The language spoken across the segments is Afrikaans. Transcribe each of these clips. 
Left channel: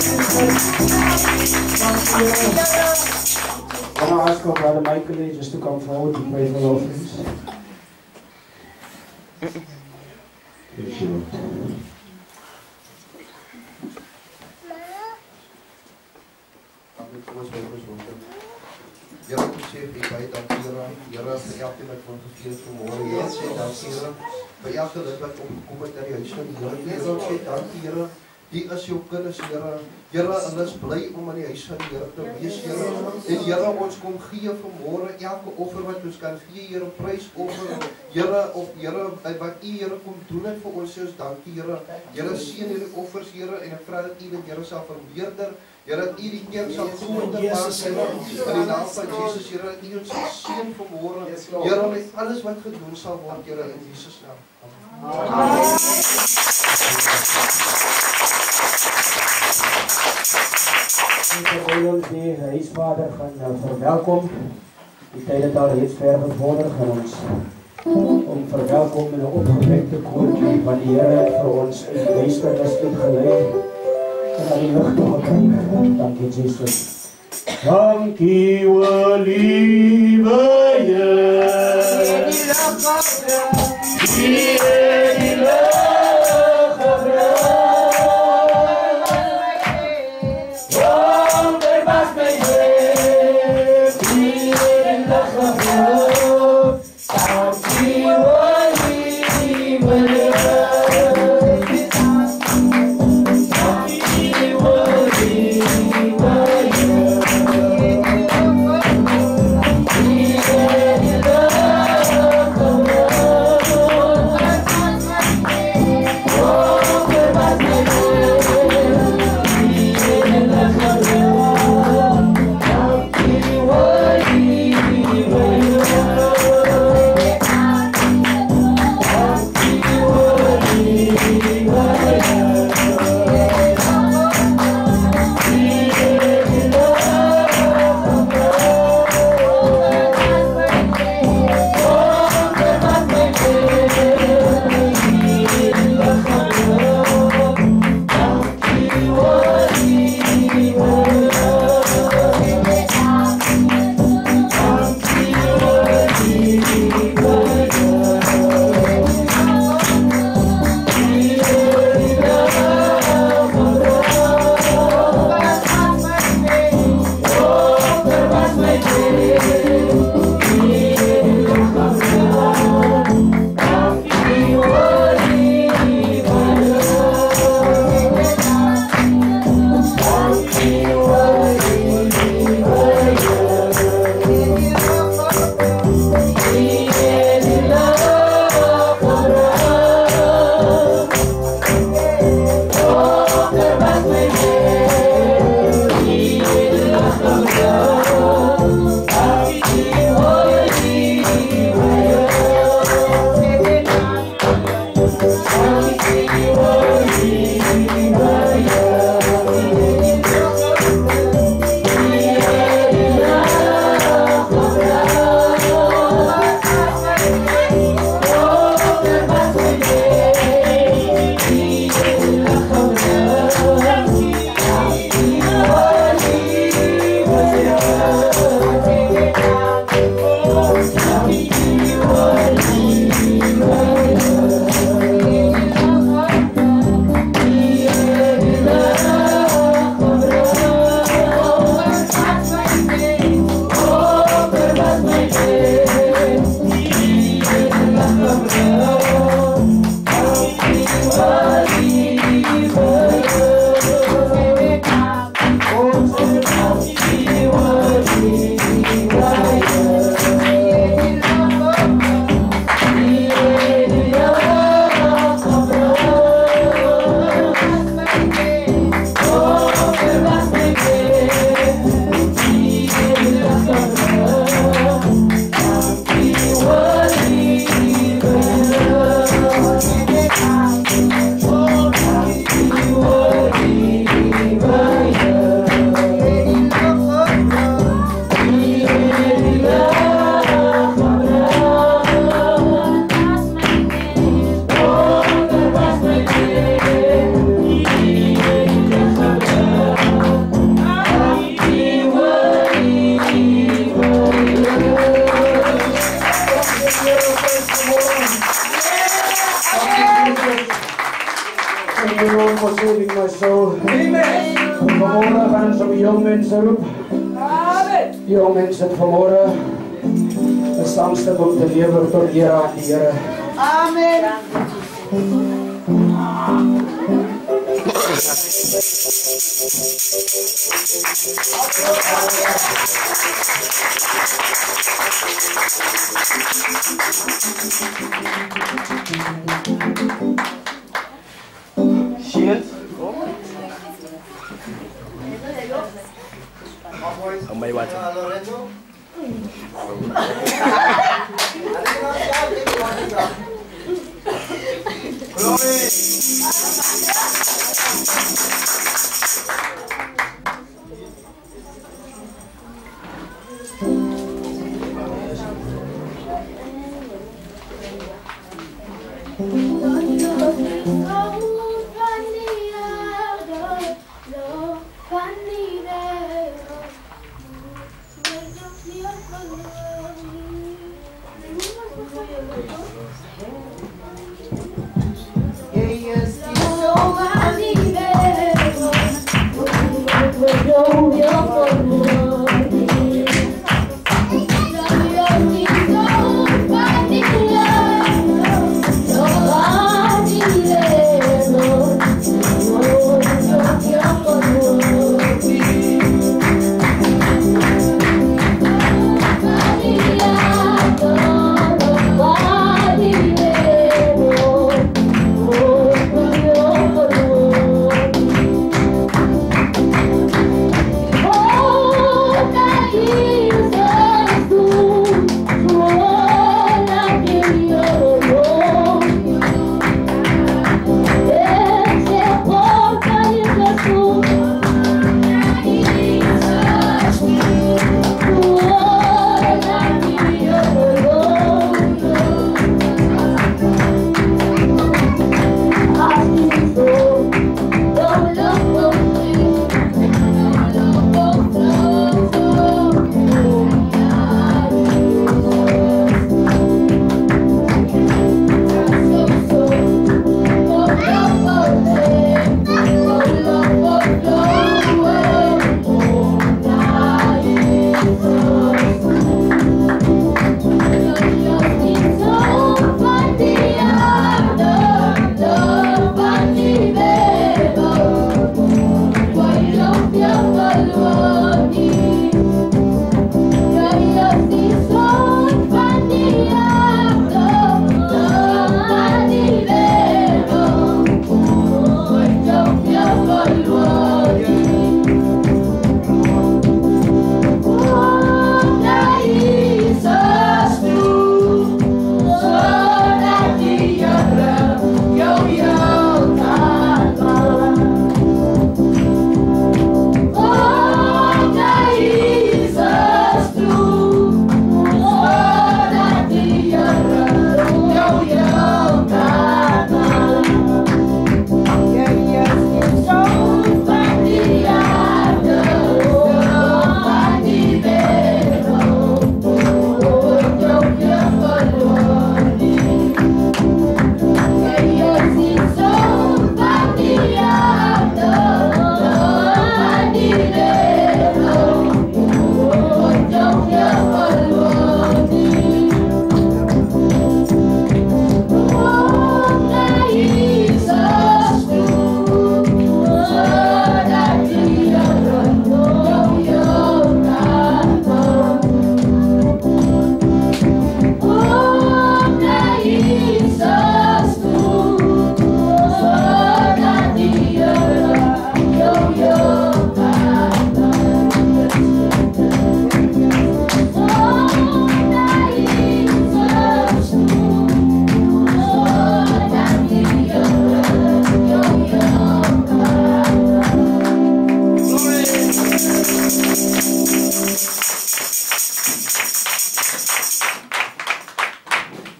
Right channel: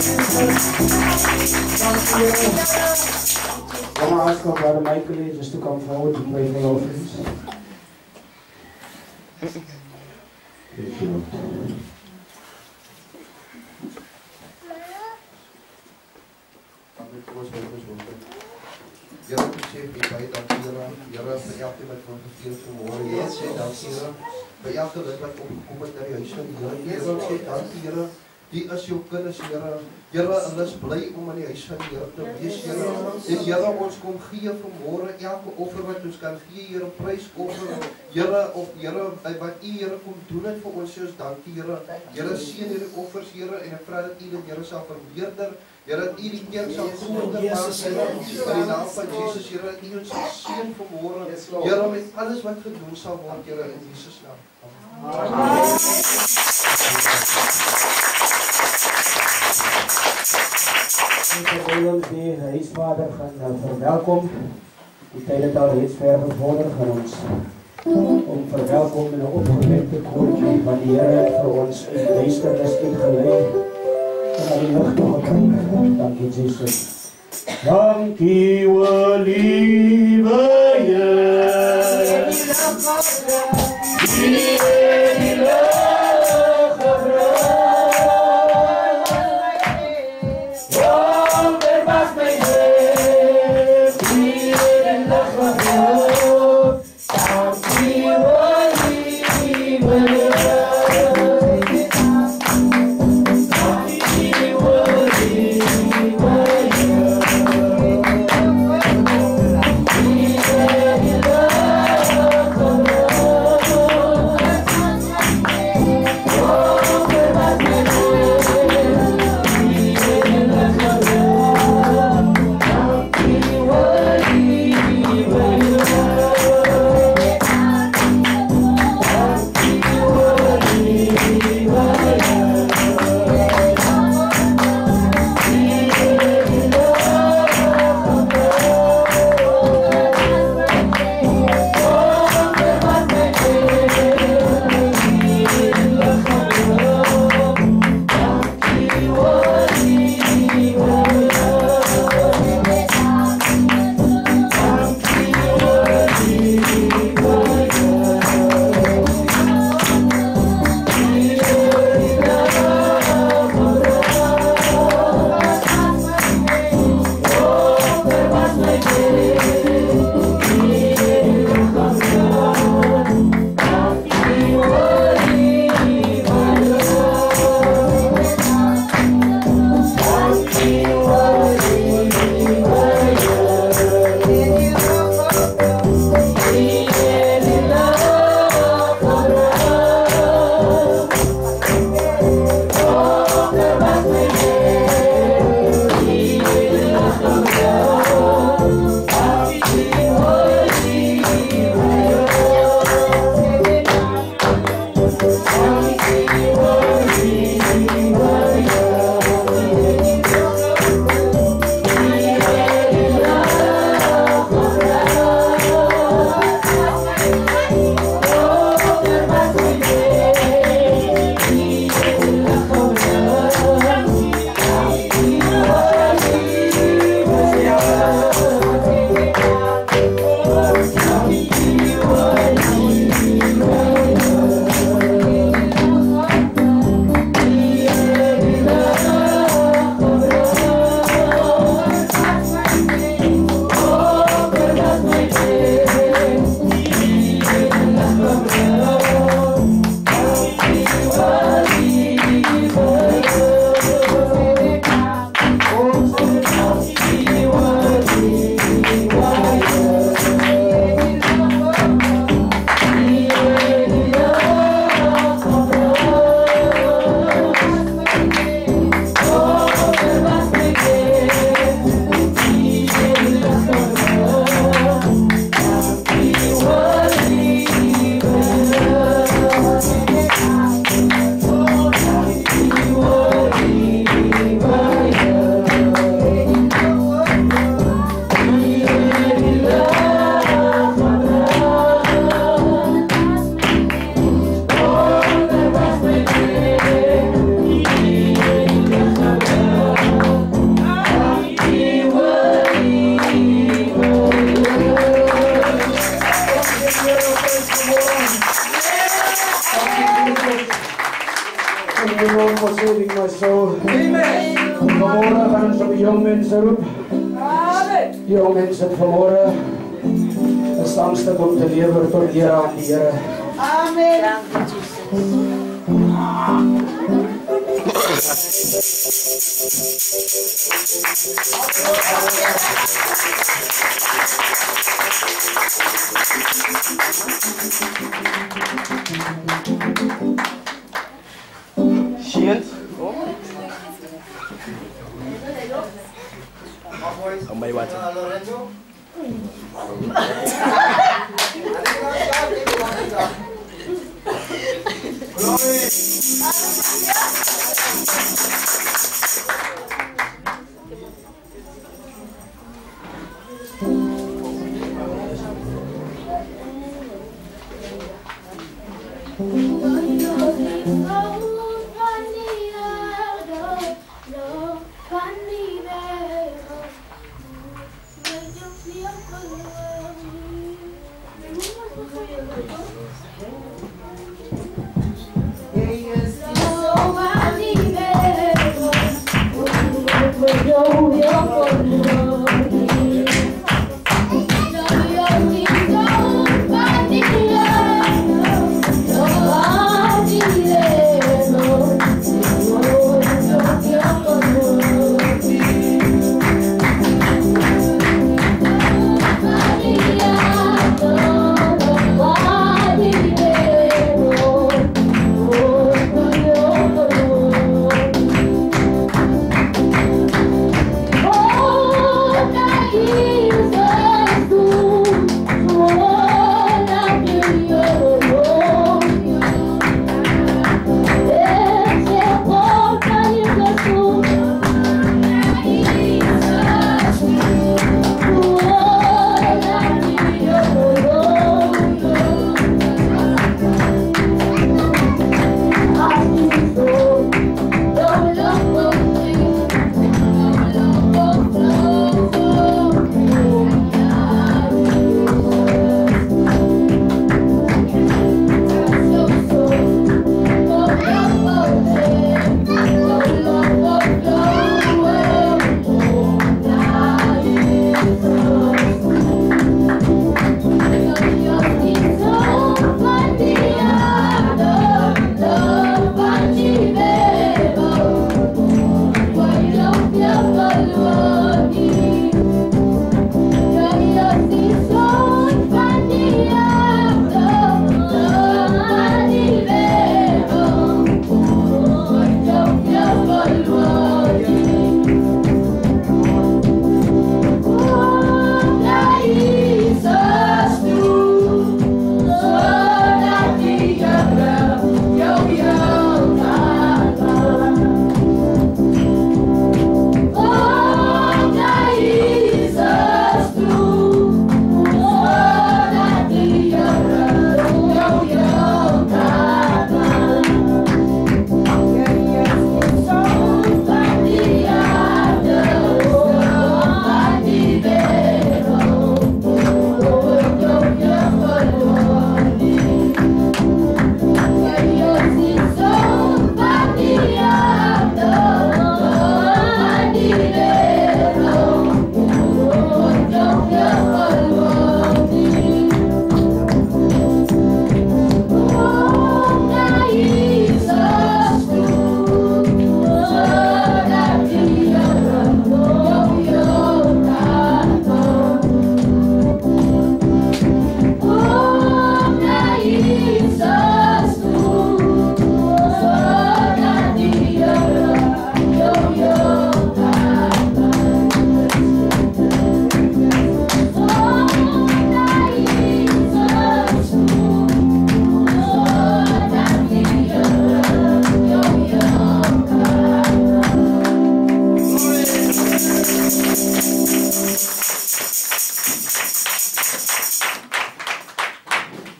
I want to ask our brother Michael just to come forward to pray for our friends. Thank you. Here besef ek baie dankie Here. Here vir elkeen wat van gegee het vanmôre. Here sê dankie Here. By elke lid wat opgekom het na die huis van die Here. Here sê dankie Here. Die is jou kinders Here. Here, hulle is bly om in die huis van die Here te wees Here. En Here, ons kom gee vanmôre elke offer wat ons kan gee Here, prysoffer. Here, of Here wat U Here kom doen het vir ons, soos dankie Here. Here seën hierdie offers Here en ek vra dat U dit Here sal vermeerder. Here, dat U die kerk sal groter maak Here. In die naam van Jesus Here, dat U ons sal seën vanmôre. Here, met alles wat gedoen sal word Here in Jesus naam. Amen. Terwyl ons die huisvader gaan verwelkom, die tyd het al reeds ver gevorder gaan ons om verwelkom in 'n opgewekte koortjie wat die Here vir ons in die duisternis uitgelei en aan die lig toe gebring. Dankie Jesus. Dankie o liewe Here. Die Thank you, Lord, for saving my soul. Amen. Vanmorgen gaan ons op die jong mensen roep. Amen. Jong mensen vanmorgen. Een sangstuk om te leven tot Here aan die Here. Amen. Shield. Oh, may water.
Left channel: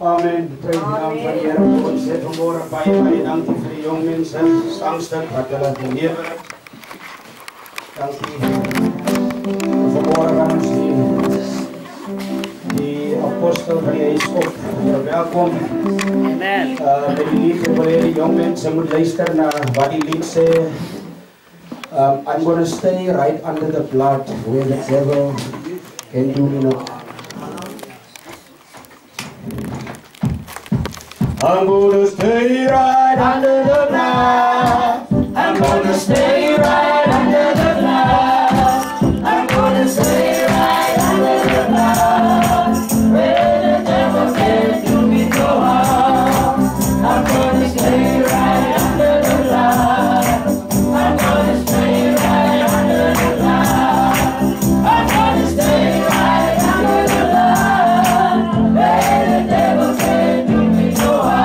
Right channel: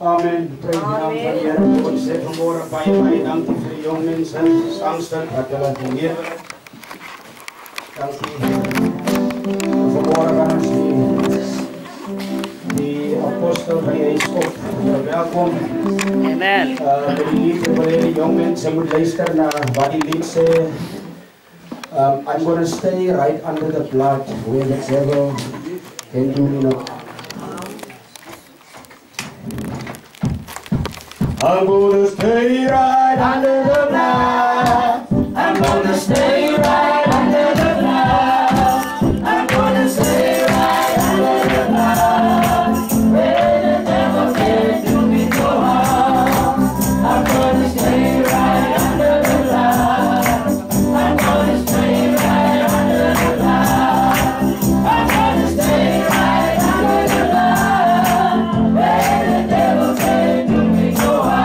Amen. Pray the naam van die Here. Ons sê vanmorgen baie dankie vir die jong mense, sangstuk wat hulle gelewer het. Dankie. Vanmorgen gaan ons die apostel van die huis op. Welkom. Amen. Met die lied, ek wil hê die jong mense moet luister na wat die lied sê. I'm going to stay right under the blood where the devil can do me no harm. I'm going to stay right under the blood. I'm going to stay right under the blood. I'm going to stay right under the blood where the devil can do me no harm. I'm going to stay right under the blood. I'm going to stay right under the blood. I'm going to stay right under the blood where the devil can do me no harm.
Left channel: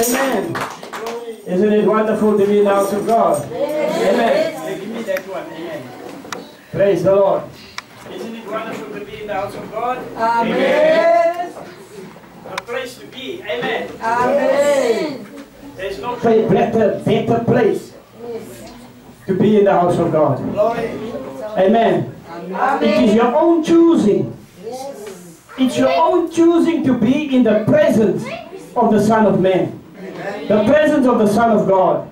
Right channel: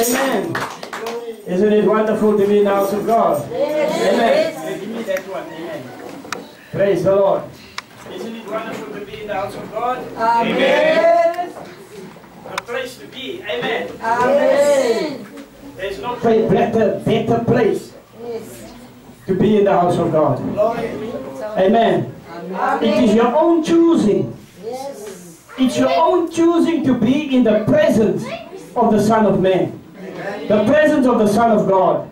Amen. Isn't it wonderful to be in the house of God? Amen. Give me that one. Amen. Praise the Lord. Isn't it wonderful to be in the house of God? Amen. A place to be. Amen. Amen. There's no better place to be in the house of God. Amen. It is your own choosing. It's your own choosing to be in the presence of the Son of Man. The presence of the Son of God.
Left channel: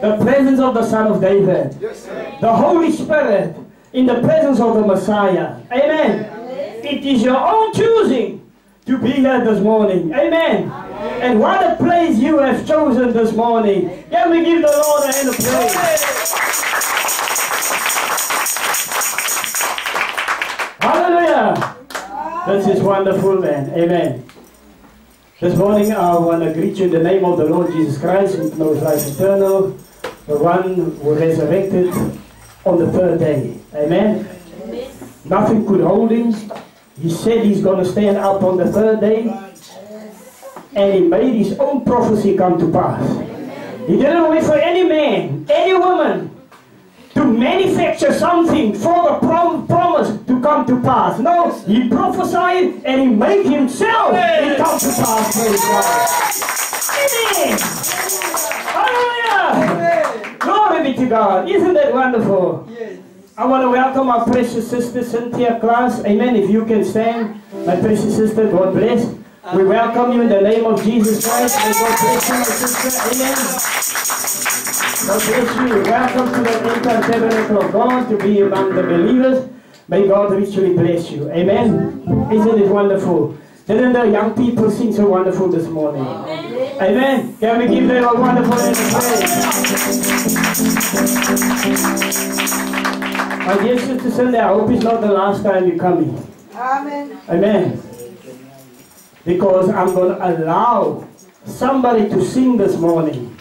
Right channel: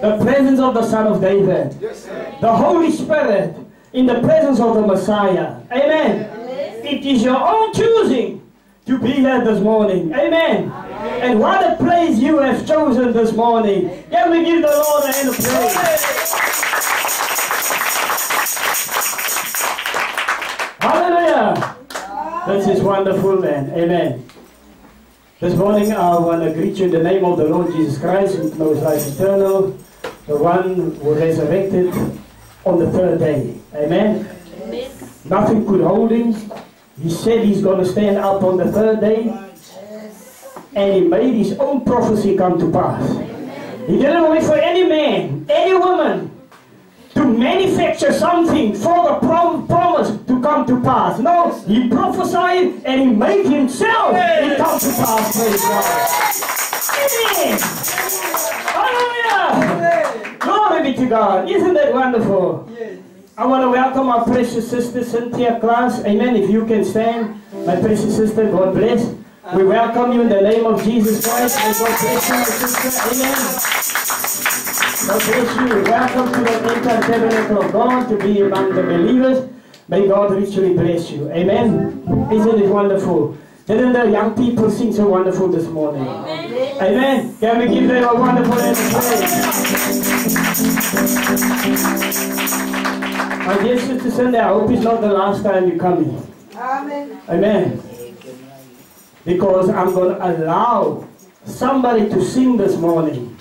The presence of the Son of David. The Holy Spirit in the presence of the Messiah. Amen. It is your own choosing to be here this morning. Amen. And what a place you have chosen this morning. Can we give the Lord a hand of praise? Hallelujah. This is wonderful, man. Amen. This morning I want to greet you in the name of the Lord Jesus Christ, who knows life eternal, the one who resurrected on the third day. Amen. Amen. Nothing could hold him. He said he's going to stand up on the third day. And he made his own prophecy come to pass. He didn't wait for any man, any woman to manufacture something for the promise to come to pass. No, he prophesied and he made himself it come to pass. Praise God. Amen. Hallelujah. Glory be to God. Isn't that wonderful? Yes. I want to welcome our precious sister Cynthia Klaas. Amen. If you can stand, my precious sister, God bless. We welcome you in the name of Jesus Christ. May God bless you, my sister. Amen. God bless you. Welcome to the entire tabernacle of God to be among the believers. May God richly bless you. Amen. Isn't it wonderful? Didn't the young people sing so wonderful this morning? Amen. Amen. Can we give them a wonderful hand of praise? My dear Sister Cindy, I hope it's not the last time you're coming. Amen. Amen. Because I'm going to allow somebody to sing this morning,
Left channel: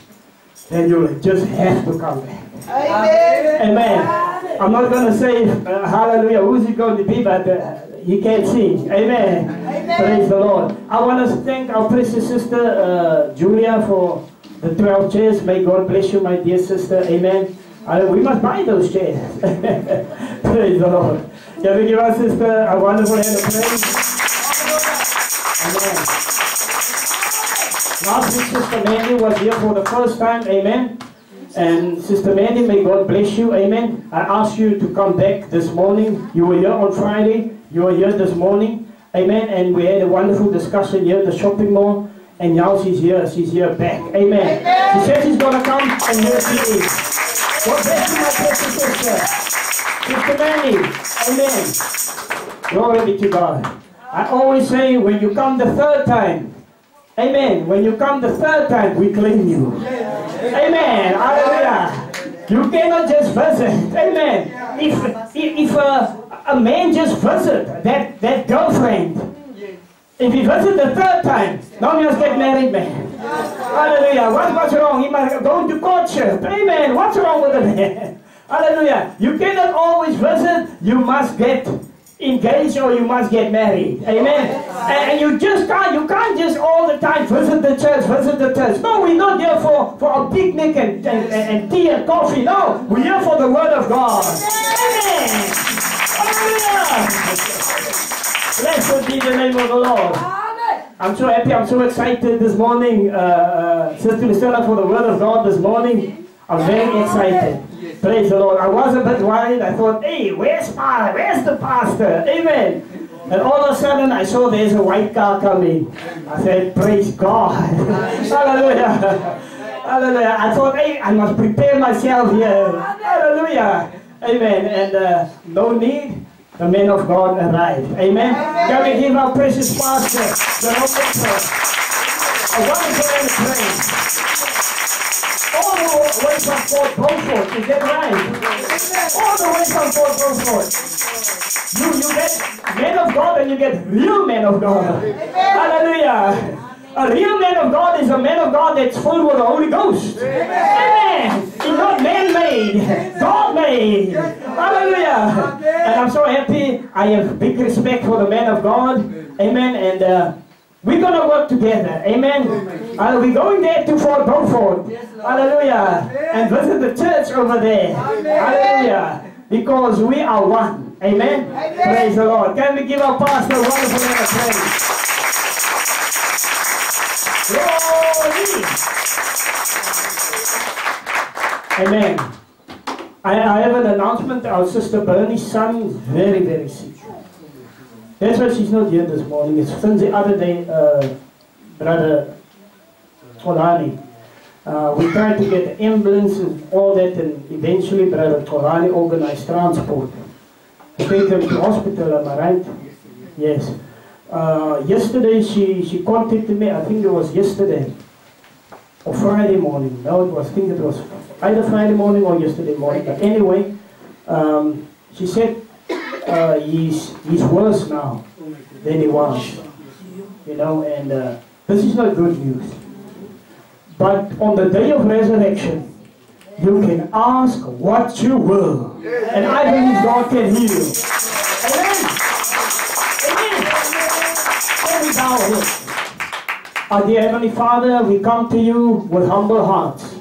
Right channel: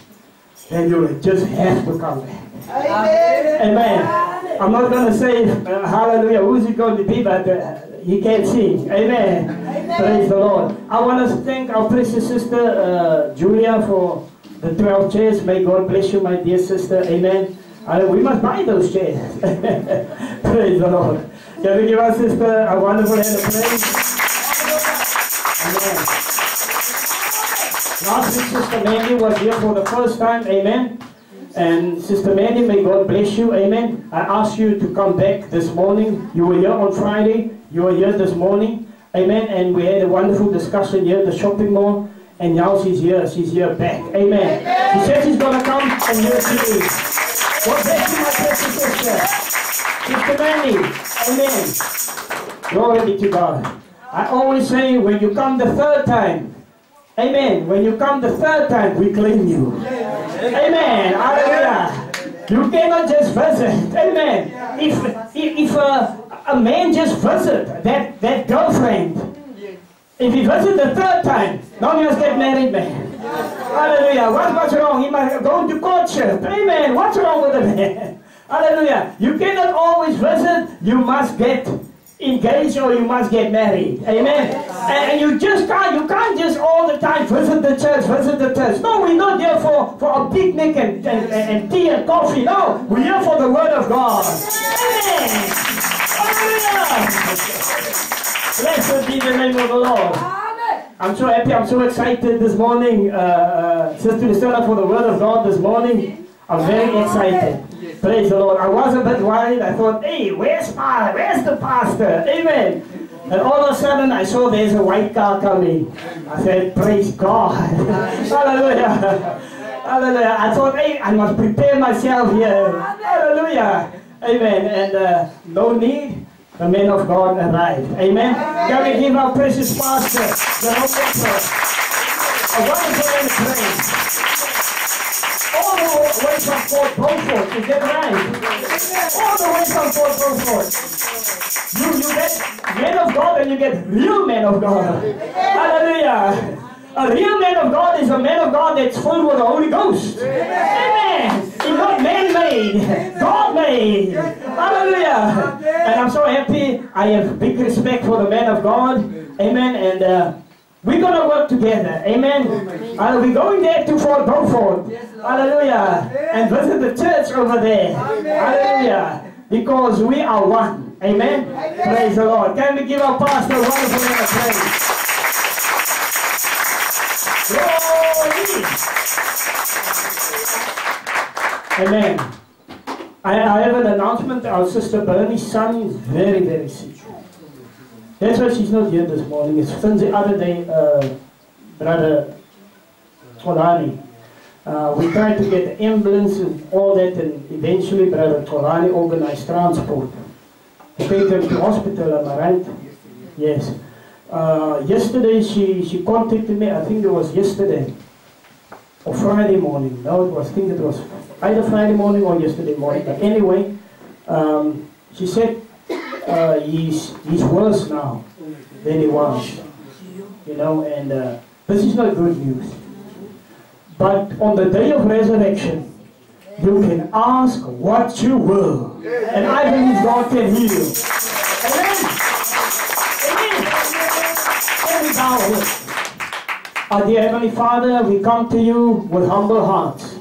then you'll just have to come back. Amen. Amen. I'm not going to say hallelujah, who's it going to be, but he can't sing. Amen. Amen. Praise the Lord. I want to thank our precious sister Julia for the 12 chairs. May God bless you, my dear sister. Amen. We must buy those chairs. Praise the Lord. Can we give our sister a wonderful hand of praise? Amen. Last week, Sister Mandy was here for the first time. Amen. And Sister Mandy, may God bless you. Amen. I asked you to come back this morning. You were here on Friday. You were here this morning. Amen. And we had a wonderful discussion here at the shopping mall. And now she's here. She's here back. Amen. She said she's going to come, and here she is. God bless you, my precious sister. Sister Mandy. Amen. Glory be to God. I always say, when you come the third time, amen, when you come the third time, we claim you. Amen. Hallelujah. You cannot just visit. Amen. If a man just visit that girlfriend, if he visit the third time, now he must get married, man. Hallelujah. What's wrong? He must go to courtship. Amen. What's wrong with the man? Hallelujah. You cannot always visit. You must get engaged or you must get married. Amen. And you can't just all the time visit the church. No, we're not here for a picnic and tea and coffee. No, we're here for the word of God. Amen. Hallelujah. Blessed be the name of the Lord. I'm so happy, I'm so excited this morning, Sister Lucilla, for the word of God this morning. I'm very excited. Praise the Lord. I was a bit worried. I thought, hey, where's the pastor? Amen. And all of a sudden, I saw there's a white car coming. I said, praise God. Hallelujah. Hallelujah. I thought, hey, I must prepare myself here. Hallelujah. Amen. And no need, the man of God arrived. Amen. Can we give our precious pastor the a wonderful hand of praise? All the way from Fort Beaufort, is that right? All the way from Fort Beaufort. You get men of God and you get real men of God. Hallelujah. A real man of God is a man of God that's full with the Holy Ghost. Amen. He's not man-made, God-made. Hallelujah. And I'm so happy. I have big respect for the man of God. Amen. And we're going to work together. Amen. We're going there to Fort Beaufort. Hallelujah. And visit the church over there. Hallelujah. Because we are one. Amen. Praise the Lord. Can we give our pastor a wonderful hand of praise? Glory. Amen. I have an announcement. Our sister Bernie's son is very, very sick. That's why she's not here this morning. It's since the other day, Brother Tolani. We tried to get the ambulance and all that, and eventually Brother Tolani organized transport to take him to hospital, am I right? Yes. Yesterday she contacted me. I think it was yesterday or Friday morning. No, I think it was either Friday morning or yesterday morning. But anyway, she said he's worse now than he was. You know, and this is not good news. But on the day of resurrection, you can ask what you will, and I believe God can heal. Amen. Our dear Heavenly Father, we come to you with humble hearts.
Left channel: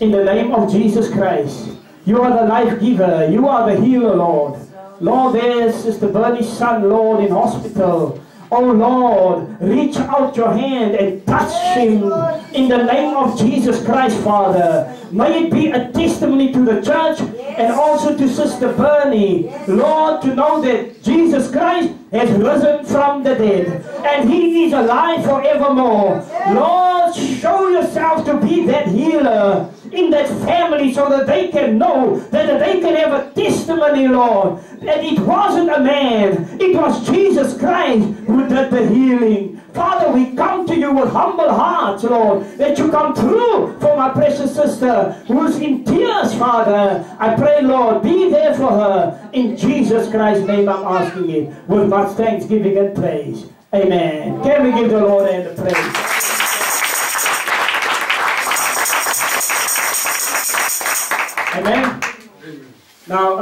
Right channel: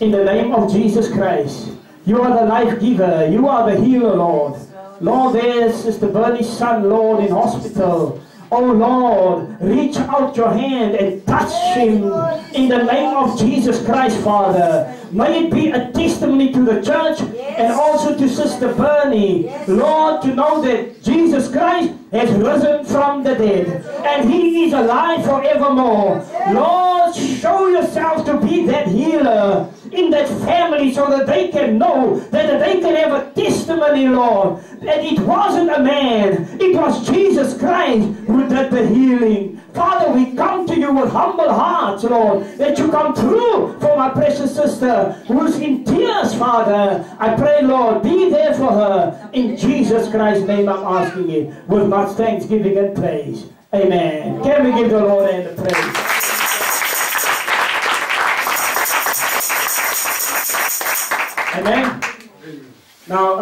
In the name of Jesus Christ. You are the life giver. You are the healer, Lord. Lord, there's Sister Bernie's son, Lord, in hospital. Oh Lord, reach out your hand and touch him in the name of Jesus Christ, Father. May it be a testimony to the church And also to Sister Bernie, Lord, to know that Jesus Christ has risen from the dead. And He is alive forevermore. Lord, show yourself to be that healer in that family so that they can know, that they can have a testimony, Lord, that it wasn't a man, it was Jesus Christ who did the healing. Father, we come to you with humble hearts, Lord, that you come through for my precious sister who's in tears, Father. I pray, Lord, be there for her. In Jesus Christ's name I'm asking it with much thanksgiving and praise. Amen. Can we give the Lord a praise? Amen. Now,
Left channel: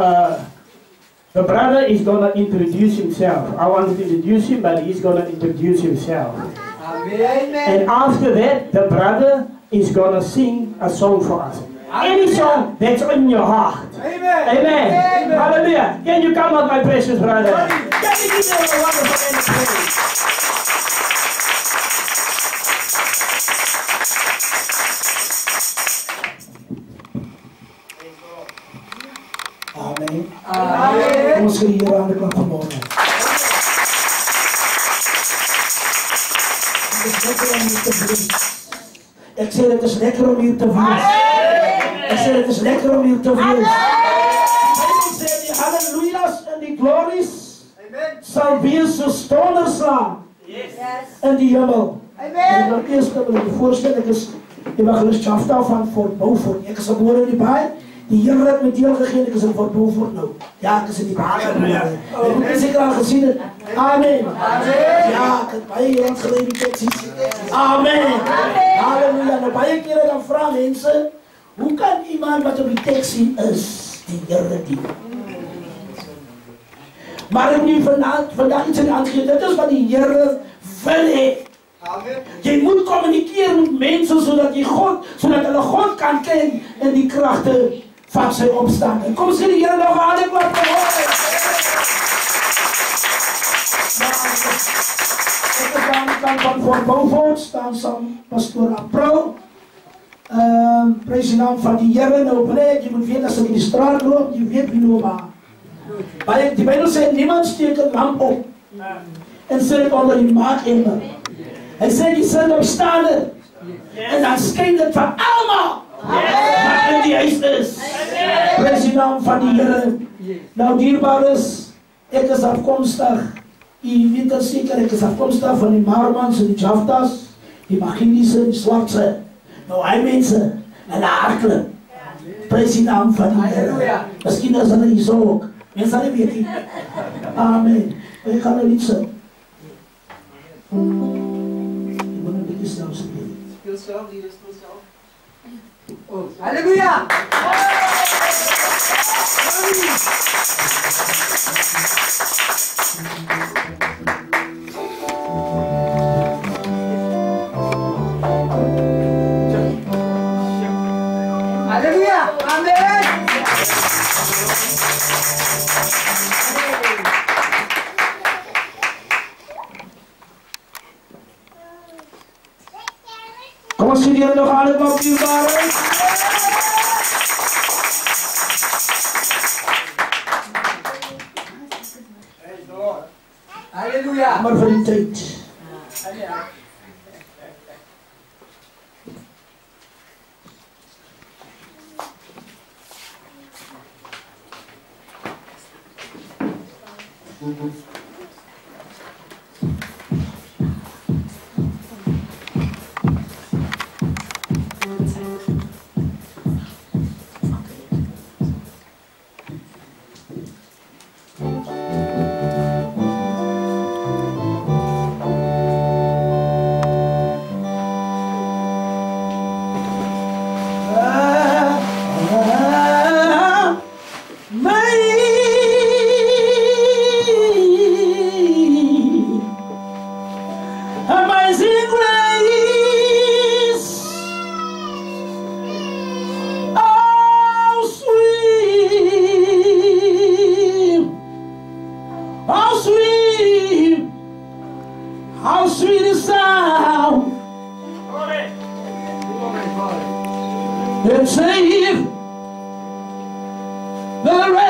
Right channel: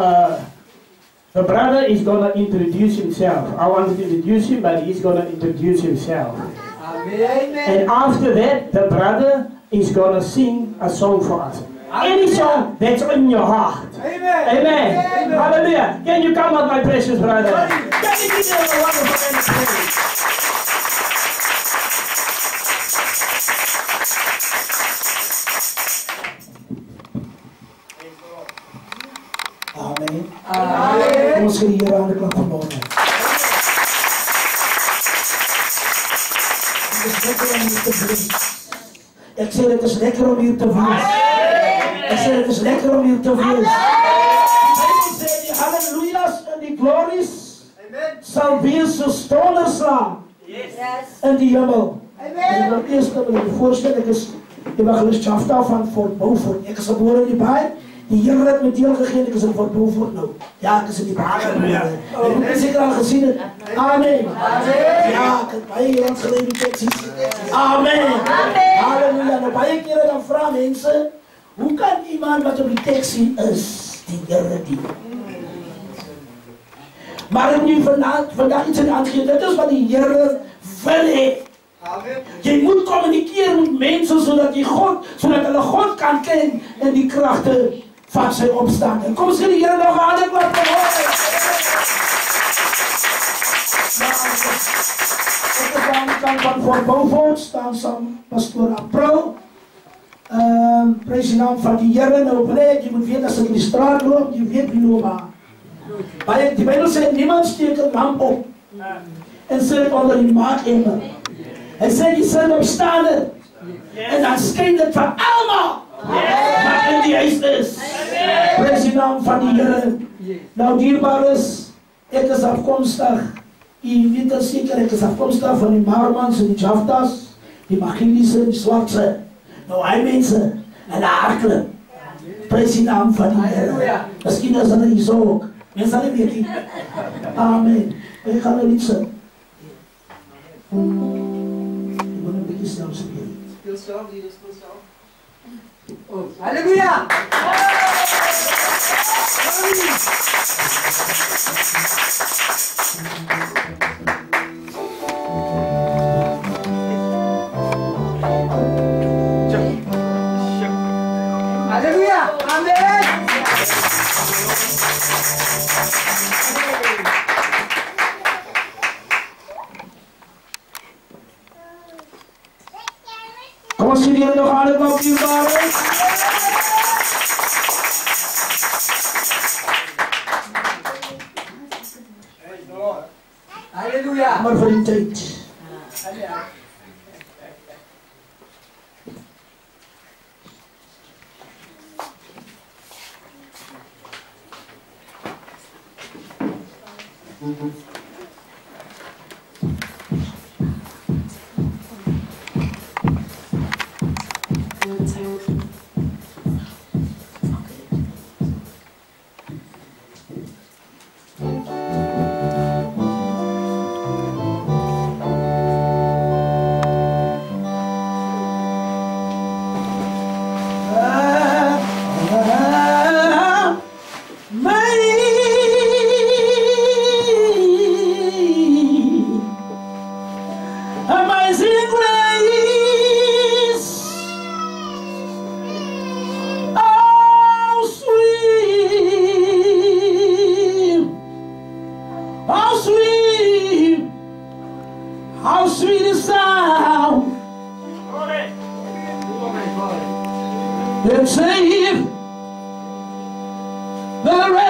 the brother is going to introduce himself. I want to introduce him, but he's going to introduce himself. Amen. And after that, the brother is going to sing a song for us. Any song that's in your heart. Amen. Amen. Hallelujah. Can you come up, my precious brother? Can you give them a wonderful hand of praise? Amen. Amen. Kom ons gee die Here 'n klap van môre. Ek sê dit is lekker om hier te wees. Ek sê dit is lekker om hier te wees. Die sê die hallelujas en die glories sal wees so stonderslaan in die hemel. En dan eerst wil ek voorstel, ek is evangelist Jafta van Fort Beaufort. Ek is gebore in die baai. Die Here het my deel gegee, ek is in Fort Beaufort nou. Ja, ek is in die baai gebore. Ek het seker al gesien het. Amen. Ja, ek het baie jare gelede teksies. Amen. Halleluja. Nou baie kere dan vra mense, hoe kan iemand wat op die teksie is, die Here dien? Maar ek nu vandag iets in aangee, dit is wat die Here wil hê. Jy moet kommunikeer met mense sodat hulle God kan ken en die kragte van sy opstaan. En kom sê die Here nog aan die klap van môre. Ek is aan die kant van Fort Beaufort, staan saam pastoor April. Prys die naam van die Here. Nou breek, jy moet weet as ek in die straat loop, jy weet wie loop aan. Die Bybel sê, niemand steek 'n lamp op en sit dit onder die maakemer. Hy sê die sin opstaande en dan skyn dit van almal wat in die huis is. Prys die naam van die Here. Nou dierbares, ek is afkomstig, jy weet dat seker, ek is afkomstig van die Marmans en die Jaftas, die Maginiese en die Swartse. Nou hy mense en die Hartklip. Prys die naam van die Here. Miskien is hulle hier so ook. Mense sal nie weet nie. Amen. Ek gaan nou lied sing. Speel self, leaders, speel self. Oh, halleluja! Halleluja! Amen! Kom ons sê die Here nog aan het op dierbare. Halleluja! Maar vir die tyd.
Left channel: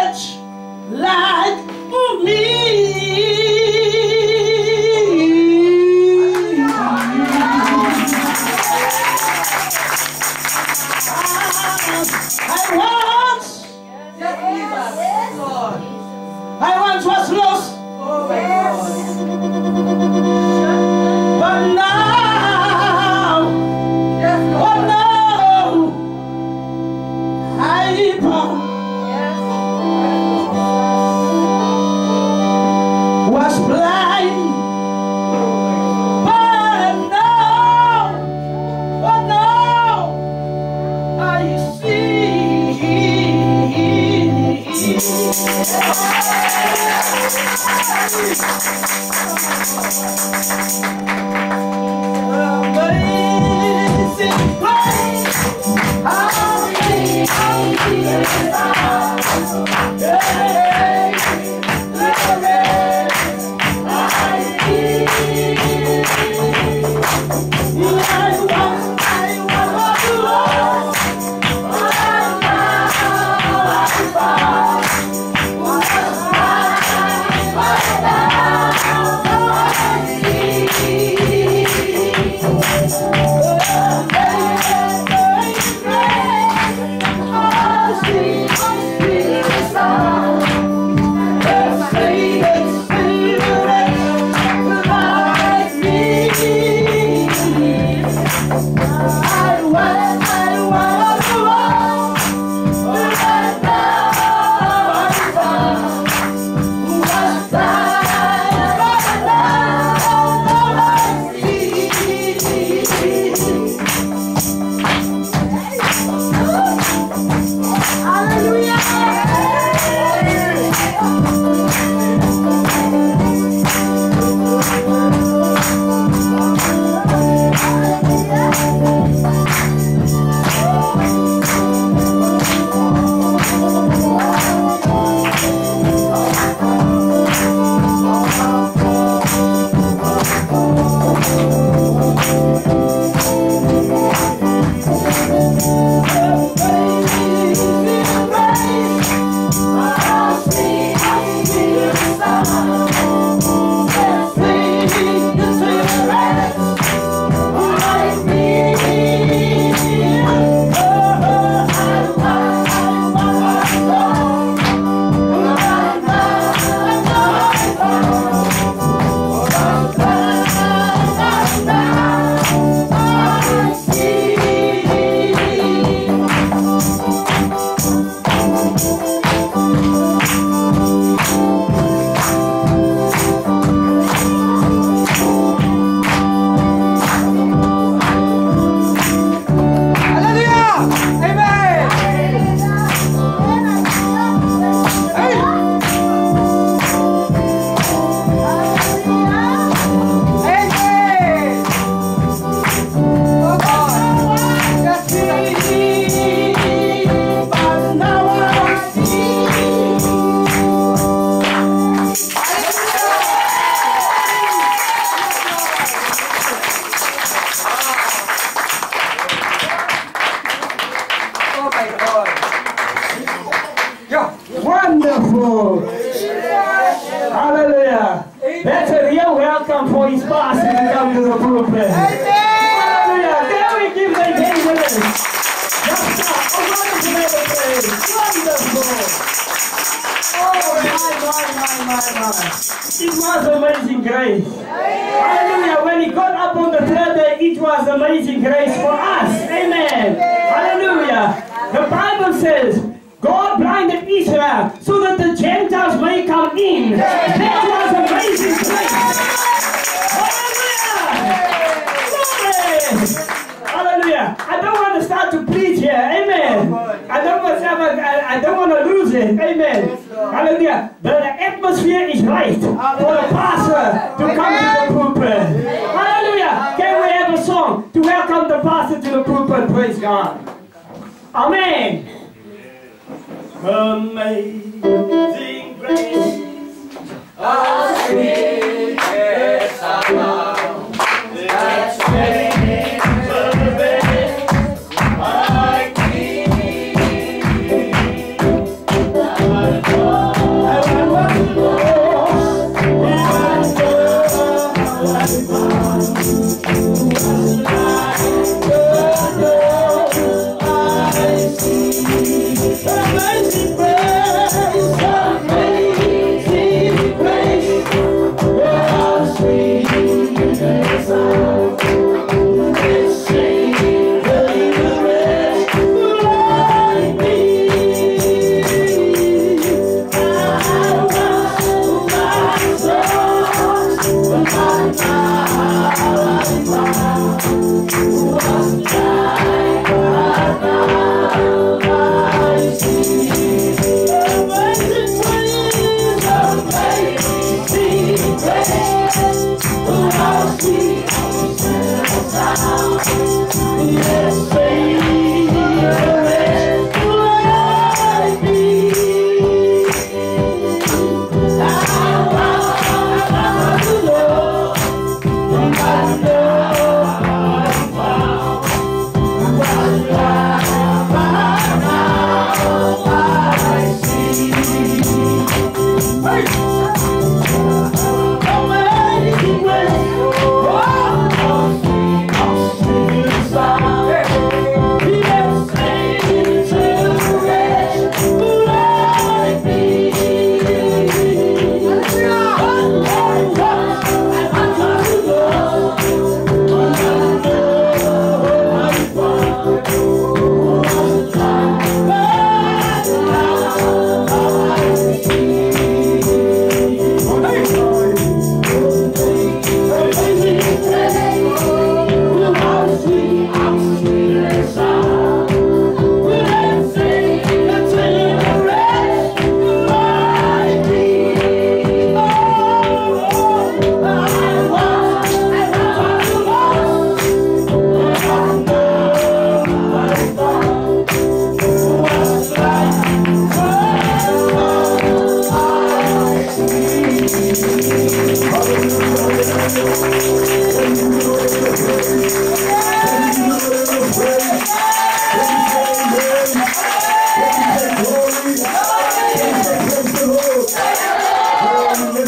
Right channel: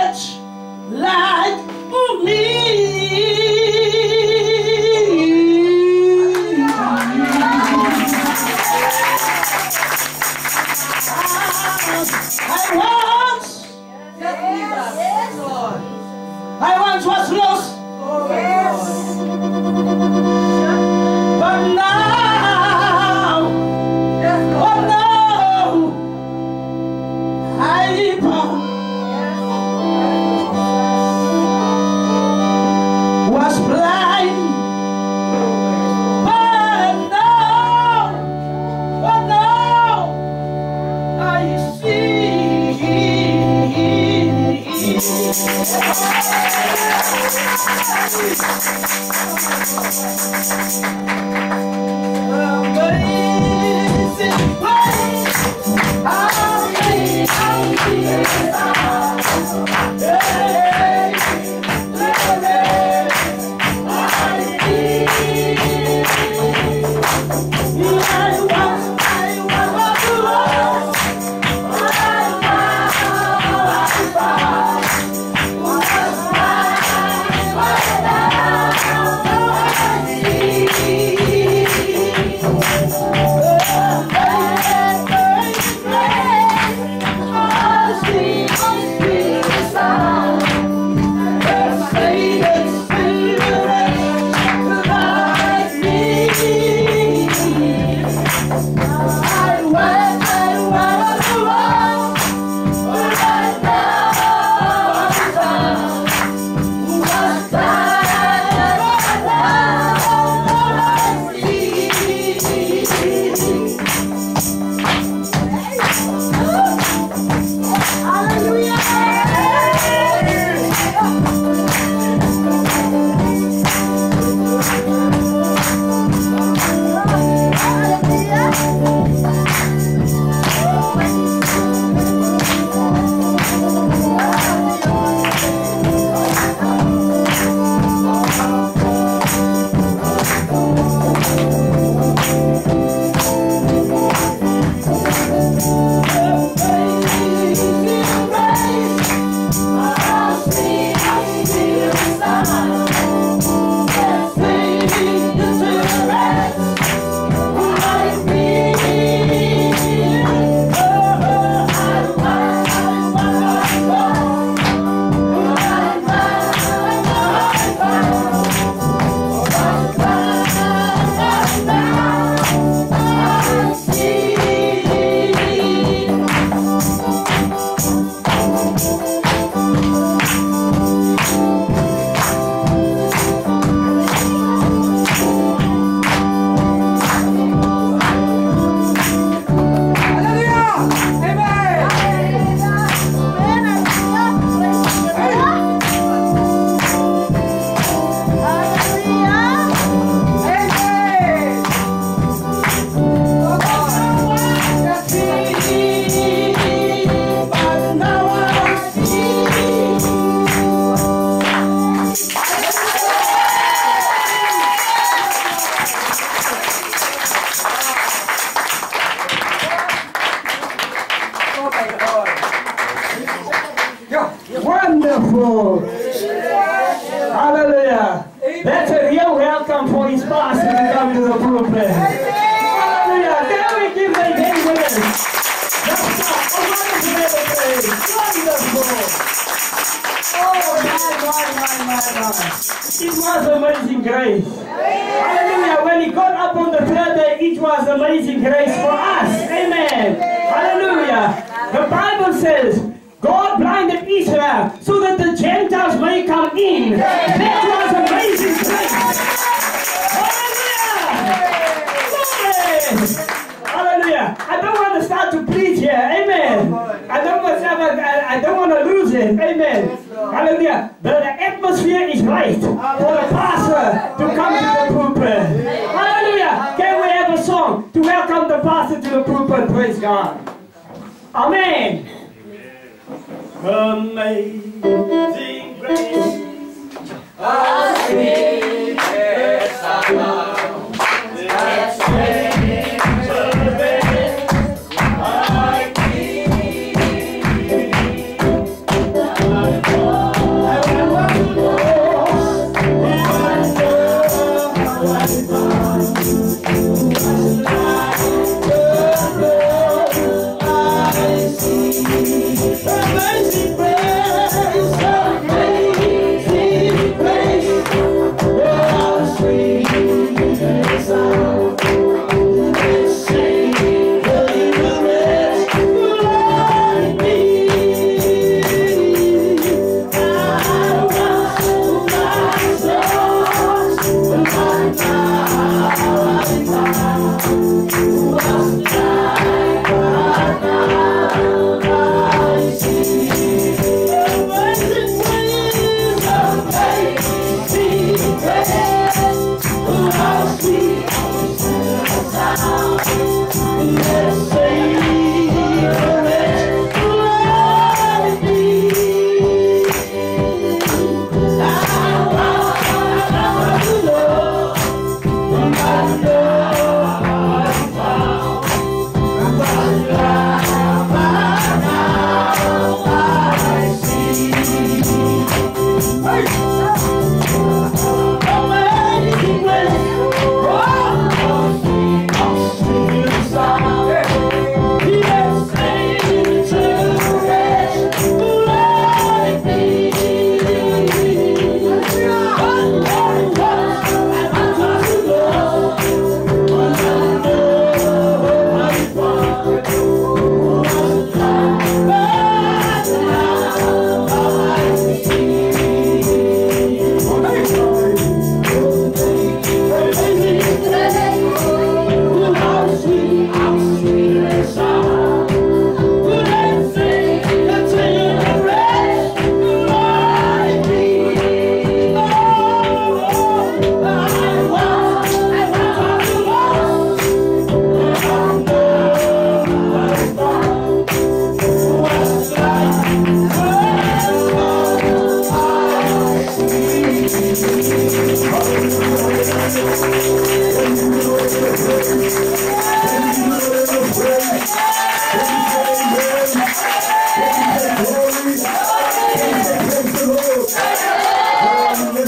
wretch like me. I once was lost, but now, I found. Was blind, but now I see. Amazing grace, how sweet the sound. Wonderful. Hallelujah. That's a real welcome for his pastor to come to the pulpit. Hallelujah. Can we give them hands with us? That's a wonderful praise. Wonderful. Oh, my. It was amazing grace. Hallelujah. When he got up on the third day, it was amazing grace for us. Amen. Hallelujah. The Bible says, God blinded Israel so that the Gentiles may come in. That was amazing grace. Hallelujah. Hallelujah. I don't want to start to preach here. Amen. I don't want to lose it. Amen. Hallelujah. The atmosphere is right for the pastor to come to the pulpit. Hallelujah. Can we have a song to welcome the pastor to the pulpit? Praise God. Amen. Amazing grace, how sweet the sound that saved a wretch like me.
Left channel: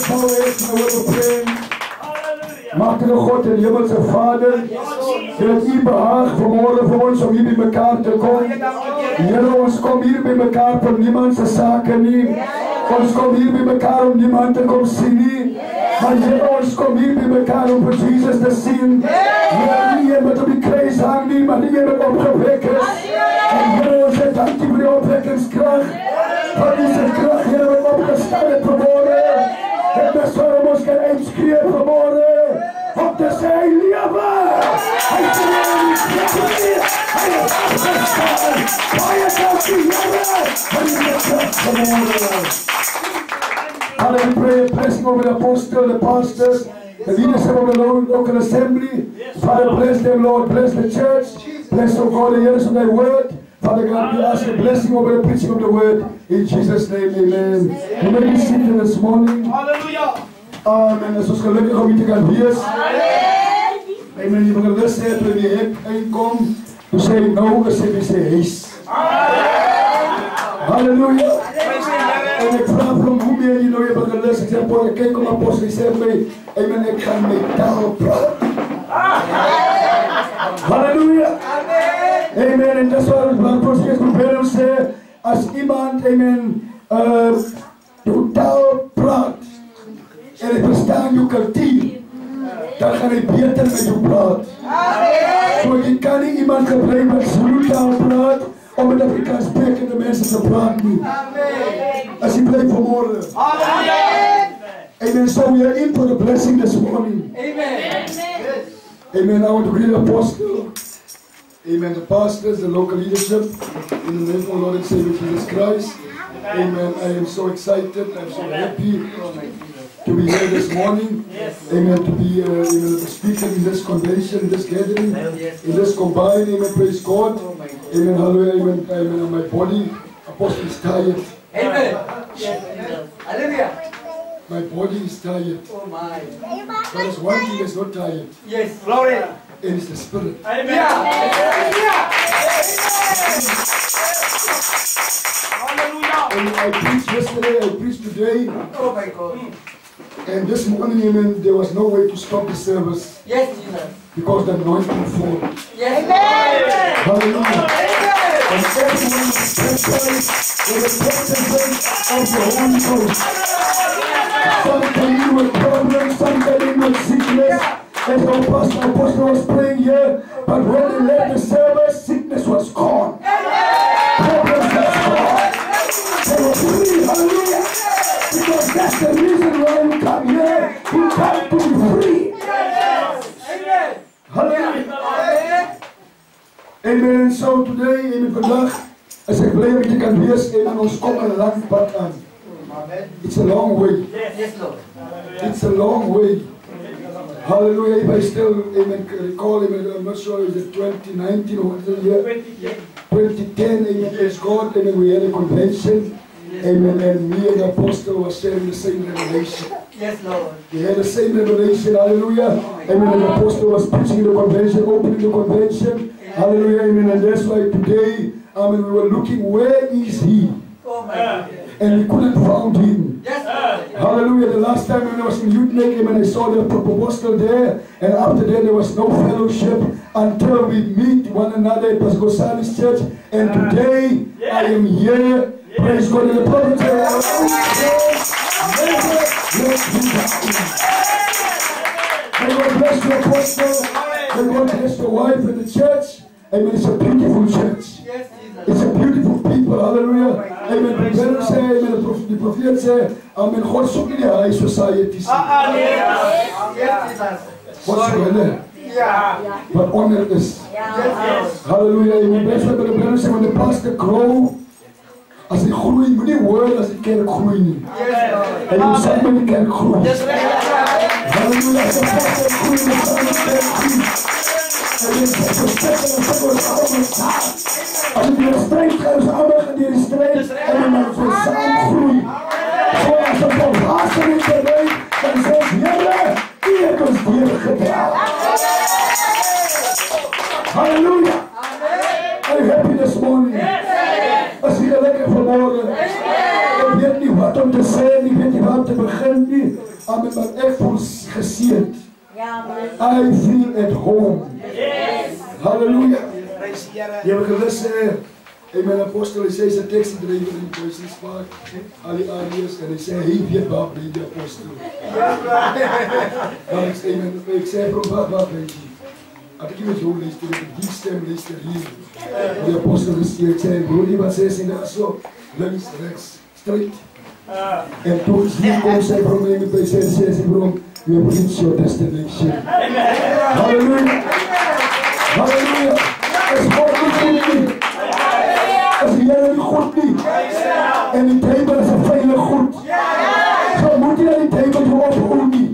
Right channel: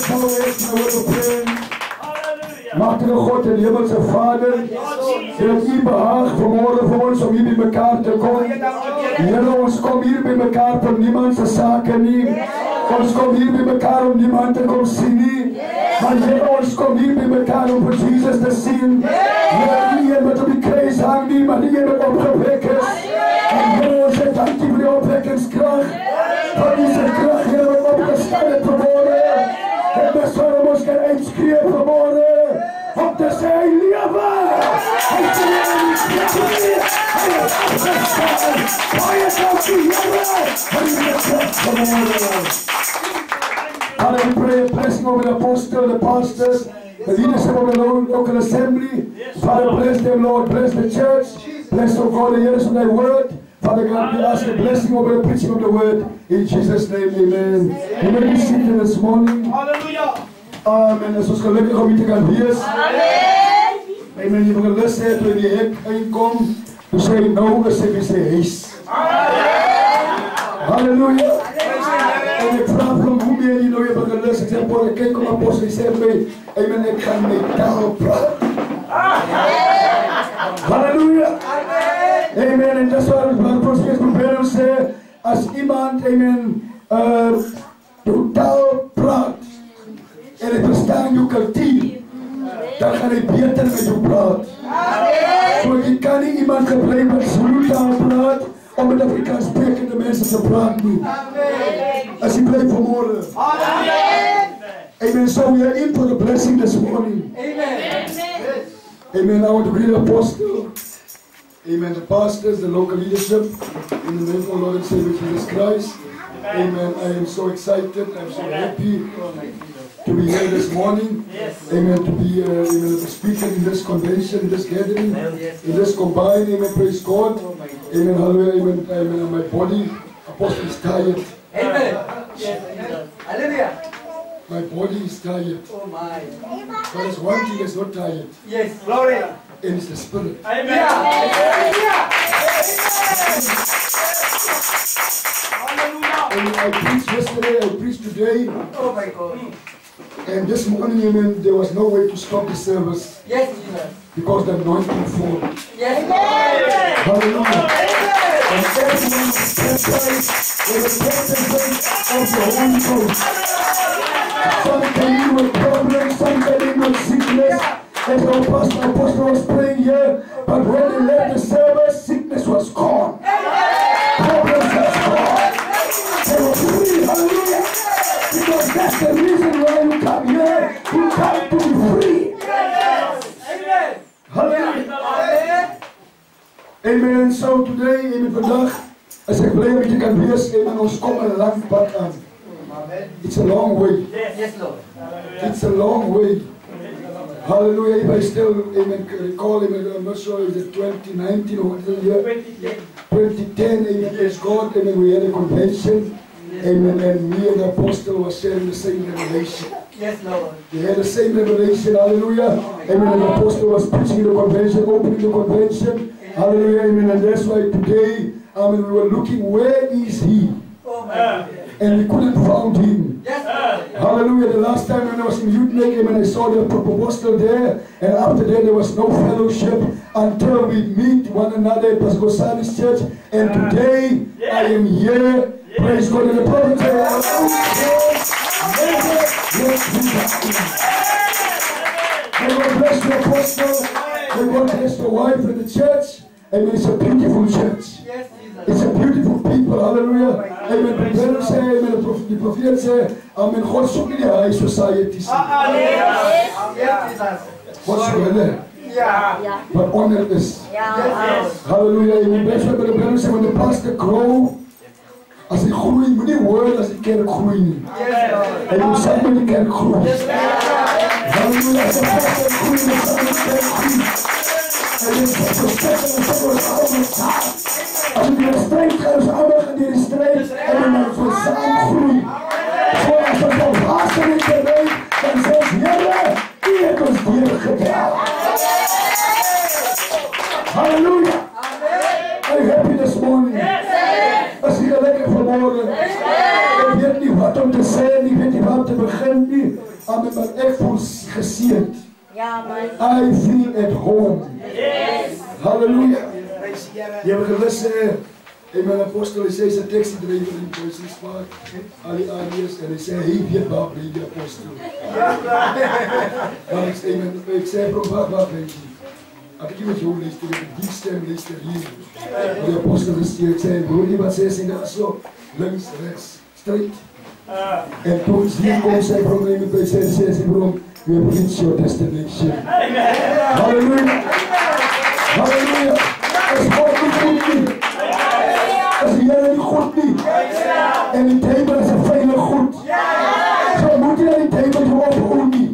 let's bow our heads and we'll pray. Machtige God en hemelse Vader, het U behaag vanmorgen vir ons om hier by mekaar te kom. Here, ons kom hier by mekaar vir niemand se sake nie. Ons kom hier by mekaar om niemand te kom sien nie. Maar Here, ons kom hier by mekaar om vir Jesus te sien. Here, nie een wat op die kruis hang nie, maar nie een wat opgewek is. En Here, ons sê dankie vir die opwekkingskrag. Van die krag, Here, wat opgestaan het vanmorgen. En dis waarom ons kan uitskree vanmorgen. Om te sê, hy lewe! Hy is nie in die krag nie! Hy is afgestaan! Baie dankie, Here! Van die krag vanmorgen. Father, we pray a blessing over the apostle, the pastors, the leadership of the local assembly. Father, bless them, Lord. Bless the church. Bless, oh God, the hearers of thy word. Father God, we ask a blessing over the preaching of the word. In Jesus' name, amen. You may be seated this morning. Hallelujah. Amen. As ons gelukkig om hier te kan wees. Amen. Die begelus het toe die hek uitkom. Toe sê nou is hy sy huis. Halleluja. En ek vraag vir hom, hoe ben jy nou jy begelus? Ek sê, boor, ek kyk om apostel, hy sê my, amen, ek gaan my taal praat. Halleluja. Amen. En dis waar ons belangrijk is, probeer ons sê, as iemand, amen, jou taal praat, en ek verstaan jou kultuur, dan gaan hy beter met jou praat. So jy kan nie iemand gebruik wat Zulu taal praat, om met Afrikaans sprekende mense te praat nie. As jy bly vanmorgen. Amen. So we are in for the blessing this morning. Amen. Amen. I want to greet the apostle. Amen. The pastors, the local leadership, in the name of our Lord and Savior Jesus Christ. Amen. I am so excited. I'm so happy to be here this morning. Amen. To be amen, speaking in this convention, in this gathering, in this combine. Amen. Praise God. Amen. Hallelujah. Amen. Amen. My body, apostle, is tired. Amen. Hallelujah. My body is tired. Oh my. But there's one thing that's not tired. Yes. Glory. And it's the spirit. Amen. Hallelujah. And I preached yesterday, I preached today. Oh my God. And this morning, amen, there was no way to stop the service. Yes, Jesus. Because the anointing fall. Yes. Hallelujah. And everyone was baptized with the presence of the Holy Ghost. Some came in with problems, some came in with sickness. And the apostle was praying here, but when they left the service, sickness was gone. Problems was gone. They were free, hallelujah. Because that's the reason why you come here. You come to be free. Amen. Hallelujah. Amen. And so today, amen, vandaag, as ek blij met jy kan wees, amen, ons kom een lang pad aan. It's a long way. Yes, Lord. It's a long way. Hallelujah. If I still, amen, recall, amen, I'm not sure, is it 2019 or what is the year? 2010, amen, praise God, amen, we had a convention, amen, and me and the apostle were sharing the same revelation. Yes, Lord. We had the same revelation, hallelujah. Amen, and the apostle was preaching the convention, opening the convention, hallelujah, amen, and that's why today, amen, we were looking, where is he? Oh my God. And we couldn't find him. Yes, Lord. Hallelujah. The last time when I was in Youth Make, and I saw the apostle there, and after that there was no fellowship until we meet one another at Pastor Gosani's church. And today I am here. Praise God. And the prophet said, never let me down. May God bless the apostle. May God bless the wife and the church. Amen. It's a beautiful church. Yes, Jesus. It's a beautiful people, hallelujah. Amen. The Bible say, amen. The prophet say, amen. God soek nie die high society. Yes, Jesus. God soek hulle. Yeah. But honor is. Yes. Hallelujah. Amen. That's why the Bible say, when the pastor grow, as hy groei, moet nie hoor as die kerk groei nie. Yes, Lord. En hoe sê met die kerk groei? Yes, Lord. Hallelujah. As die pastor groei, dan sê met die kerk groei. En die pastor sê, dan sê ons allemaal saam. As die strijd gaan, ons allemaal gaan die strijd. En dan ons saam groei. So as ons op haast in die terrein, dan sê ons, Heere, die het ons deurgedaan. Hallelujah. Are you happy this morning? As jy lekker vanmorgen. Ek weet nie wat om te sê, ek weet nie wat te begin nie. Amen, maar ek voel geseend. Ja, man. I feel at home. Yes. Hallelujah. Prys die Here. Jy het gelus amen, apostel, hy sê sy taxi driver in Business Park, al die areas, en hy sê, hy weet waar bly die apostel. Maar ek sê, bro, waar bly die? Ek nie met jou luister, die stem luister hier. Die apostel is hier, ek sê, broer, die wat sê, daar so, links, rechts, straight. En toe hier kom sy bro, en hy sê, bro, we have reached your destination. Hallelujah. Hallelujah. As God is goed nie. As die Here nie goed nie. En die table is 'n veilig goed. So moet jy die table toe ophou nie.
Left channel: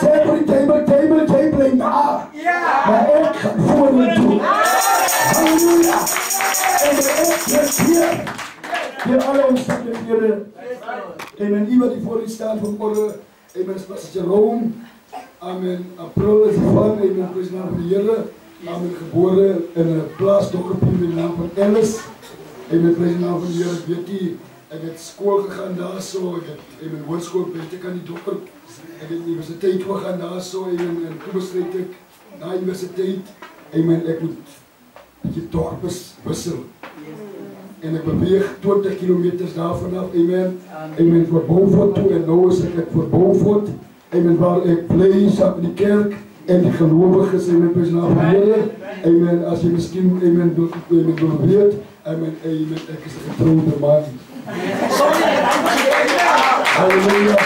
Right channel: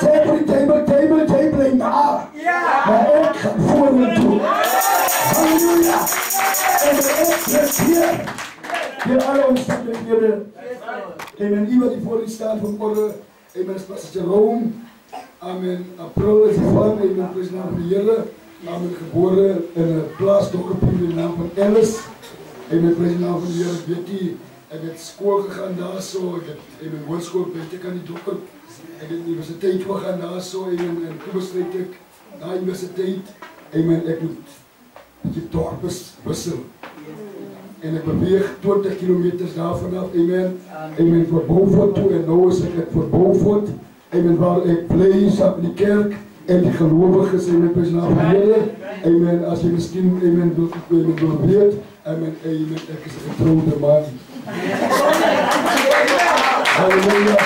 Sê vir die table en maar ek gaan vorentoe. Halleluja. En ek is hier. Hier alle omstandighede. Amen. Iemand die voor u staan vanmorgen. Amen. Is Pastor Jerome. Amen. April is die van. Amen. Prys naam van die Here. Amen. Gebore in 'n plaasdorpie met die naam van Ellis. Amen. Prys naam van die Here. Ek weet nie. Ek het skool gegaan daar so. Ek het amen hoërskool buite kan die dorp. Ek het universiteit gegaan daar so. Amen. En toe besluit ek na universiteit. Amen. Ek moet die dorp wissel. En ek beweeg 20 kilometers daarvan af. Amen. Amen. Voor Beaufort toe. En nou is ek voor Beaufort. Amen. Waar ek bly saam in die kerk. En die gelowiges. Amen. Prys naam van die Here. Amen. As jy miskien amen wil weet. Amen. Amen. Ek is 'n getroude man. Halleluja.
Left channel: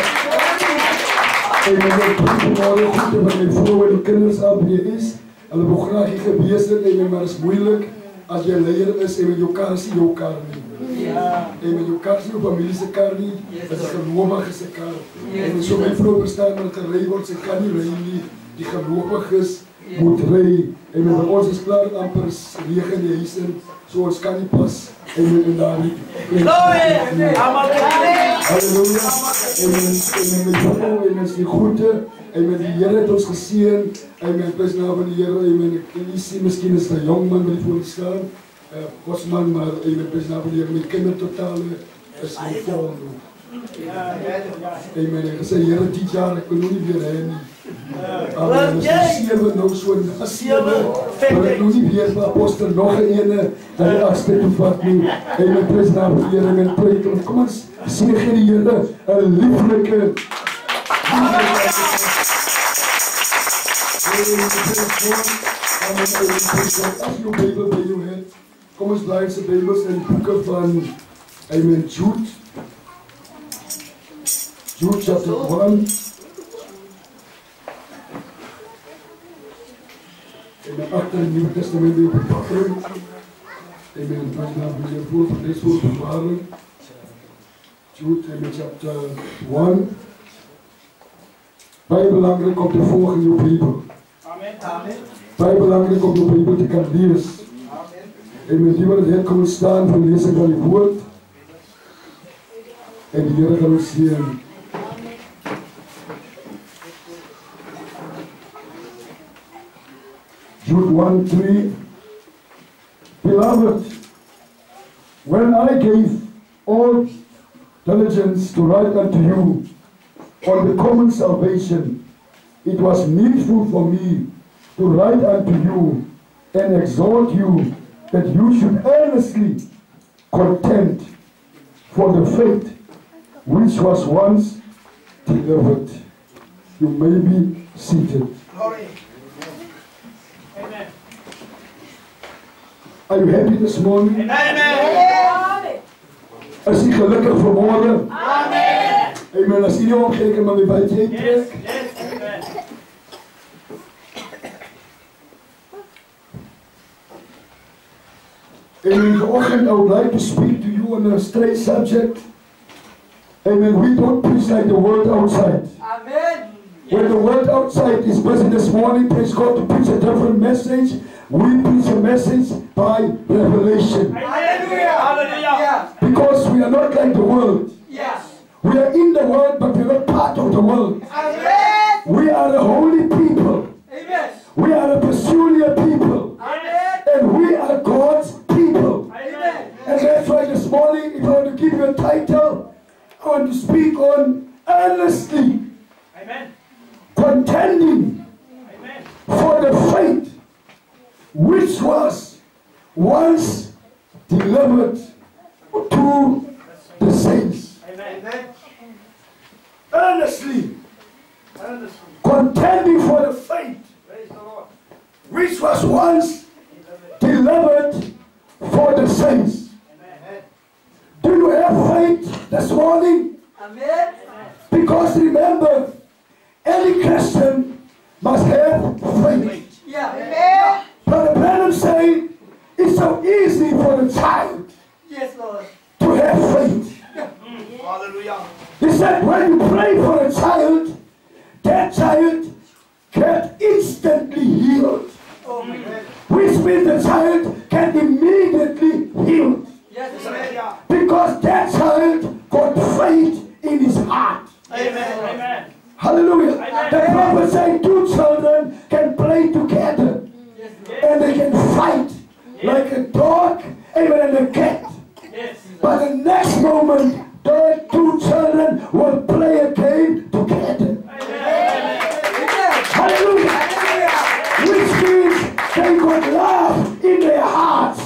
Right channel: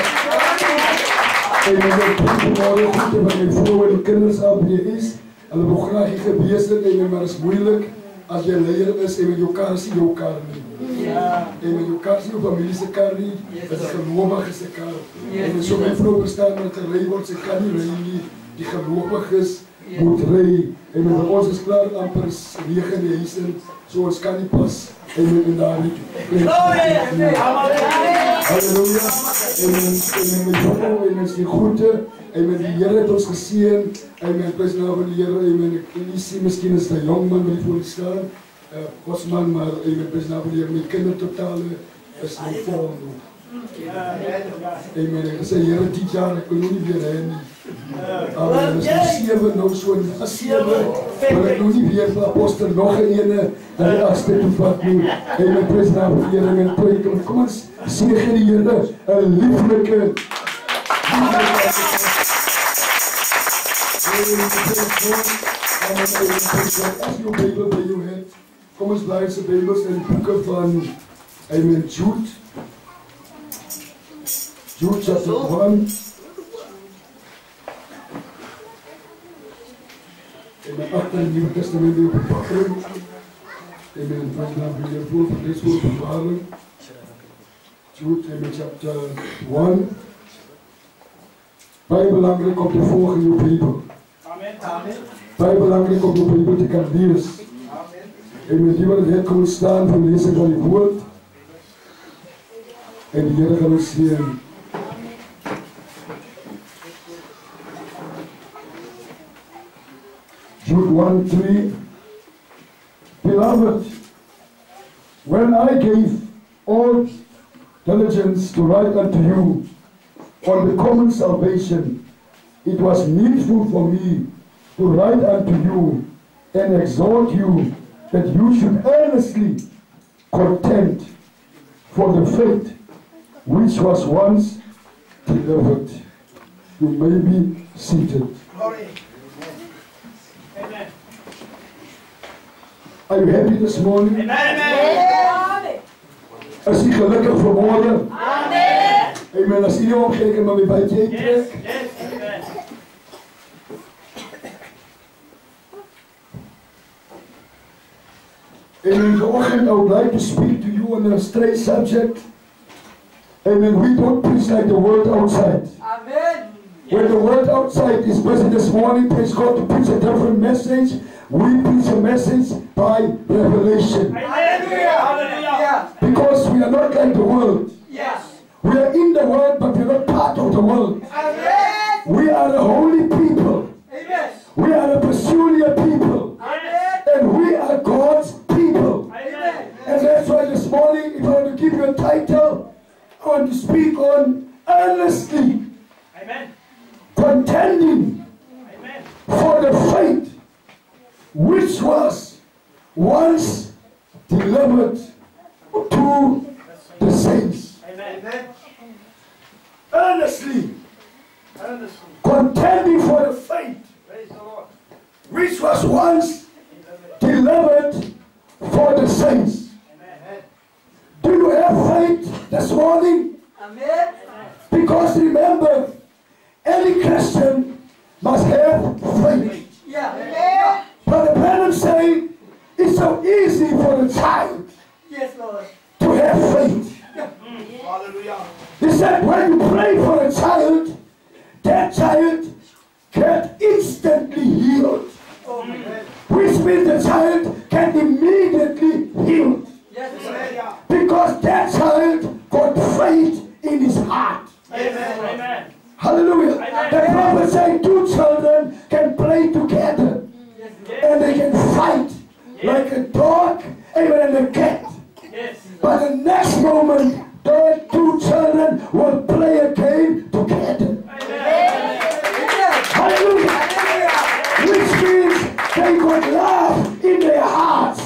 Amen. Ek bring vanmorgen goed van my vrou en die kinders af hier is. Hulle wil graag hier gewees het. Amen. Maar is moeilik. As jy leier is, en met jou kar is nie jou kar nie. En met jou kar is nie jou familie se kar nie, dit is 'n gelowige se kar. En so my vrou verstaan dat gery word, sy kan nie ry nie. Die gelowiges moet ry. En met ons is klaar amper 9 in die huis in, so ons kan nie pas en daar nie. Halleluja. En met jou en is die goede. Amen. Die Here het ons geseën. Amen. Prys naam van die Here. Amen. En jy sien miskien is 'n jong man wat voor u staan. Godsman, maar amen. Prys naam van die Here. My kindertotale is nou vol. Amen. Ek sê Here, dit jaar ek kon nie weer hê nie. Amen. Ons is 7 nou so 7. Maar ek nou nie weer vir apostel nog 'n ene dat die agste toe vat nie. Amen. Prys naam van die Here. En preek. Kom ons sien die Here 'n lieflike as jou Bijbel by jou het, kom ons bly se Bybels in die boeke van amen Jude. Jude chapter 1. Amen. Agter die Nuwe Testament die Bybel. Amen. Prys naam van die Here voor van deze woordbewaring. Jude amen chapter 1. Baie belangrik om te volg in jou Bybel. Amen. Baie belangrik om jou Bybel te kan lees. En met die wat het kom staan vir lesing van die woord. En die Here gaan ons seën. Jude 1:3. Beloved, when I gave all diligence to write unto you on the common salvation, it was needful for me to write unto you and exhort you that you should earnestly contend for the faith which was once delivered. You may be seated. Glory. Amen. Are you happy this morning? Amen. Is jy gelukkig vanmorgen? Amen. Amen. As jy nie omkijk en maar my bytjie uittrek. Amen. Vanoggend I would like to speak to you on a straight subject. Amen. We don't preach like the world outside. Amen. When the world outside is busy this morning, praise God, to preach a different message. We preach a message by revelation. Hallelujah. Hallelujah. Because we are not like the world. Yes. We are in the world, but we are not part of the world. Amen. We are a holy people. Amen. We are a peculiar people. Amen. And we are God's people. Amen. And that's why this morning, if I want to give you a title, I want to speak on earnestly contending for the faith which was once delivered to the saints. Earnestly contending for the faith which was once delivered for the saints. Do you have faith this morning? Amen. Because remember, any Christian must have faith. Yeah. Brother Branham say it's so easy for the child Yes, Lord. to have faith. Hallelujah. He said when you pray for a child, that child get instantly healed. Oh, my God. Which means the child can immediately heal. Yes, Lord. Because that child got faith in his heart. Amen. Hallelujah. The prophet said two children can play together and they can fight like a dog and a cat. But the next moment, the two children will play a game together. Hallelujah. Which means they got love in their hearts.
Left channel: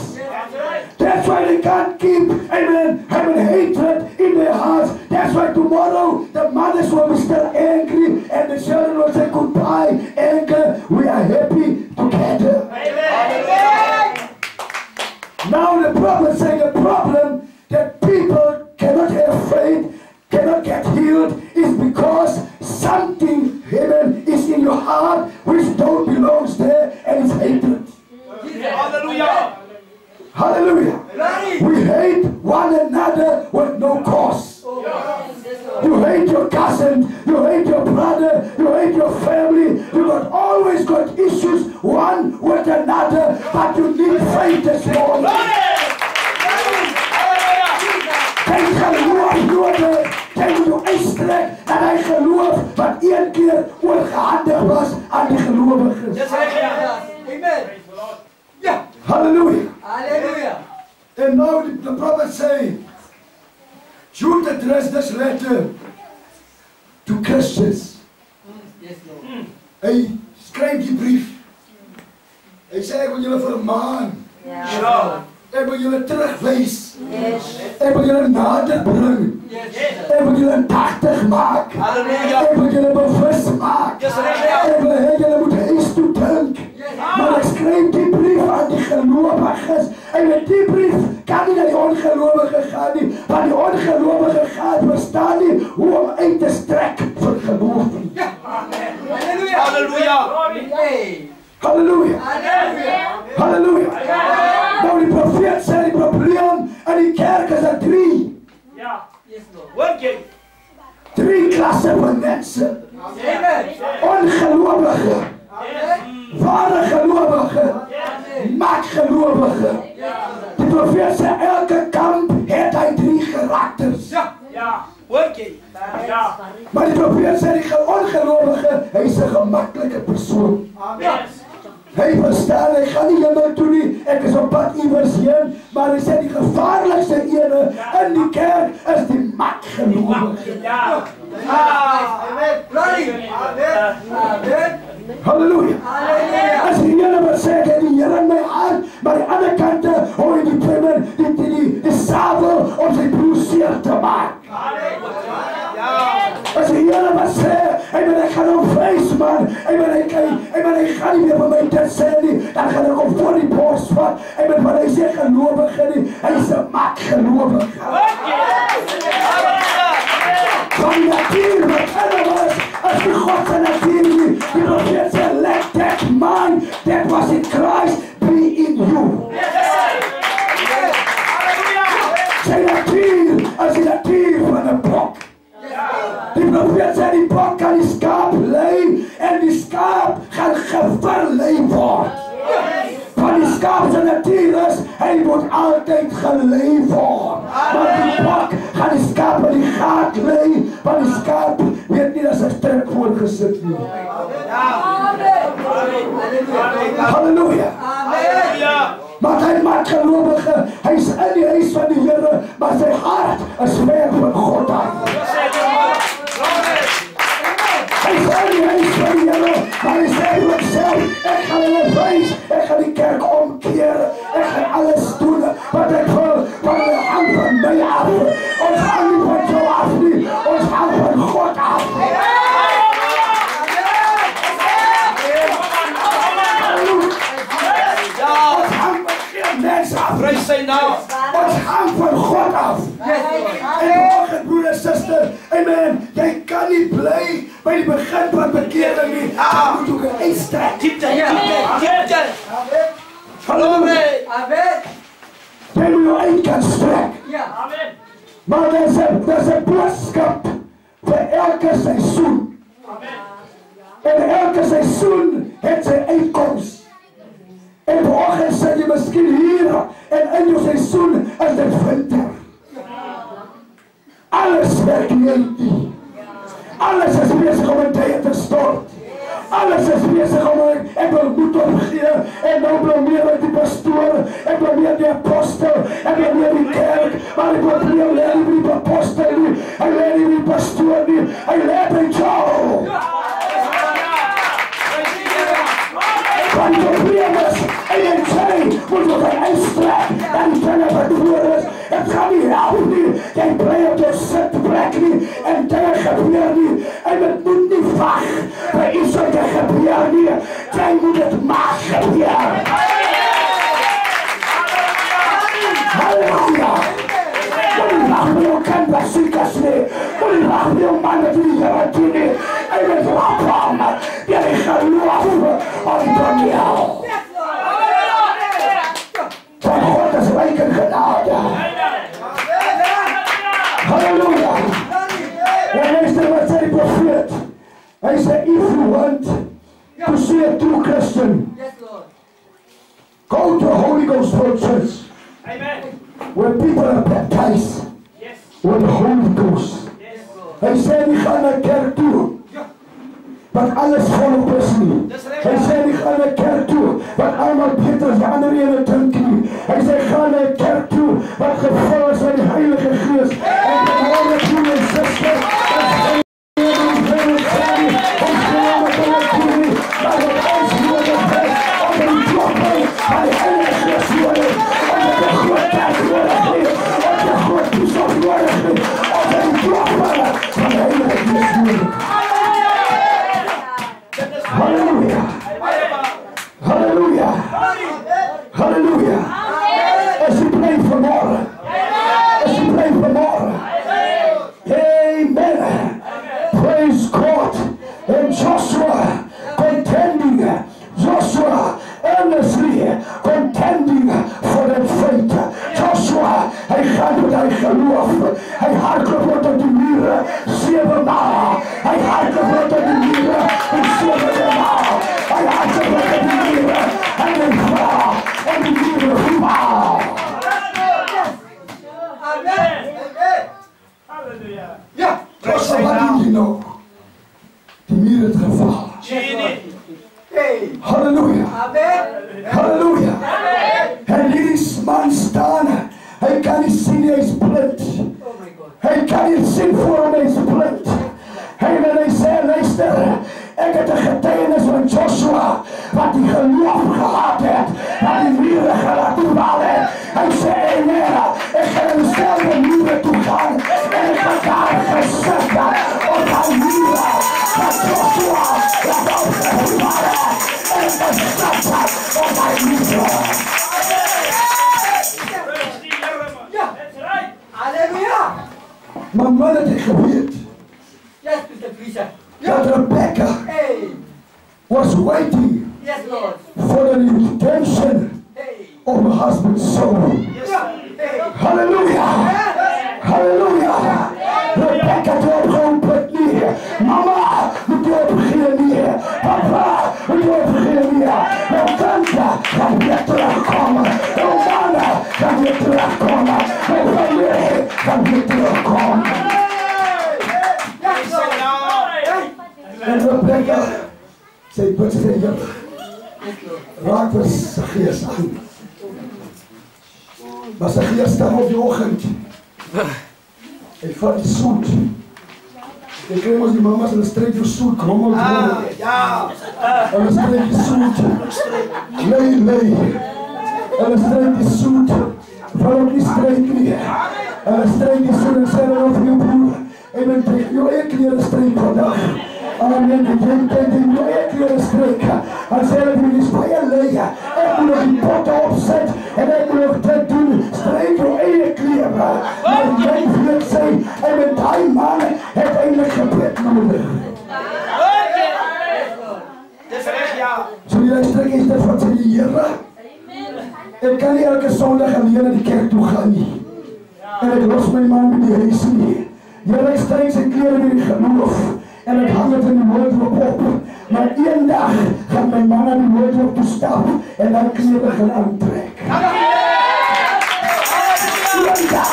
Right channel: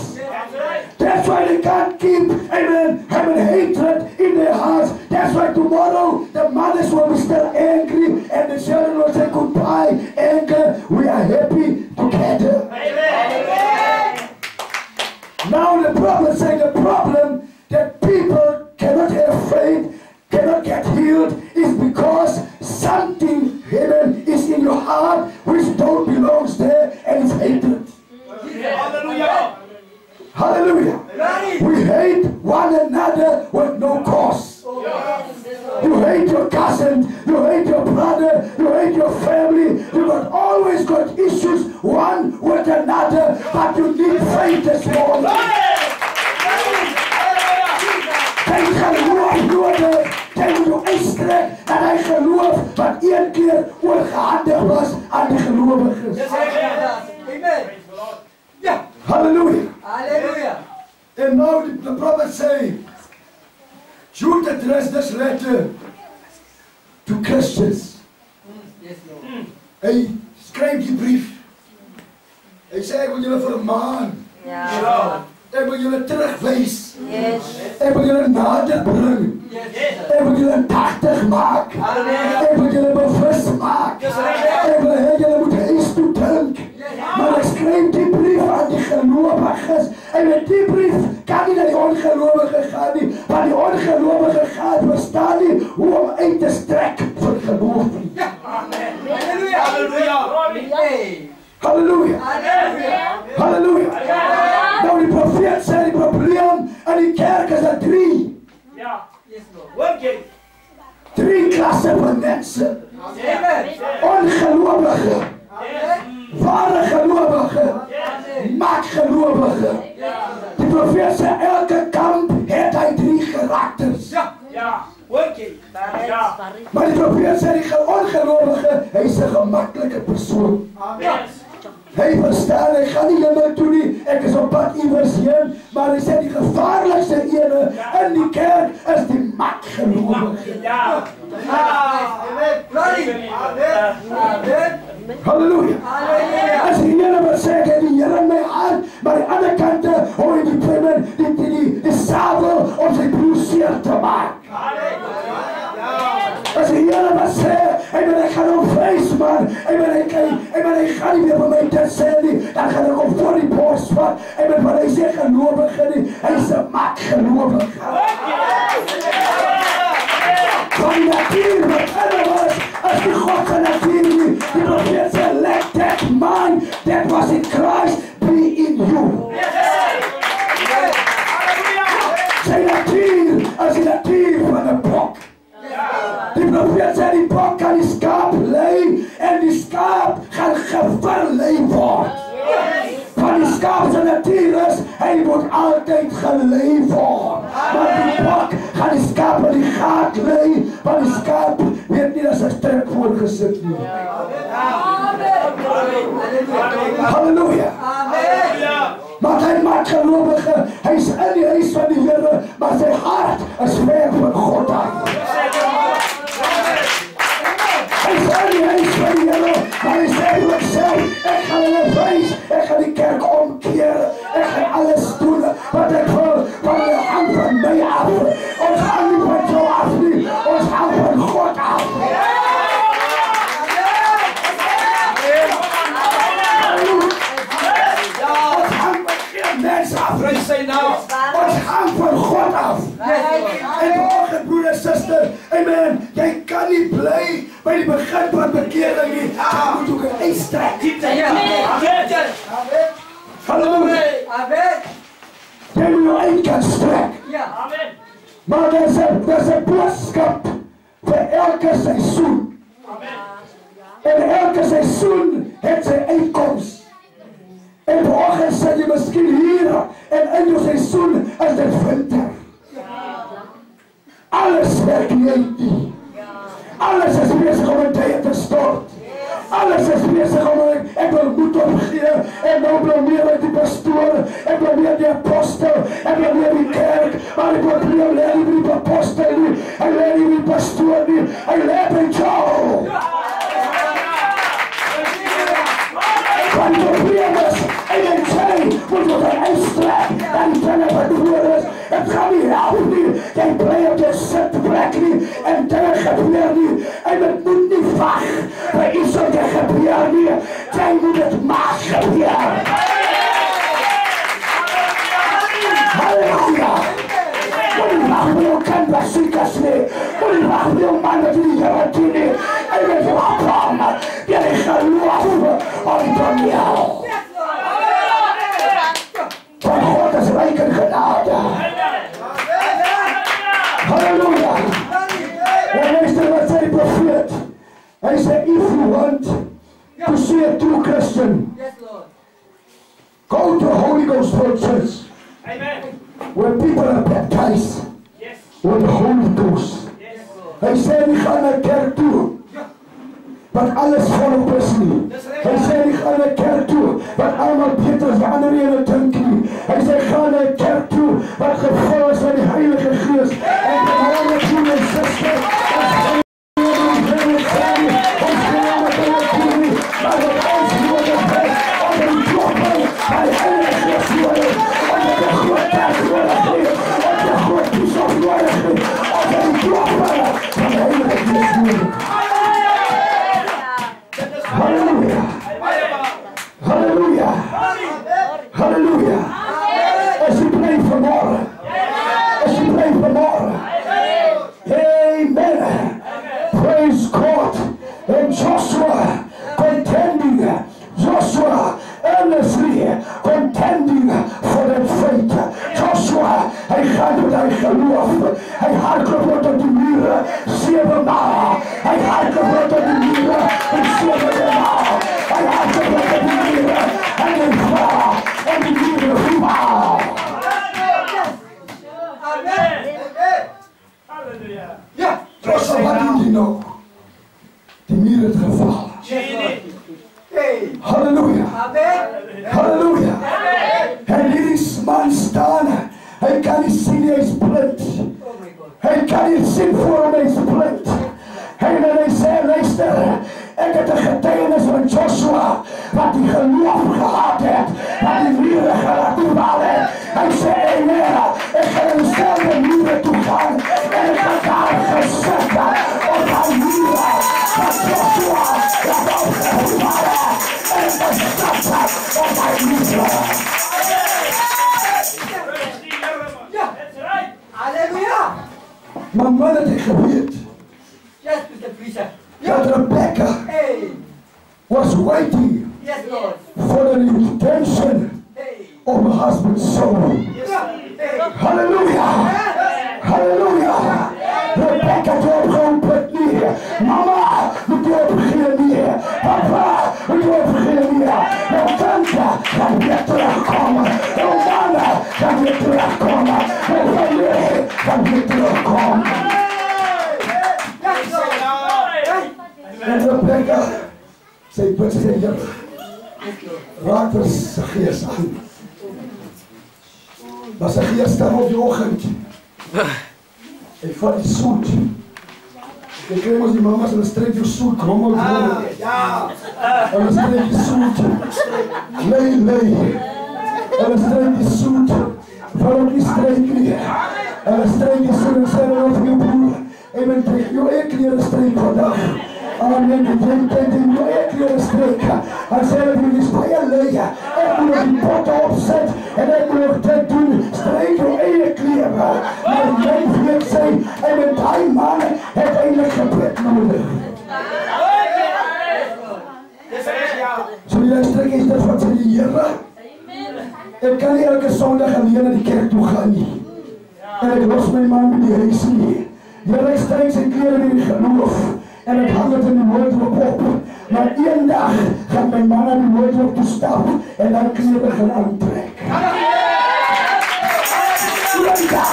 That's why they can't keep, amen, having hatred in their hearts. That's why tomorrow the mothers will be still angry and the children will say goodbye, anger. We are happy together. Amen. Now the prophet saying the problem that people cannot have faith, cannot get healed is because something hidden is in your heart which don't belongs there and it's hatred. Hallelujah. Hallelujah. We hate one another with no cause. You hate your cousin, you hate your brother, you hate your family. You got always got issues one with another, but you need faith this morning. Kijk geloof worden, kijk hoe je uitstrekt en hij geloof wat één keer ongehandig was aan de gelovigen. Amen. Yeah. Hallelujah. Hallelujah. And now the prophet say, Jude addressed this letter to Christians. Yes, Lord. Hy skryf die brief. Hy sê ek wil julle vermaan. Ja. Ek wil julle terugwys. Yes. Ek wil julle nader bring. Yes. Ek wil julle indagtig maak. Halleluja. Ek wil julle bewus maak. Ek wil hê julle moet huis toe dink. Maar ek skryf die brief aan die gelowiges. En met die brief kan nie na die ongelowige gaan nie. Want die ongelowige gaan verstaan nie hoe om uit te strek vir geloof nie. Halleluja. Halleluja. Halleluja. Halleluja. Halleluja. Nou die profeet sê die probleem in die kerk is er 3. Yes, Lord. 3 klasse van mense. Amen. Ongelowige, ware gelowige, maakgelowige. Die profeet sê elke kamp het hy 3 karakters. Maar die profeet sê die ongelowige, hy is 'n gemaklike persoon. Hy verstaan, hy gaan nie hemel toe nie, ek is op pad iewers heen, maar hy sê die gevaarlikste ene in die kerk is die makgelowige. Halleluja. As die Here wat sê, ek het die Here in my hart, maar die ander kante hoor jy die primer, die sabel om sy broer seer te maak. As die Here wat sê, ek gaan hom vrees man, ek gaan nie meer van my dit sê nie, dan gaan ek hom voor die bos vat, want hy sê gelowige nie, hy is 'n makgelowige. Van die natuur wat in was, as die God se natuur nie, die profeet sê, let that mind that was in Christ be in you. Sy natuur as die natuur van 'n bok. Die profeet sê die bok kan die skaap lei en die skaap gaan geverlei word. Van die skaap se natuur is, hy moet altyd gelei word. Maar die bok gaan die skaap in die gat lei, want die skaap weet nie dat sy strek voorgesit nie. Halleluja. Maar hy maak gelowige, hy is in die huis van die Here, maar sy hart is ver van God af. En vanoggend, broer en suster, amen, jy kan nie bly by die begin van bekering nie. Jy moet ook 'n uitstrek. Halleluja. Jy moet jou uit kan strek. Maar daar's 'n boodskap vir elke seisoen. En elke seisoen het sy uitkoms. En vanoggend sit jy miskien hier en in jou seisoen is dit winter. Alles werk nie. Alles is bezig om 'n tyd te stort. Alles is bezig om ek wil moed opgee en nou blameer ek die pastoor, ek blameer die apostel, ek blameer die kerk, maar ek wil nie leer nie die apostel nie, ek leer nie die pastoor nie, ek leer by jou. Van die probleem is, en jy sê, moet jy gaan uitstrek, en die dinge wat voor is, het gaan nie help nie, jy bly op jou sitplek nie, en dinge gebeur nie, en het moet nie wag, by iets wat jy gebeur nie, jy moet het maar gebeur. Halleluja! Moet nie wag by jou kind wat siek is nie, moet nie wag by jou man wat nie Here dien nie, en het wap om, jy geloof onder jou. Van God is rijk in genade. Halleluja. En luister wat sê die profeet. Hy sê, if you want to see a true Christian, go to a Holy Ghost filled church. Where people are baptized with the Holy Ghost. Hy sê, die gaan na kerk toe. Wat alles volop is nie. Hy sê nie gaan na kerk toe, wat allemaal beter as die ander ene dink nie. Hy sê gaan na kerk toe, wat gevul is met die Heilige Gees. En die Heilige Gees en sister, ons geloof sê nie, ons geloof met hulle toe nie, maar wat ons nodig is, om die kloppen van die Heilige Gees nodig, om die groot kerk nodig nie, om die groot toeslag nodig nie, om die kloppen van die Heilige Gees nodig. Halleluja. Halleluja. Halleluja. As jy bly vanmorgen. As jy bly vanmorgen. Amen. Praise God. And Joshua contending. Joshua earnestly contending for that faith. Joshua, hy gaan met hy geloof. Hy hardloop onder die mure 7 maal. Hy hardloop onder die mure en 7 maal. Hy hardloop onder die mure en hy val en die mure val. Amen. Halleluja. Ja, Joshua, wat doen jy nou? Die mure het geval. Halleluja. Halleluja. En hierdie man staan, hy kan nie sien, hy is blind. Hy kan nie sien voor hom, hy is blind. En hy sê, luister, ek het 'n getuienis van Joshua, wat die geloof gehad het, wat die mure gelaat val het. Hy sê, Heer, ek gaan in selfde mure toe gaan, en ek gaan daar gesit op die mure, wat Joshua het opgevallen, en ek gesit op die mure. Halleluja! Maar man het hy geweet, that Rebecca was waiting for the redemption of her husband's soul. Hallelujah! Hallelujah! Rebecca het opgeroepen nie. Mama moet opgeen nie. Papa moet opgeen nie. Jou tante gaan weer terugkomen. Jou mannen gaan weer terugkomen. Jou familie gaan weer terugkomen. En Rebecca, sy bid sê, raak vir sy gees aan. Maar sy gees staan op die oggend. Hy vat die soet. Jy kry ons die mamas, hulle streek die soet, krommel. Hulle streek die soet. Lei. Hulle streek die soet. Val ook die streek nie. Hulle streek die soet en sê hulle vir jou broer. Jy moet jou eie kleren streek vandag. Amen. Die mooie kleren streken. Hij zei dat hij die spijen leggen. Ik moet nog die potten opzetten. En ik moet nog dit doen. Streek je eigen kleren. Maar jij vriend zei. En met die man heeft eigenlijk gebed nodig. Zo die strek is dat wat ze die Heere. Ik kan niet elke zondag alleen naar die kerk toe gaan nie. En ik los mijn man met die huis nie. Heere, ik strek zijn kleren in die geloof. En ik hang het in die woordroep op. Maar één dag gaat mijn man naar die woordroep toe stappen. En dan kleren gaan aantrekken. Één dag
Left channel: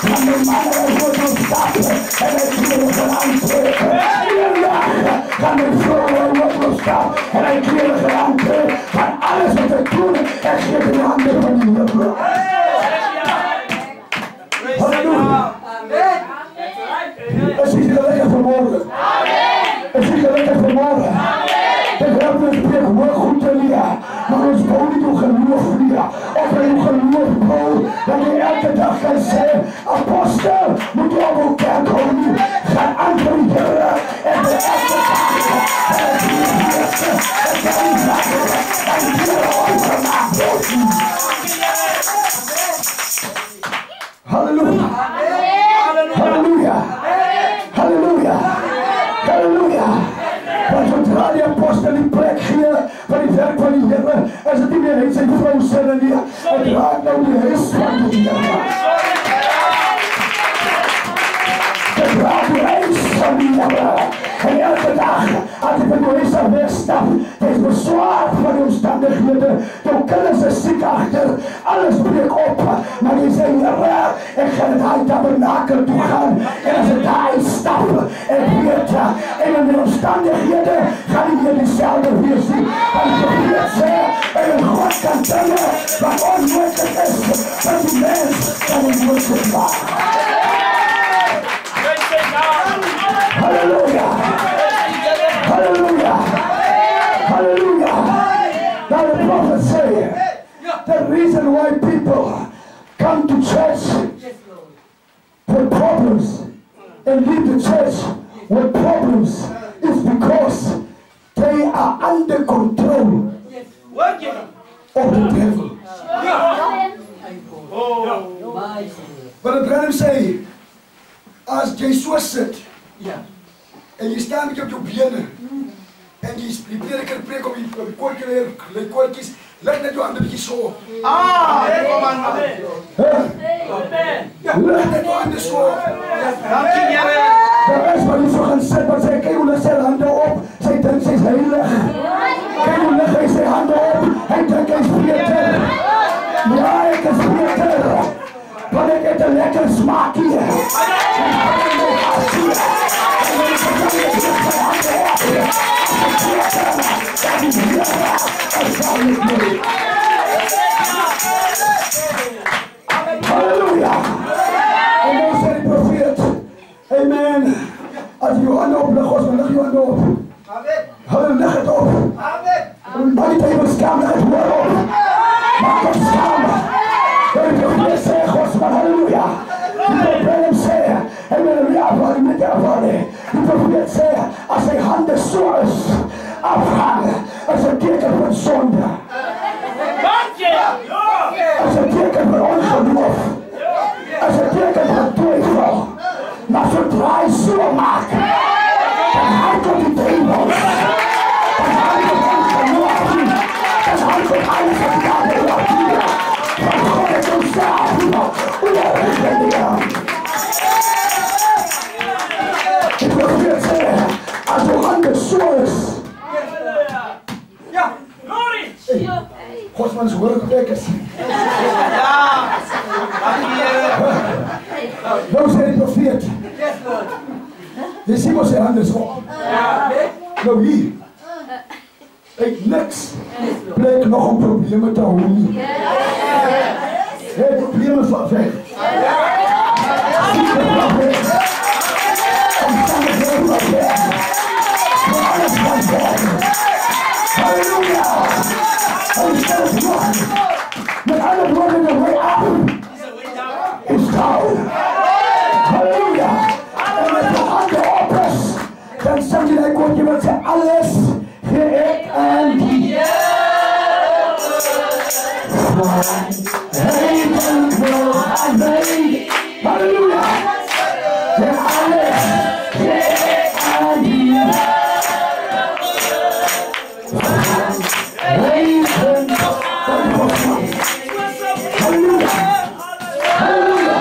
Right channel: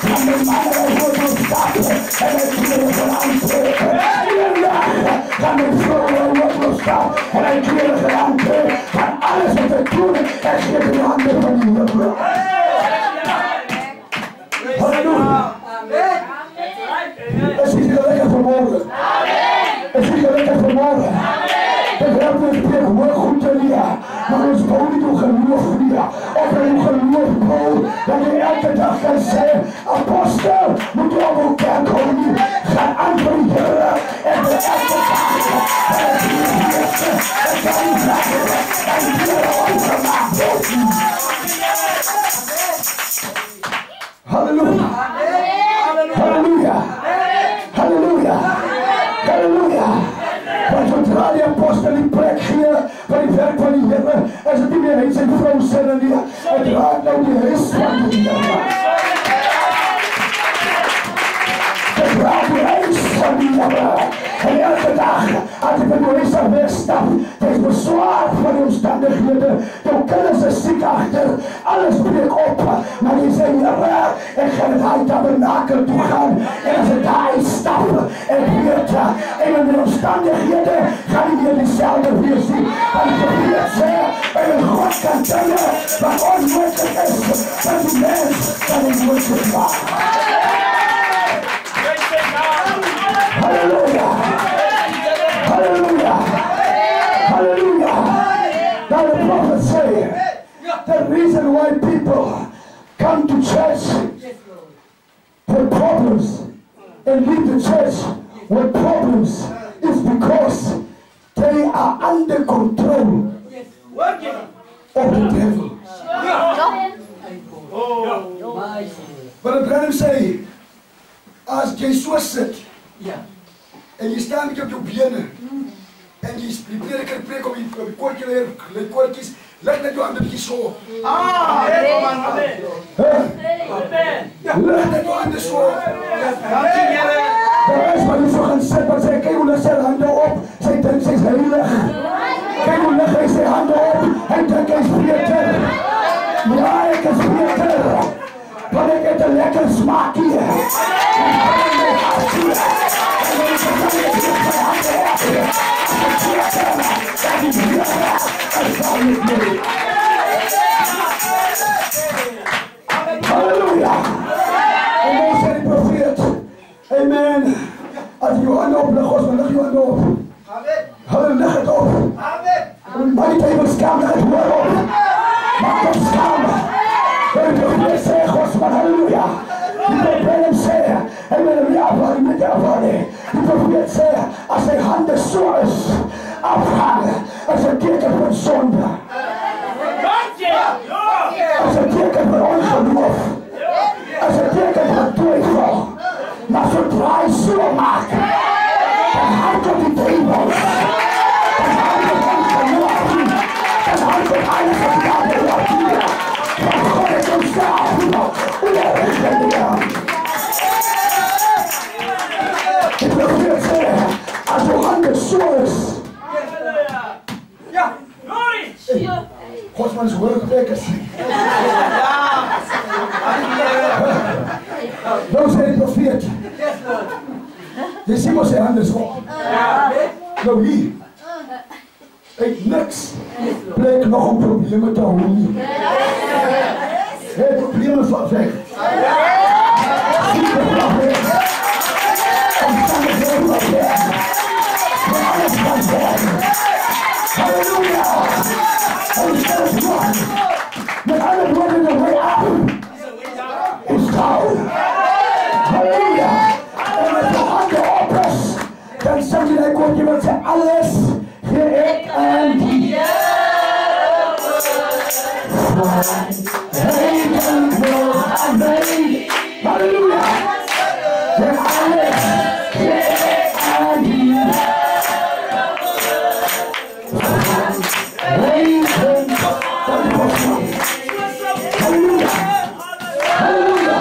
gaat mijn man naar die woordroep stappen. En dan kleren gaan aantrekken. Één dag gaat mijn vrouw naar die woordroep stappen. En dan kleren gaan aantrekken. Van alles wat ik doe, ik geef in de handen van die Heere. Halleluja. Es ist lekker vanmorgen. Es is lekker vanmorgen. De Heer spreekt wel goed te leren. Maar ons bouw niet door geloof leren. Of wij uw geloof bouwen. Dat je elke dag kan zeggen. Apostel, moet je op uw kerk houden. Ga aan voor die Heer. En de elke dag. En het eerste. En kan niet laten. En die Heer overmaakt worden. Halleluja. Halleluja. Halleluja. Halleluja. Want zodra die apostel die plek geeft van die werk van die Heer, en ze die meer heen zijn vrouw zijn die, het raakt nou die rest van die Heer. Het raakt die rest van die Heer. En elke dag, als ik met deze wegstap, het is bezwaar van die omstandigheden. Toen kunnen ze ziek achter, alles breekt op. Maar die zei, Heer, ik ga naar het tabernakel toe gaan. En als ik daar instap, en weet, en in de omstandigheden, ga ik weer diezelfde weer zien. Want ik weet ze, en God kan tellen, wat onmogelijk is, dat die mens kan niet moeilijk maken. Hallelujah! Hallelujah! Hallelujah! Now the prophet said, the reason why people come to church with problems and leave the church with problems is because they are under control of the devil. But the brother say, as jy so sit, en jy staan met jou bene, en jy prediker preek op die koortjies, leg net jou hande bietjie so. Leg net jou hande so. Dankie Here. Daar is maar nie so gaan sit, maar sê, kyk hoe lig sy hande op, sy dink sy is heilig. Kyk hoe lig hy sy hande op, hy dink hy is beter. Ja, ek is beter. Want ik heb een lekker smaak hier. En ik ben hart hier. En ik ben halleluja. En dan zei de profeet. Amen. Als je je handen op, leg ons, maar leg je handen op. Halleluja, leg het op. Maar niet even staan, leg het woord op. Maak hem staan. En de profeet zei, Gosman, halleluja. Die profeet zei, en met hem afvallen, met de afvallen. Die profeet zei, als zijn handen zo is, afhangen, als een teken van zonde. Als een teken van ongeloof. Als een teken van twijfel. Maar zodra hij zo maakt, dan houdt op die twijfels. Dan houdt op ongeloof. Dan houdt op alles wat hij hoort hier. Van God is ons daar. Ik wil weer zeggen, als uw handen zo is. Ja, glorie! Godsmans workwekkers. Nou zei de profeet. Je ziet maar zijn handen zo. Nou hier. Uit niks bleek nog een probleem te houden. Het probleem van weg. Ziekte van weg. Omstandigheden van weg. Van alles van weg. Halleluja. Met alle woorden de way af is down. Halleluja. En met de handen op is, dan sang jy daai koortjie wat sê alles gee ek aan die Halleluja! Der alles gee ek aan die Halleluja! Halleluja!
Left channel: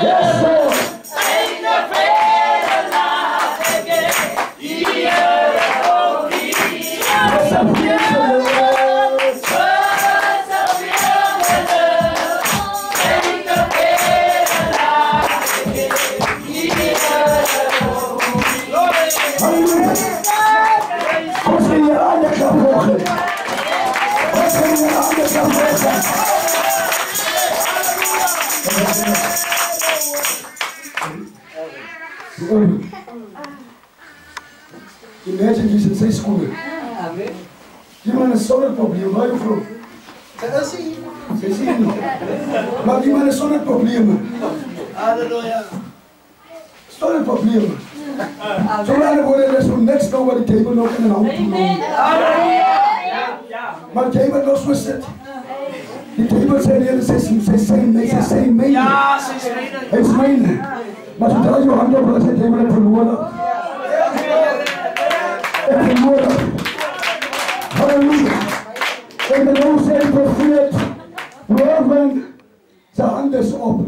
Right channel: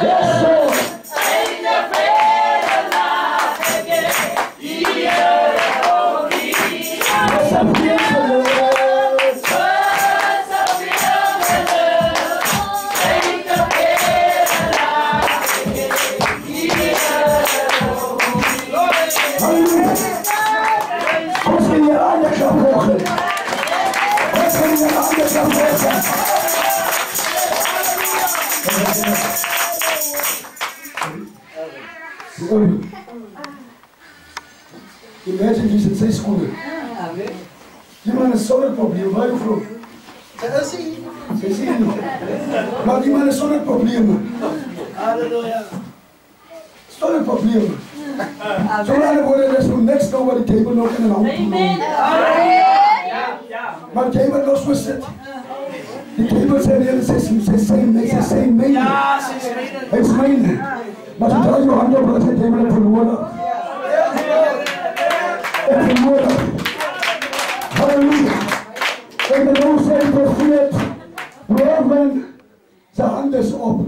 Yes, Lord! Imagine he's in sy skole. Die man is sonder probleem, my vrou. Sy sê nie. Maar die man is sonder probleme. Halleluja. Sonder probleme. So lange woorde, there's no next door by die table nog in een hand toe lopen. Maar jy moet nog so sit. Die table sê nie, sy sê myne. Ja, sy myne. Hy is myne. Maar sodra jou hand op, as hy table het verloor. Ek verloor. Halleluja. En de nou sê die profeet, Roman, sy hand is op.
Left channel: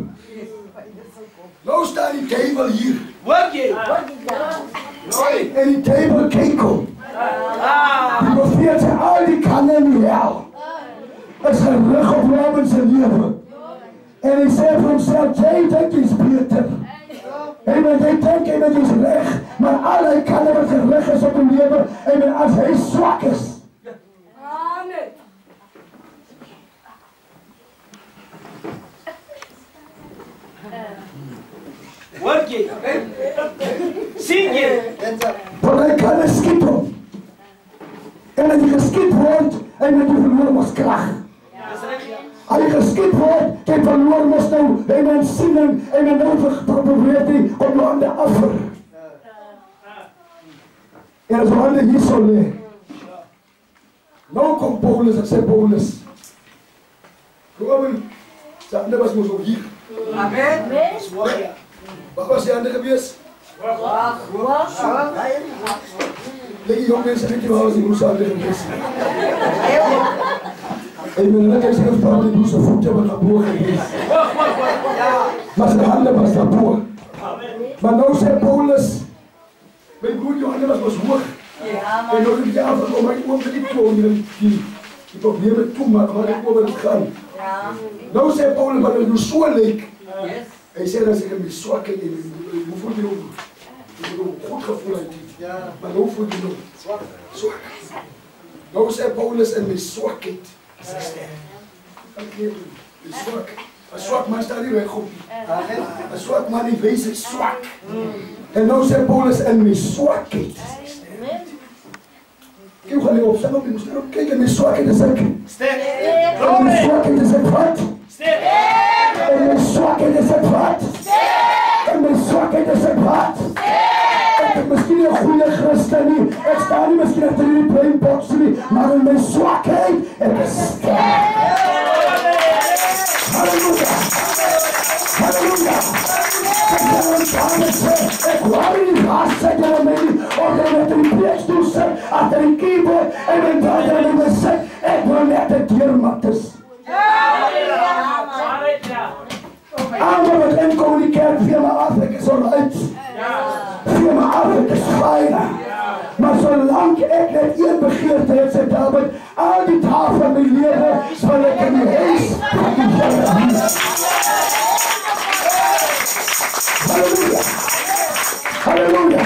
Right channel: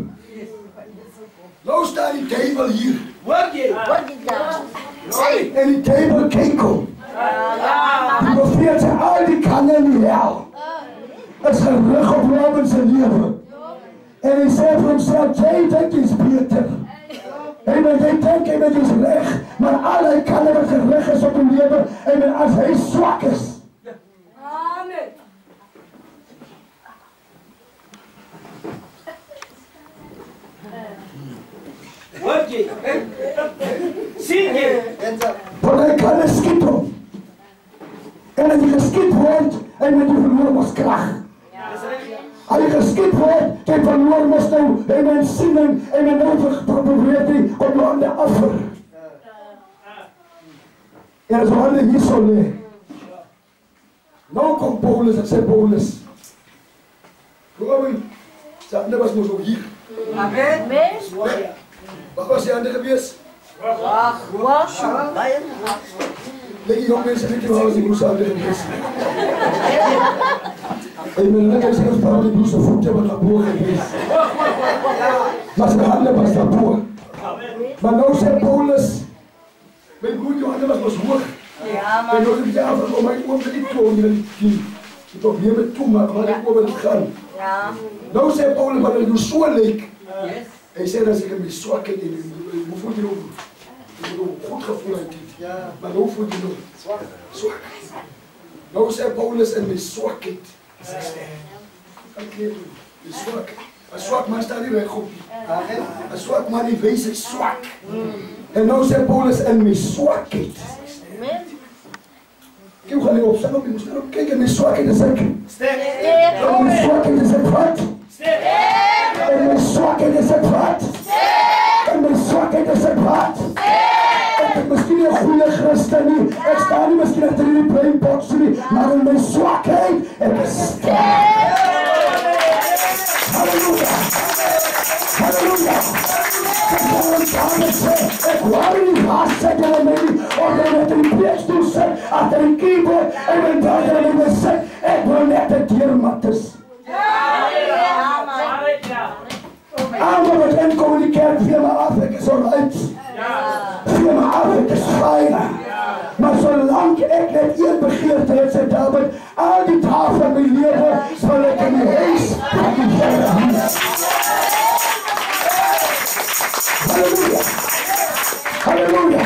Nou staan die table hier. Hoor jy? En die table kekel. Die profeet sê, al die kanne in die hel is gerig op Roman sy leven. En hy sê vir homself, jy dink is beter. En jy dink jy is reg, maar al die kanne wat gerig is op die leven, en as hy swak is. Amen. Hoor jy? Sien jy? Want hy kan geskiet hom. En as hy geskiet word, hy moet die verloor ons krag. As hy geskiet word, hy verloor ons nou, hy moet siening, hy moet nou probeer die op jou hande afver. En as jou hande hier so lee. Nou kom Paulus, ek sê Paulus. Gewoon, sy hande was ons ook hier. Amen. Wat was die hande gewees? Die jong mense weet nie waar was die broers hande gewees. En ek sê ons praat die broers voete wat daarboor gewees. Maar sy hande was daarboor. Maar nou sê Paulus, my broer, die hande was hoog. En nou het jy af om my oom te die toon, die probleme toe, maar waar ek oor het gaan. Nou sê Paulus, wat het nou so lyk, hy sê dat ek in my swakheid en hoe voel jy nou? Ek moet goed gevoel uit dit. Maar hoe voel jy nou? Swak. Nou sê Paulus in my swakheid is ek sterk. Kan ek doen? Die swak. Een swak man staan nie weg op nie. Een swak man die wees hy swak. En nou sê Paulus in my swakheid is ek sterk. Ek gaan nie opsang op, jy moest daarop kyk, in my swakheid is ek sterk. In my swakheid is ek wat? Sterk. In my swakheid is ek wat? Sterk. In my swakheid is ek wat? Sterk. Ek is miskien een goeie Christen nie, ek sta nie miskien achter die brainbox nie, maar in my swakheid, ek is sterk. Halleluja. Halleluja. Ek gaan ons samen sê, ek wou nie haast sê jy my nie, of jy met die preekstoel sit, achter die keyboard, en my brother en my sê, ek wil net die deurmatters. Allemaal wat inkom in die kerk, vee my af, ek is alright. Vee my af, ek is fijn. Maar solang ek net een begeerte het, sê David, al die dae van my lewe, sal ek in die huis van die Here wees. Halleluja. Halleluja.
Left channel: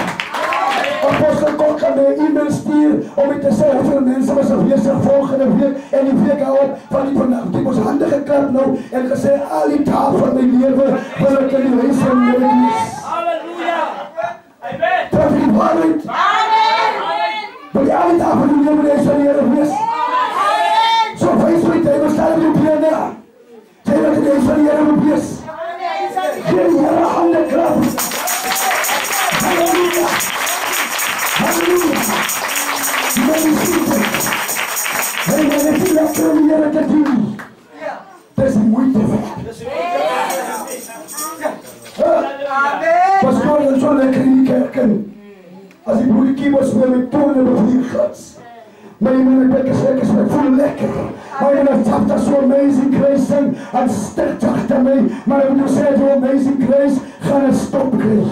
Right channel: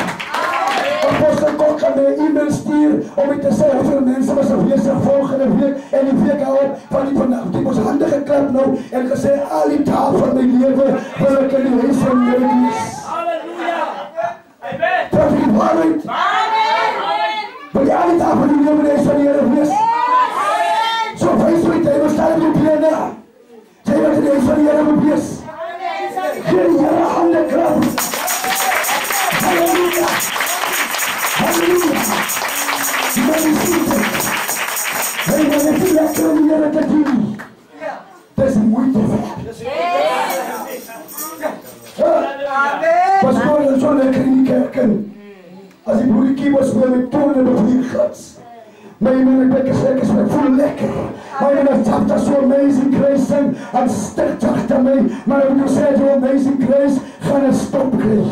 Apostel Kok gaan my e-mail stuur om my te sê hoeveel mense was afwesig volgende week en die week al van die vanaf. Die ons hande geklap nou en gesê al die dae van my lewe wil ek in die huis van die Here wees. Halleluja. Amen. Dat is die waarheid. Amen. Wil jy al die dae van die lewe in die huis van die Here wees? Amen. So wees my tyd, ons staan op die plene. Jy wat in die huis van die Here moet wees. Geen Here hande klap. Halleluja. Pastoor, dat is zo lekker in die kerk in. Als die broer die keyboard speel met tonen op die gats. Maar je moet lekker zeggen, ik voel lekker. Maar je moet dat zo amazing grace zijn. En sterk achter mij. Maar ik moet zeggen, zo amazing grace, gaan het stoppen.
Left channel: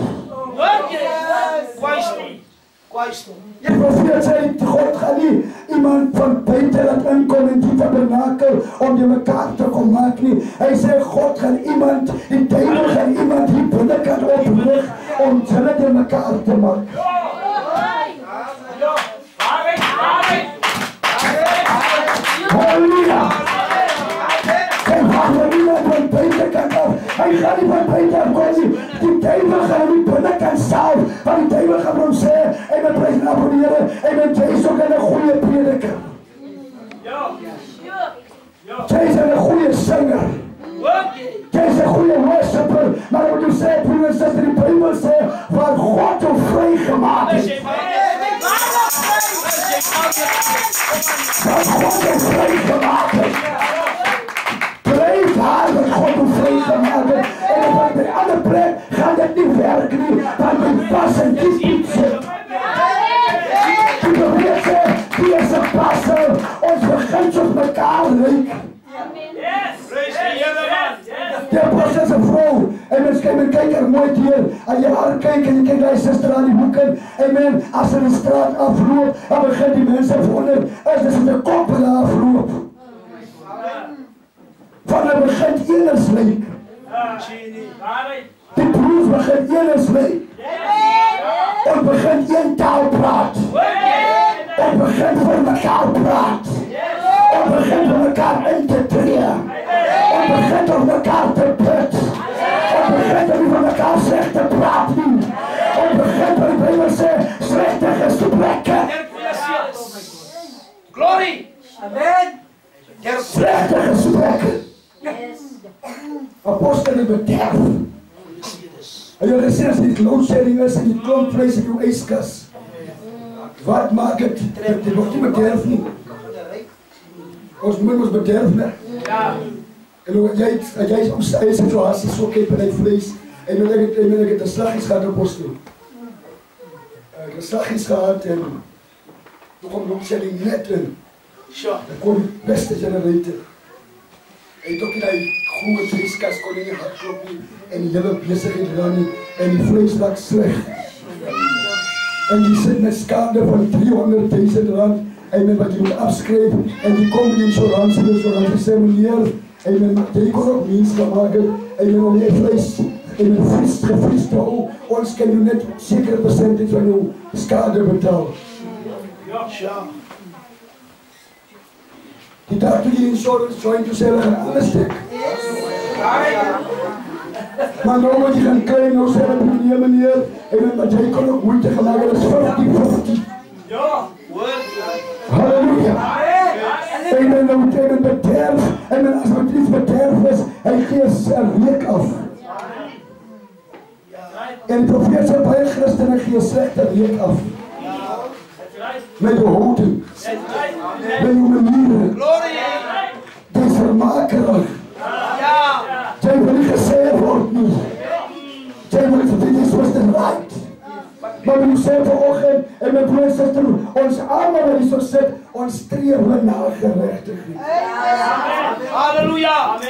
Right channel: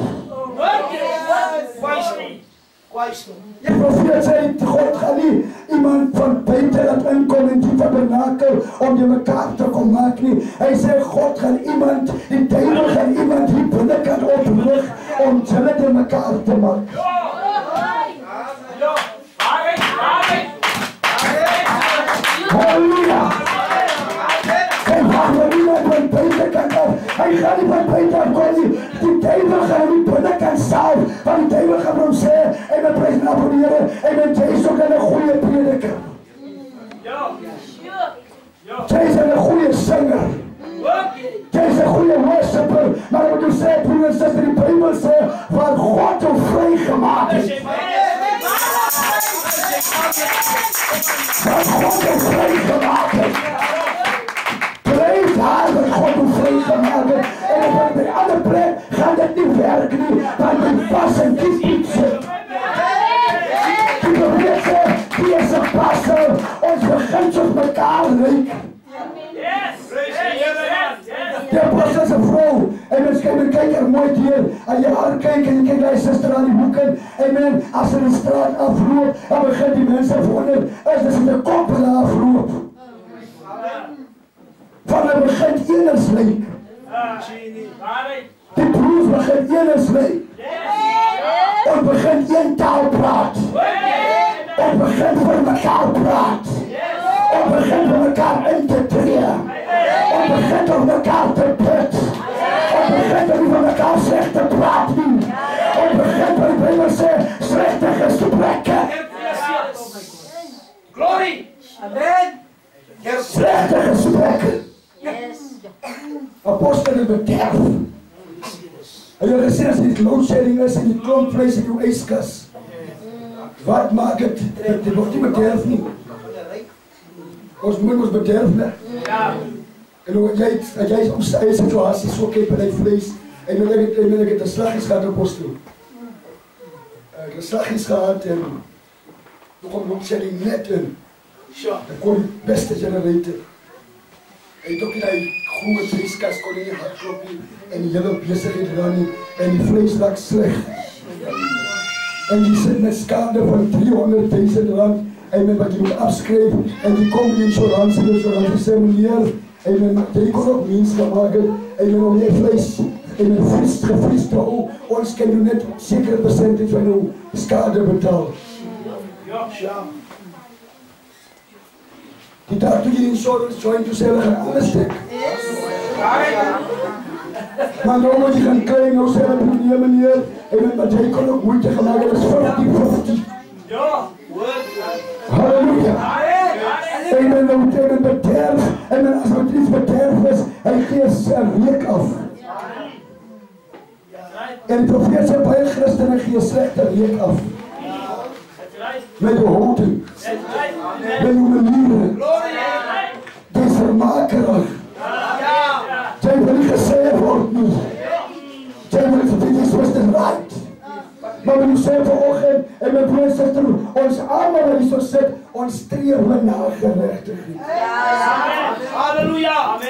De profeet zei, God gaat niet iemand van buiten laten inkomen in die tabernakel om je elkaar te komen maken. Hij zei, God gaat iemand, die duivel gaat iemand die binnenkant oprichten om jullie in elkaar te maken. Halleluja! Hij gaat niemand van buitenkant af. Hij gaat niet van buiten af komen. Die duivel gaat niet binnenkant zelf. Want die duivel gaat hem zeggen, en we prijzen af voor de Heer. En men is ook een goede prediker. Jij is een goede zanger. Jij is een goede worshipper. Maar wat u zei, broer en zuster, die Bijbel zegt, waar God jou vrijgemaakt is. Waar God jou vrijgemaakt is. Blijf haar dat God jou vrijgemaakt is. En op een andere plek gaat het niet werken. Want die passen kiest niet zo. Die probeert ze, die is een passer. Ons begint op elkaar lijken. De apostel is een vrouw. En kijk er mooi hier. En je haar kijkt en je kijkt naar je zuster aan die boeken. Amen. Als ze de straat afloopt, dan begint die mensen wonderen. Is dus de koppelen afloopt. Van het begint eerst leek. Die broers begint eerst leek. En begint één taal praat. En begint voor elkaar praat. En begint voor elkaar in te treden. En begint op elkaar te put. En begint om van elkaar slecht te praten. En begint om de Bijbel zegt slechte gesprekken. Glory! Amen! Slechte gesprekken. Apostelen bederf. En jullie zien als die loadshedding is en die klompvlees in uw ijskas. Wat maakt het? Die wordt niet bederf niet. Ons moet ons bederven. En hoe jij in situatie zo kijkt bij vlees. En dan heb ik de slag is gehad op apostel. De slag is gehad en toen kwam loadshedding net in. Dan kon die beste generator. En toen kon die groene vleeskas kon in je hart kloppen. En die hele bezigheid eraan niet. En die vlees lag slecht. En die zit met schade van 300.000 rand. En men wat je moet afschrijven. En die komt in de insurance zei meneer. En men die kon ook winst gaan maken. En men om je vlees. En men gevriest houden. Ons kan je net zeker percentage van uw schade betalen. Die dag toen je de insurance joint, toen zei gaan alles stuk. Maar nou moet je gaan kijken, nou zei meneer. En met hij kon ook moeite gaan maken, dat is 50-50. Halleluja. En men nou tegen bederf. En men als het iets bederf is, hij geeft een week af. En de profeet zei bij christenen geeft slechte week af. Met je houten. Met je manieren. Die is vermakelijk. Jij wil niet gezegd worden. Jij wil niet verdienen zoals het right. Maar we zeggen vanochtend, en mijn broer en zuster, ons allemaal wat is zo zit, ons streven naar gerechtigheid. Halleluja! Amen.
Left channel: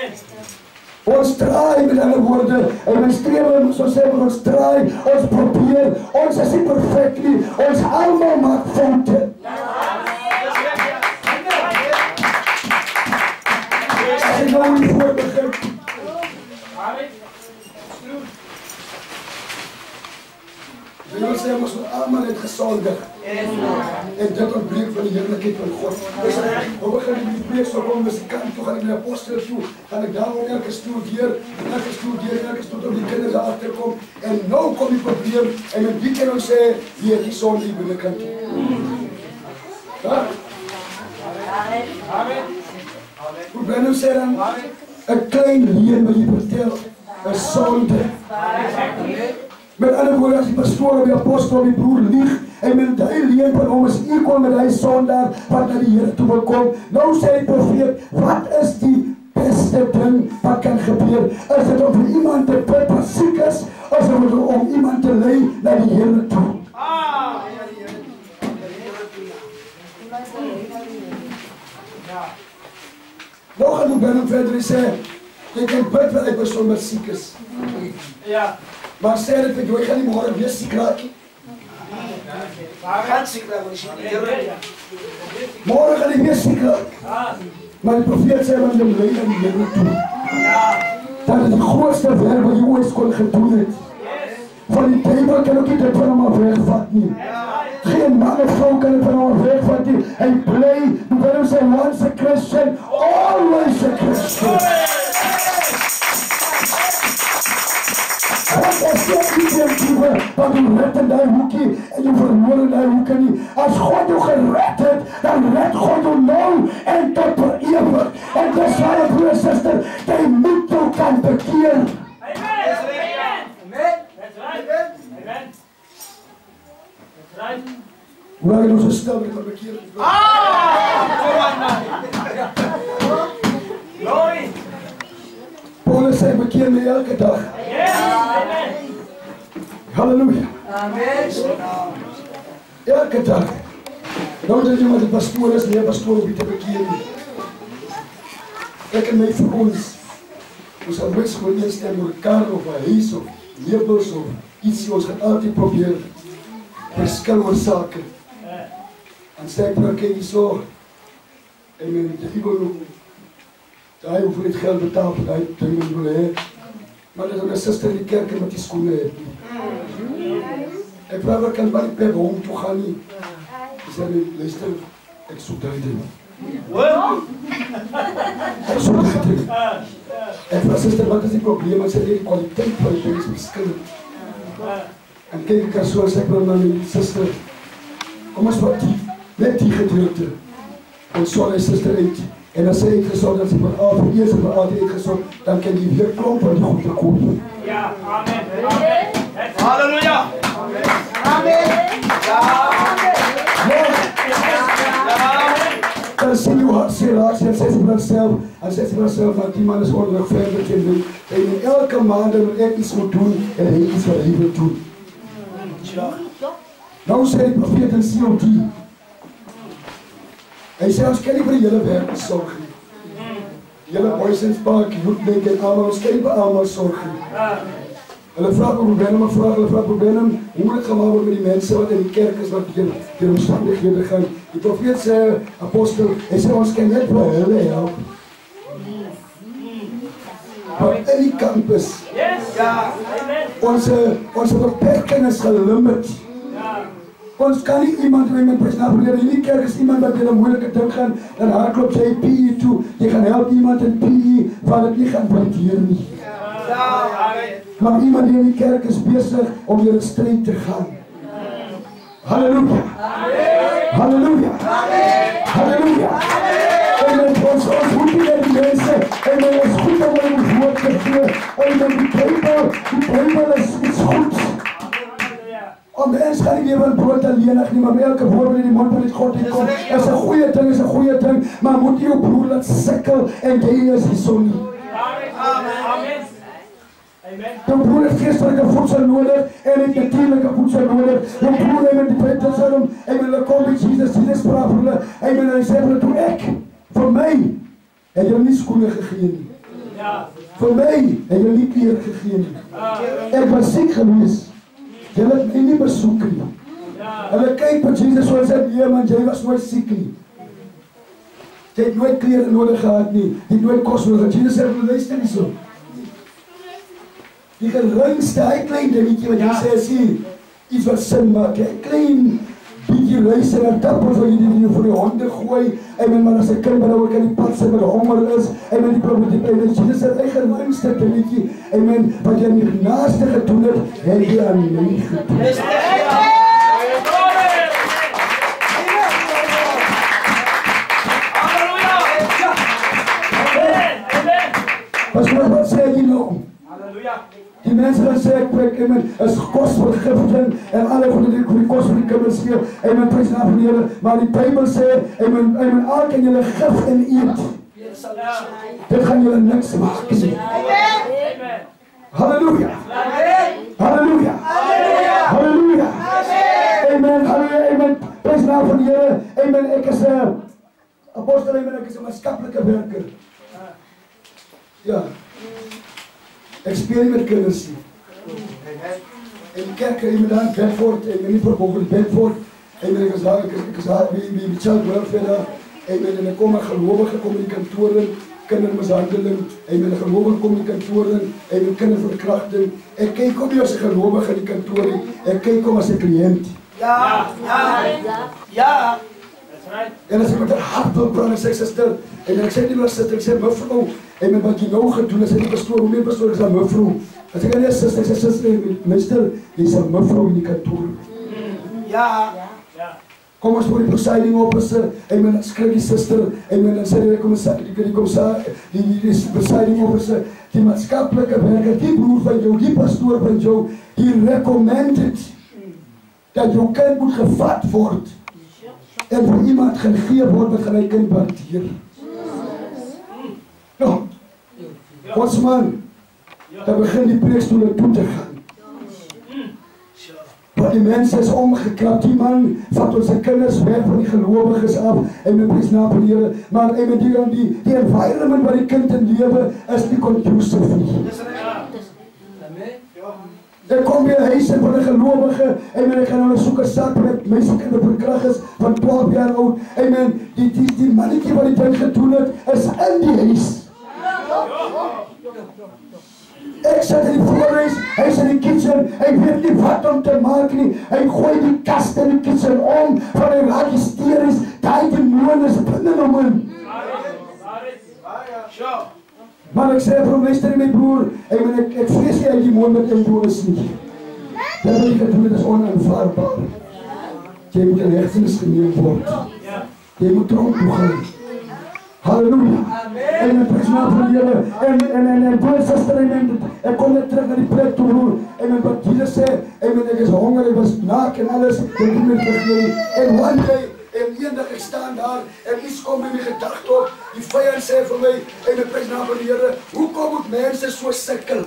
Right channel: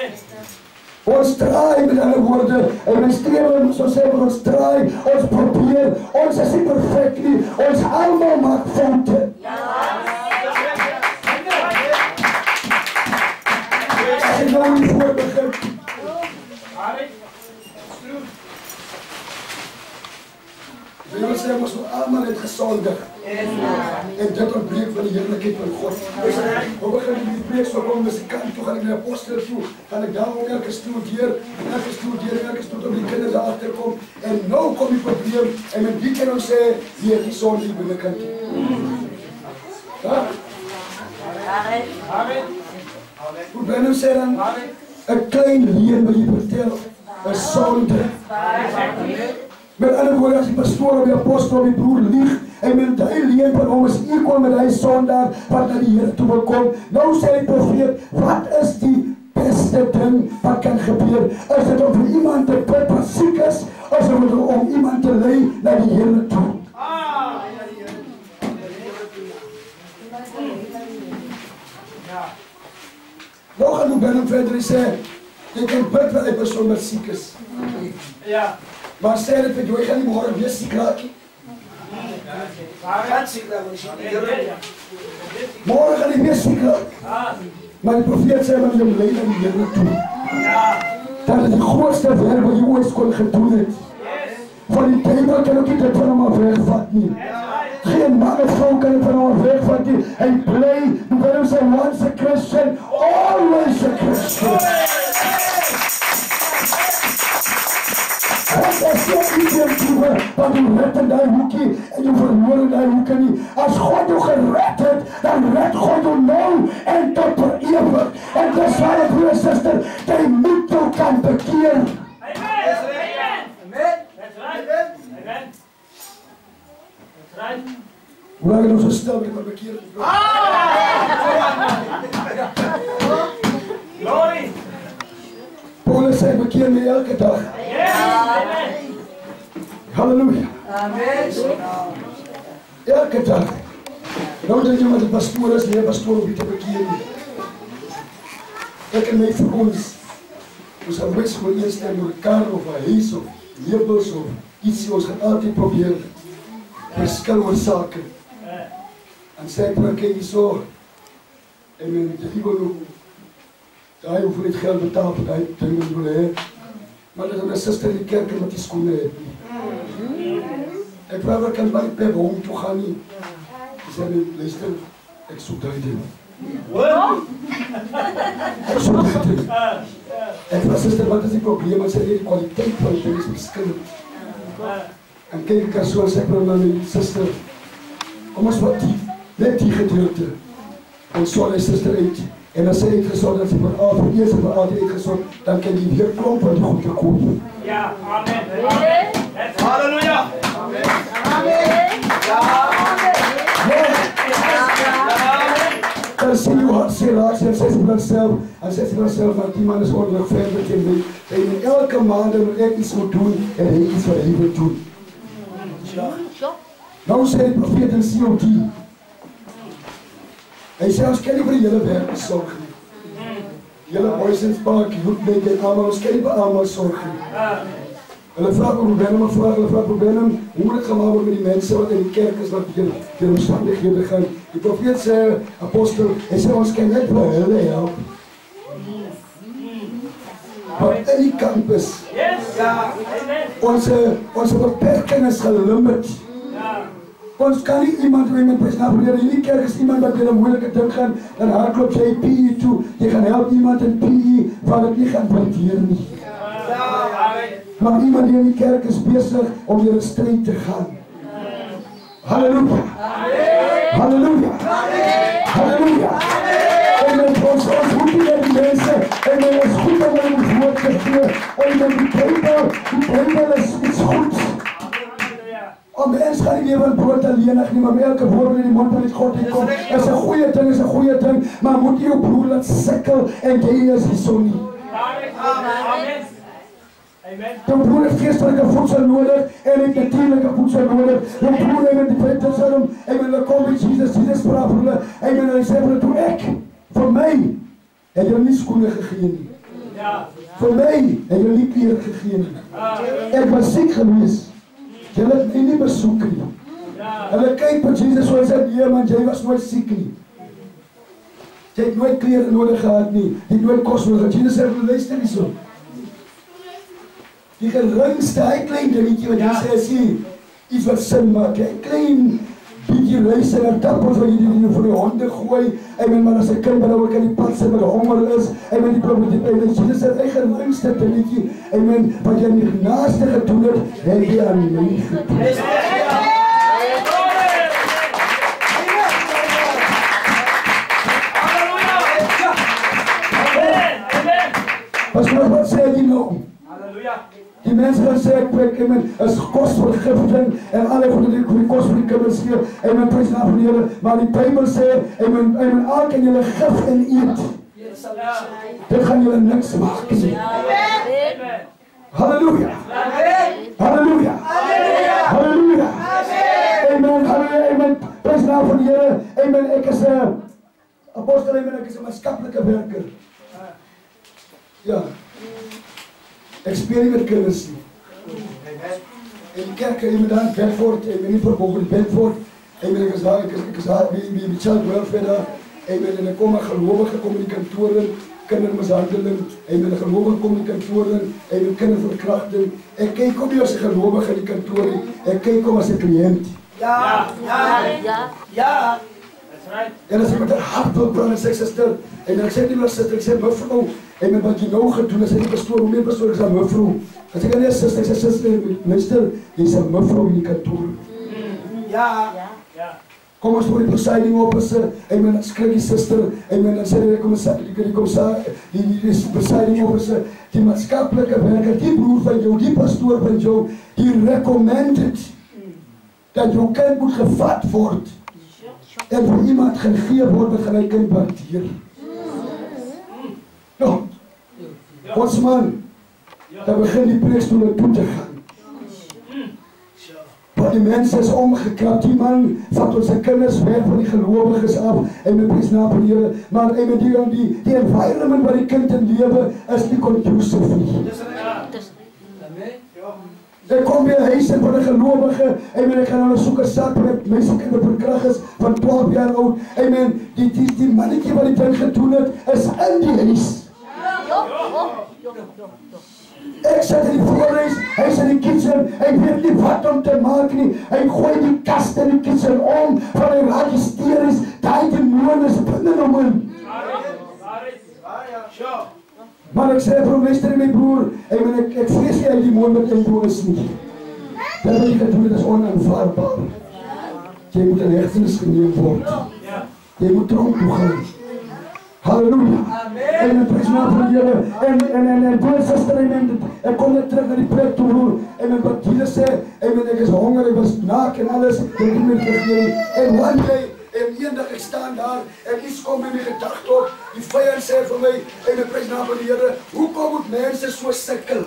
Ons draai met andere woorden, en we streven, zo zeggen we, ons draai, ons probeer, ons is niet perfect niet, ons allemaal maakt fouten. Als je nou niet voor begint. We willen zeggen, ons allemaal het gezondig. En dit ontbreekt van de heerlijkheid van God. Dus we beginnen die preek zo rond, dus ik kan toe, ga ik naar de apostel toe. Ga ik daar ook elke studeer, elke stoel op die kinderen achterkom. En nou komt die probleem. En met wie kan ons zeggen, wie heeft die zoon die binnenkant. Ja? Hoe ben je zeggen, een klein leer wil je vertellen, een zonde. Met andere woorden, als die pastoor of die apostel of die broer liegt, en met die leer van ons is equal met die zondaar wat naar die Heer toe wil komen. Nou zei die profeet, wat is die beste ding wat kan gebeuren? Is het om voor iemand te bid wat ziek is, of is het om iemand bly na die Here toe. Nou gaan we binnen verder en sê, jy kan bid wat die persoon wat siek is. Ja. Maar sê dit vir jou, jy gaan nie môre weer siek raak nie. Môre gaan jy weer siek raak. Maar die profeet sê, want jy bly na die Here toe. Dat is die grootste werk wat jy ooit kon gedoen het. Van die Bijbel kan ook niet dit van hom af wegvat nie. Geen man of vrou kan dit van hom af wegvat nie. Hy bly, waarom sê once a Christian, always a Christian. Want as jy nie deurkiewe, wat jy red in die hoekie, en jy verloor in die hoekie nie. As God jou gered het, dan red God jou nou, en tot per ewig. En dis waar ek broer en suster, jy moet jou kan bekeer. Hoe lang het ons gestel met die bekering? Glory! Paulus sê bekeer my elke dag. Halleluja. Elke dag. Nou dat jy met die pastoor is, nie pastoor om jy te bekeer nie. Ek en my vir ons gaan niks gewoon eenstem oor 'n kar of 'n huis of labels of ietsie, ons gaan altyd probeer verskil oor sake. En sê ek ek hier so, en jy wil daai hoef nie geld betaal vir daai ding wat wil hê. Maar dat 'n suster in die kerk met die skoene het nie. Ek vra waar kan my per hom toe gaan nie. Dis net luister, ek soek daai ding. Ek soek daai ding. En vra suster, wat is die probleem? Ek sê die kwaliteit van die ding is verskillend. En kyk ek so as ek nou na my suster, kom ons wat die, net die gedeelte. En so hy suster uit. En as sy uitgesort, dan sy vir eers en vir altyd uitgesort, dan kan die weer klomp van die goed te koop. Ja, amen. Halleluja. Amen. Dan sê jou hart sê raak, en sê sy vir haarself, en sê sy vir haarself, want die man is ordelijk verder teen my. Hy moet elke maand moet ek iets moet doen, en hy iets wat hy wil doen. Nou sê die profeet in COD, hy sê, ons kan nie vir die hele werk sorg nie. Die hele Boysens Park, Youth en allemaal, ons kan nie vir allemaal sorg nie. Hulle vraag oor Benham, hulle vraag oor Benham, hoe moet het gemaakt word met die mense wat in die kerk is, wat die omstandighede gaan. Die profeet sê, apostel, hy sê, ons kan net vir hulle help. Maar in die campus, onze beperking is gelimit. Ons kan nie iemand personeel in die kerk is iemand wat in 'n moeilike ding gaan, dan hardloop jy PE toe, jy gaan help iemand in PE, wat het nie gaan waardeer nie. Maar iemand die in die kerk is besig om deur 'n stryd te gaan. Halleluja. Halleluja. Halleluja. En ons moet nie die mense, en ons is goed om ons woord te gee, en die Bijbel is iets goeds. Om mens gaan nie lewe in brood alleenig nie, maar elke woord wat in die mond van God uitkom, is 'n goeie ding, is 'n goeie ding, maar moet jy jou broer laat sukkel en jy is die son nie. Amen. Jou broer het geestelike voedsel nodig en het natuurlike voedsel nodig. Jou broer het die Petrussalm, en hulle kom met Jesus praat vir hulle, en hy sê vir hulle, toe ek, vir my, het jy nie skoene gegee nie. Vir my, het jy nie klere gegee nie. Ek was siek gewees. Jy het my nie besoek nie. Hulle kyk vir Jesus so en sê, nee man, jy was nooit siek nie. Jy het nooit klere nodig gehad nie. Jy het nooit kos nodig gehad. Jesus sê, luister nie so. Die geringste, hy klein dingetje wat jy sê, sê, iets wat sin maak. Hy klein bietjie luister en tappels wat jy die vir die honde gooi. Maar as 'n kind wat ook in die pad sit met honger is, die probleem is, Jesus sê, hy geringste dingetje, wat jy nie naaste gedoen het, het jy aan my gedoen. Pastor, wat sê jy nou? Die mense wat sê ek is kosvergifting en alle goede die kos vir die kinders gee, prys na van die Here, maar die Bybel sê, al kan julle gif en eet. Dit gaan julle niks maak nie. Halleluja. Halleluja. naam van die Here, amen, ek is 'n apostel, amen, ek is 'n maatskaplike werker. Ja. Ek speel nie met kinders nie. En die kerk, amen, daar in Bedford, amen, nie verboog in Bedford, amen, ek is daar, wie child welfare daar, amen, en ek kom 'n gelowige kom in die kantoor in, kindermishandeling, amen, 'n gelowige kom in die kantoor in, amen, kinderverkrachting. Ek kyk kom nie as 'n gelowige in die kantoor nie, ek kyk kom as 'n kliënt. Ja. That's right. En as ek met 'n hart wil praat, en sê suster, en ek sê nie meer suster, ek sê mevrou, en wat jy nou gedoen, as ek die pastoor, hoe meer pastoor, ek sê mevrou. As ek nie suster, ek sê suster, minister, jy sê mevrou in die kantoor. Ja. Kom ons voor die presiding officer, amen, skrik die suster, amen, en sê die presiding officer, die maatskaplike werker, die broer van jou, die pastoor van jou, die recommended, dat jou kind moet gevat word, en vir iemand gegee word, wat gaan hy kind waardeer. Nou, ons man, dan begin die preekstoele toe te gaan. Want die mense is omgekrap, die man vat ons kinders weg van die gelowiges af, en met prys naam van die Here, maar die environment waar die kind in lewe, is nie conducive nie. Ek kom by 'n huis in van 'n gelowige, amen, ek gaan hulle soek 'n sak met mense kinder verkrag is, van 12 jaar oud, amen, die mannetjie wat die ding gedoen het, is in die huis. Ek sit in die voorhuis, hy is in die kitchen, hy weet nie wat om te maak nie, hy gooi die kast in die kitchen om, van hy raak hysteries, die demoon is binne hom in. Maar ek sê vir hom, luister my broer, ek vrees nie hy die demoon met in jou is nie. Dat wat jy gedoen het is onaanvaardbaar. Jy moet in hegtenis geneem word. Jy moet tronk toe gaan. Halleluja. En met prys naam van die Here. En broer, suster, ek kom net terug na die plek toe, broer. En wat Jesus sê, ek is honger, ek was naak en alles, ek het nie meer vergeet nie. En one day, en eendag ek staan daar, en iets kom in my gedagte op, die vyand sê vir my, en met prys naam van die Here, hoekom moet mense so sukkel?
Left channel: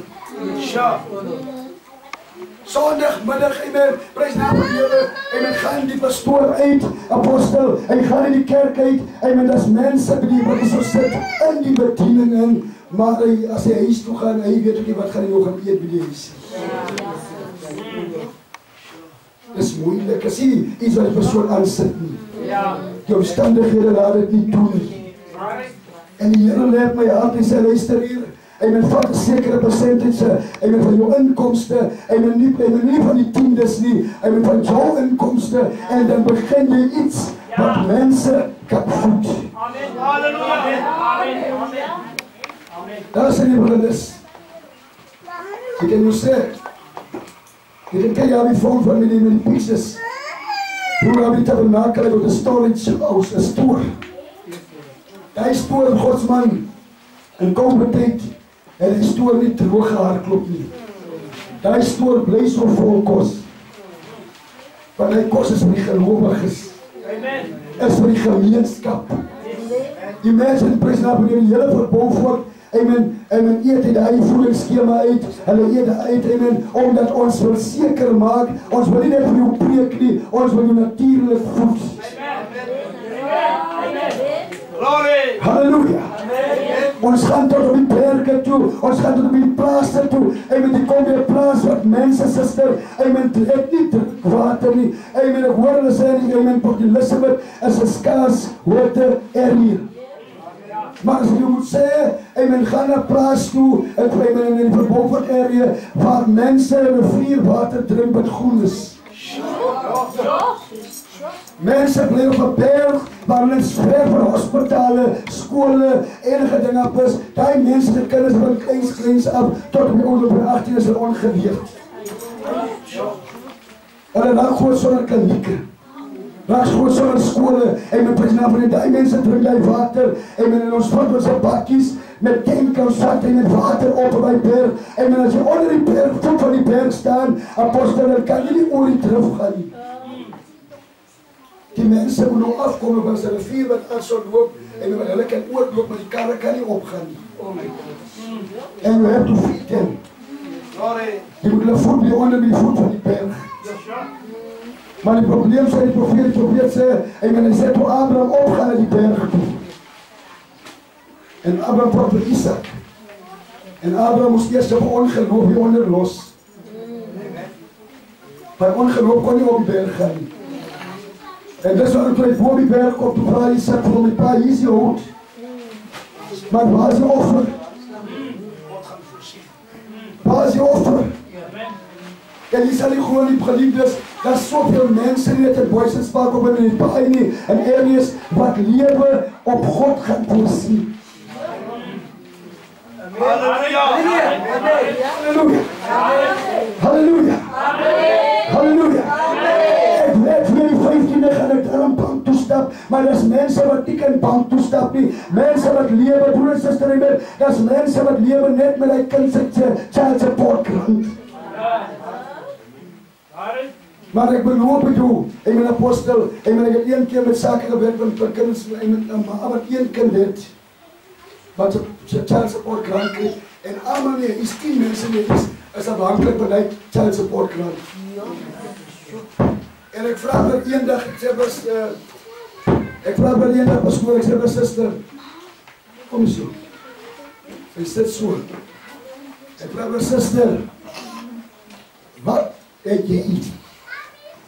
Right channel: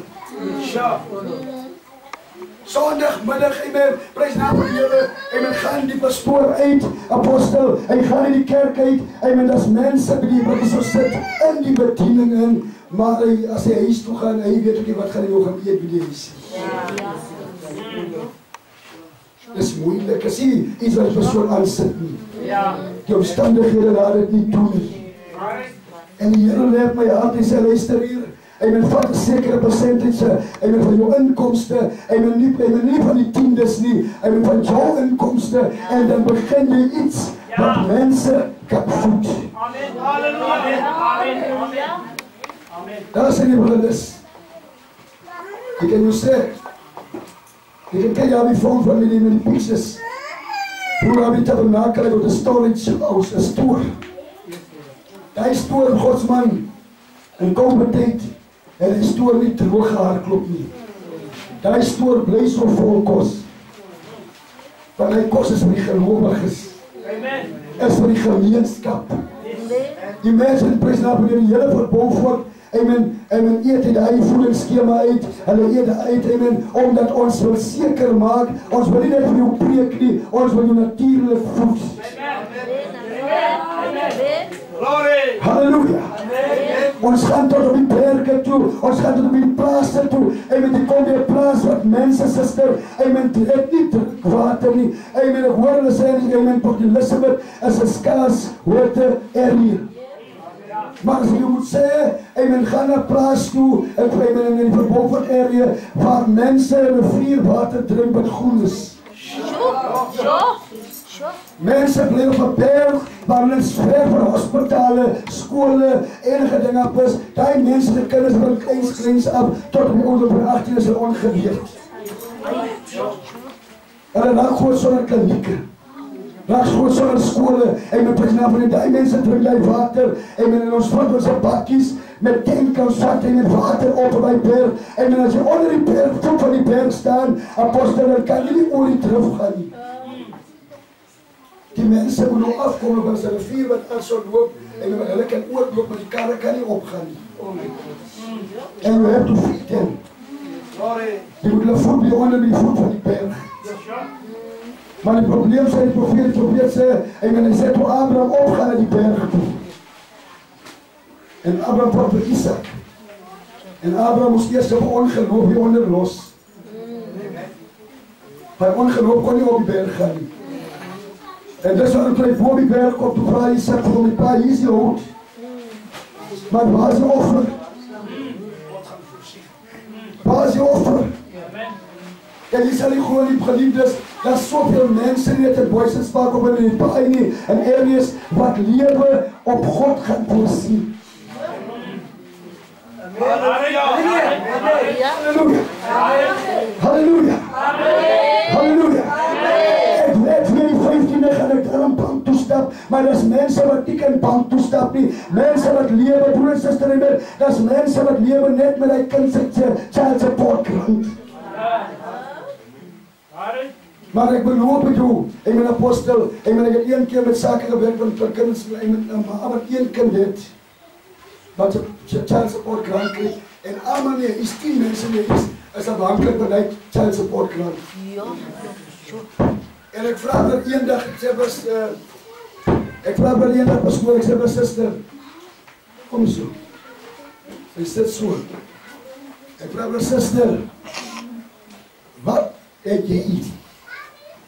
Sondagmiddag, amen, prys naam van die Here, amen, gaan die pastoor uit, apostel, hy gaan in die kerk uit, amen, dat mense by die wat so sit, in die bediening in, maar as hy huis toe gaan, hy weet ook nie wat gaan hy nog gaan eet by die huis. Dis moeilik, as hy iets wat die persoon aansit nie. Die omstandighede laat dit nie doen nie. En die Here leer my hart, hy sê, luister hier, amen, vat 'n sekere percentage, amen, van jou inkomste, amen, nie van die tiendes nie, amen, van jou inkomste, en dan begin jy iets wat mense kan voed. Amen. Halleluja. Amen. Daar sê die broeders, ek kan jou sê, ek kan jy die phone van my met die pieces, hoe heb die tabernakel door de storage house, een stoer. Die stoer, Godsman, in komende tijd, en die stoer nie droog gehardloop nie. Die stoer bly so vol kos. Want die kos is vir die gelowiges. Is vir die gemeenskap. Die mense in prys naam van die hele verbou word, amen, eet uit die voedingsskema uit, hulle eet uit, amen, omdat ons wil seker maak, ons wil nie net vir jou preek nie, ons wil jou natuurlik voed. Glory. Halleluja. Ons gaan tot op die berge toe, ons gaan tot op die plase toe, amen, die kom weer plaas wat mense, sister, amen, het nie water nie, amen, ek hoor hulle sê, amen, Port Elizabeth is 'n skaars water area. Maar as jy moet sê, amen, gaan na plaas toe, amen, in die Beaufort area, waar mense rivierwater drink wat groen is. Mense bly op 'n berg, waar hulle ver van hospitale, skole, enige ding op is, die mense, die kinders van kleins af, tot die ouder van 18 is hulle ongeweerd. Hulle raak gewoon sonder klinieke. Raak gewoon sonder skole, en met president van die mense drink die water, en ons vat ons bakkies, met tankers vat en met water op by berg, en as jy onder die berg, voet van die berg staan, apostel, dan kan jy nie oor die terug gaan nie. Die mense moet nou afkom, want hulle rivier wat al so loop, en hulle kan oorloop, maar die karre kan nie opgaan nie. En we have to feed them. Jy moet hulle voet by onder die voet van die berg. Maar die probleem sê die profeet sê, hy sê toe Abraham opgaan na die berg toe. En Abraham praat vir Isaac. En Abraham moes eers op ongeloof hieronder los. By ongeloof kon nie op die berg gaan nie. En dis wat toe hy voor die berg kom, toe vra Isaac vir hom, pa, hier is die hout. Maar waar is die offer? Waar is die offer? En jy sal nie gewoon die geliefdes, daar is soveel mense nie, het in Boysens Park op in die paai nie, en areas wat lewe op God gaan voorsien. Halleluja! Halleluja! Halleluja! Ek weet vir die 15e gaan ek daar in bank toestap, maar daar is mense wat nie kan bank toestap nie, mense wat lewe, broer en sister, daar is mense wat lewe net met die kind se child support grant. Maar ek beloof met jou, ek ben apostel, ek het een keer met sake gewerk, want vir kinders, maar een kind het, wat sy child support grant kreeg, en allemaal nie, is 10 mense nie, is afhankelijk van die child support grant. En ek vraag vir een dag, ek sê vir sister, kom so, sy sit so, ek vraag vir sister, wat het jy iets?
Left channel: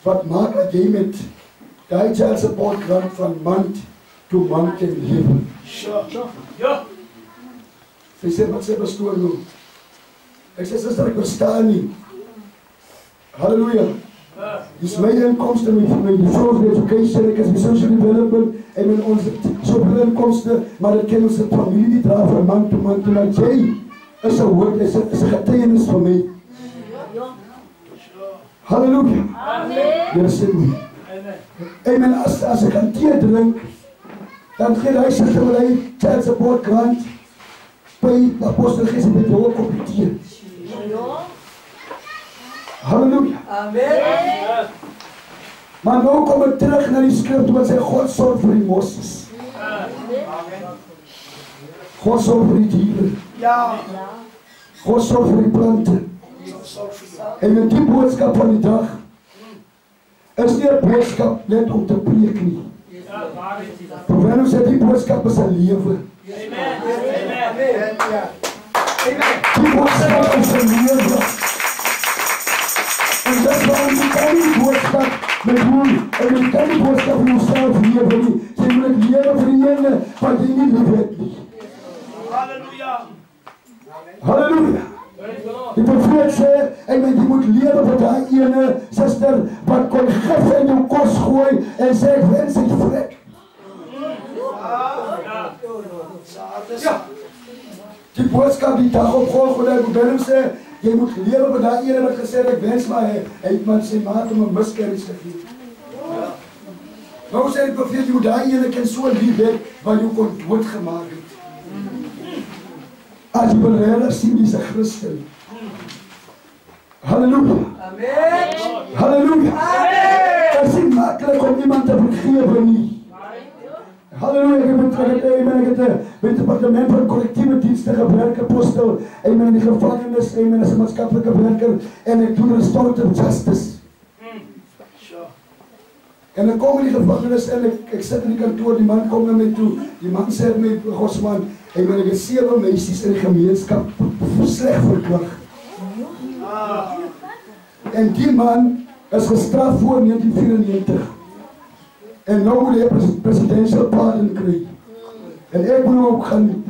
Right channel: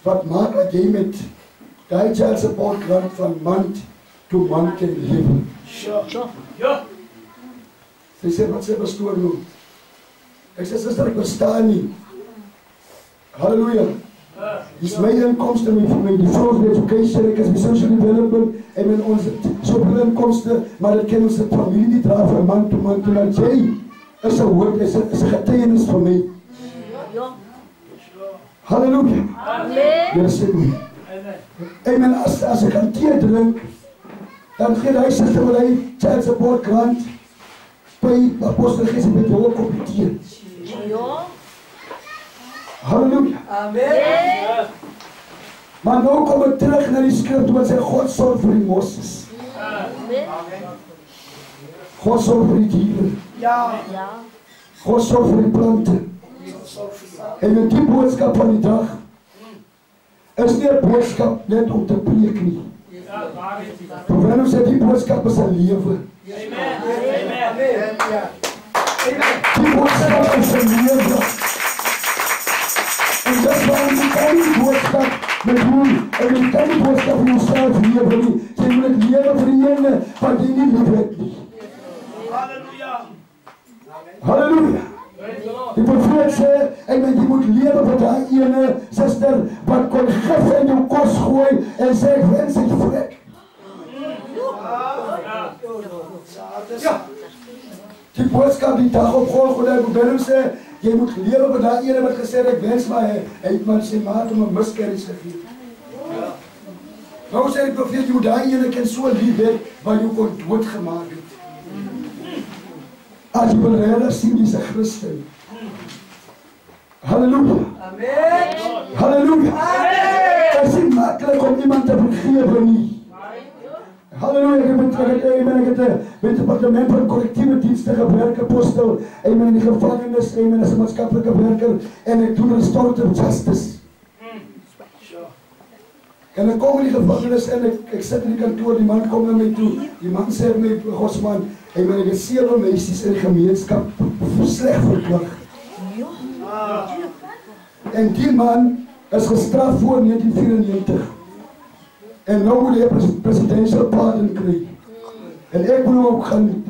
Wat maak dat jy met die child support grant van maand to maand kan lewe? Ja. Sy sê, wat sê pastoor nou? Ek sê, sister, ek verstaan nie. Halleluja. Dis my inkomste, my development education, ek is my social development, en met ons soveel inkomste, maar dit kan ons die familie nie dra van maand to maand, maar jy is een woord, is een getuienis van my. Halleluja. Amen. Jy sê nie. Amen. As ek aan thee drink, dan gee hy sy terwijl child support grant by apostel Gees met die hoog op die thee. Halleluja. Amen. Maar nou kom ek terug na die skrif wat sê God sorg vir die Moses. God sorg vir die dieren. Ja. God sorg vir die plante. En met die boodskap van die dag is nie 'n boodskap net om te preek nie. Terwyl ons sê die boodskap is 'n lewe. Die boodskap is 'n lewe. En dis waarom jy kan die boodskap met hoe, en jy kan die boodskap van jouself lewe nie. Jy moet lewe vir die ene wat jy nie lief het nie. Halleluja. Halleluja. Die profeet sê, jy moet lewe vir die ene sister wat kon gif in jou kos gooi en sê, ek wens hy vrek. Ja. Die boodskap die dag op Golgotha, ek moet sê, jy moet lewe vir die ene wat gesê, ek wens maar hy het maar sy maat om 'n miscarriage gegee. Nou sê die profeet, jy moet die ene kan so lief hê, wat jy kon doodgemaak het. As jy wil regtig sien, die is 'n Christen. Halleluja. Amen. Halleluja. Amen. Het is niet makkelijk om iemand te vergeven nie. Halleluja. Ik heb met het departement van collectieve diensten gewerkt, apostel. Ik ben in de gevangenis, ik ben als maatschappelijke werker en ik doe restorative justice. En dan kom in die gevangenis en ik zit in die kantoor, die man komt naar mij toe. Die man zegt mij, Godsman, ik heb 7 meisjes in de gemeenschap slecht verkracht. En die man is gestraft voor 1994. En nou moet hij presidential pardon krijgen. En ik moet ook gaan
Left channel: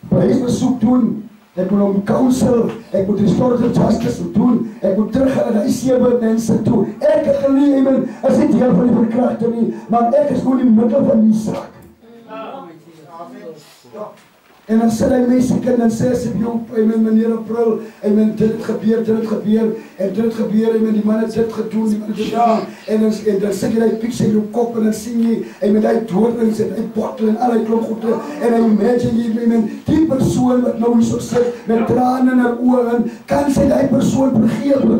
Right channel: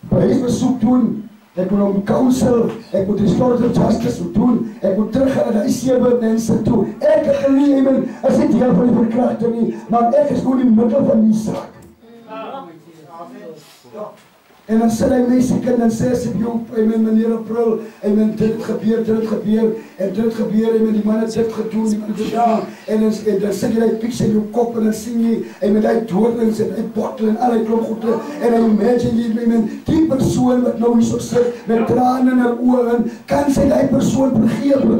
bewijsbezoek doen. Ik moet om counsel, ik moet restorative justice doen. Ik moet terug gaan naar die 7 mensen toe. Ik heb geleerd, is niet deel van die verkrachting nie, maar ik is gewoon in het middel van die zaak. En dan sê hy my siek en dan sê sy meneer April, dit gebeur, en dit gebeur, die man het dit gedoen, die man het dit gedaan, en dan sê jy die pieks in jou kop, en dan sien jy, en met die doodlings, en die bottel, en al die klomp goede, en dan imagine jy, die persoon wat nou hier so sit, met tranen in haar oor, kan sy die persoon vergewe?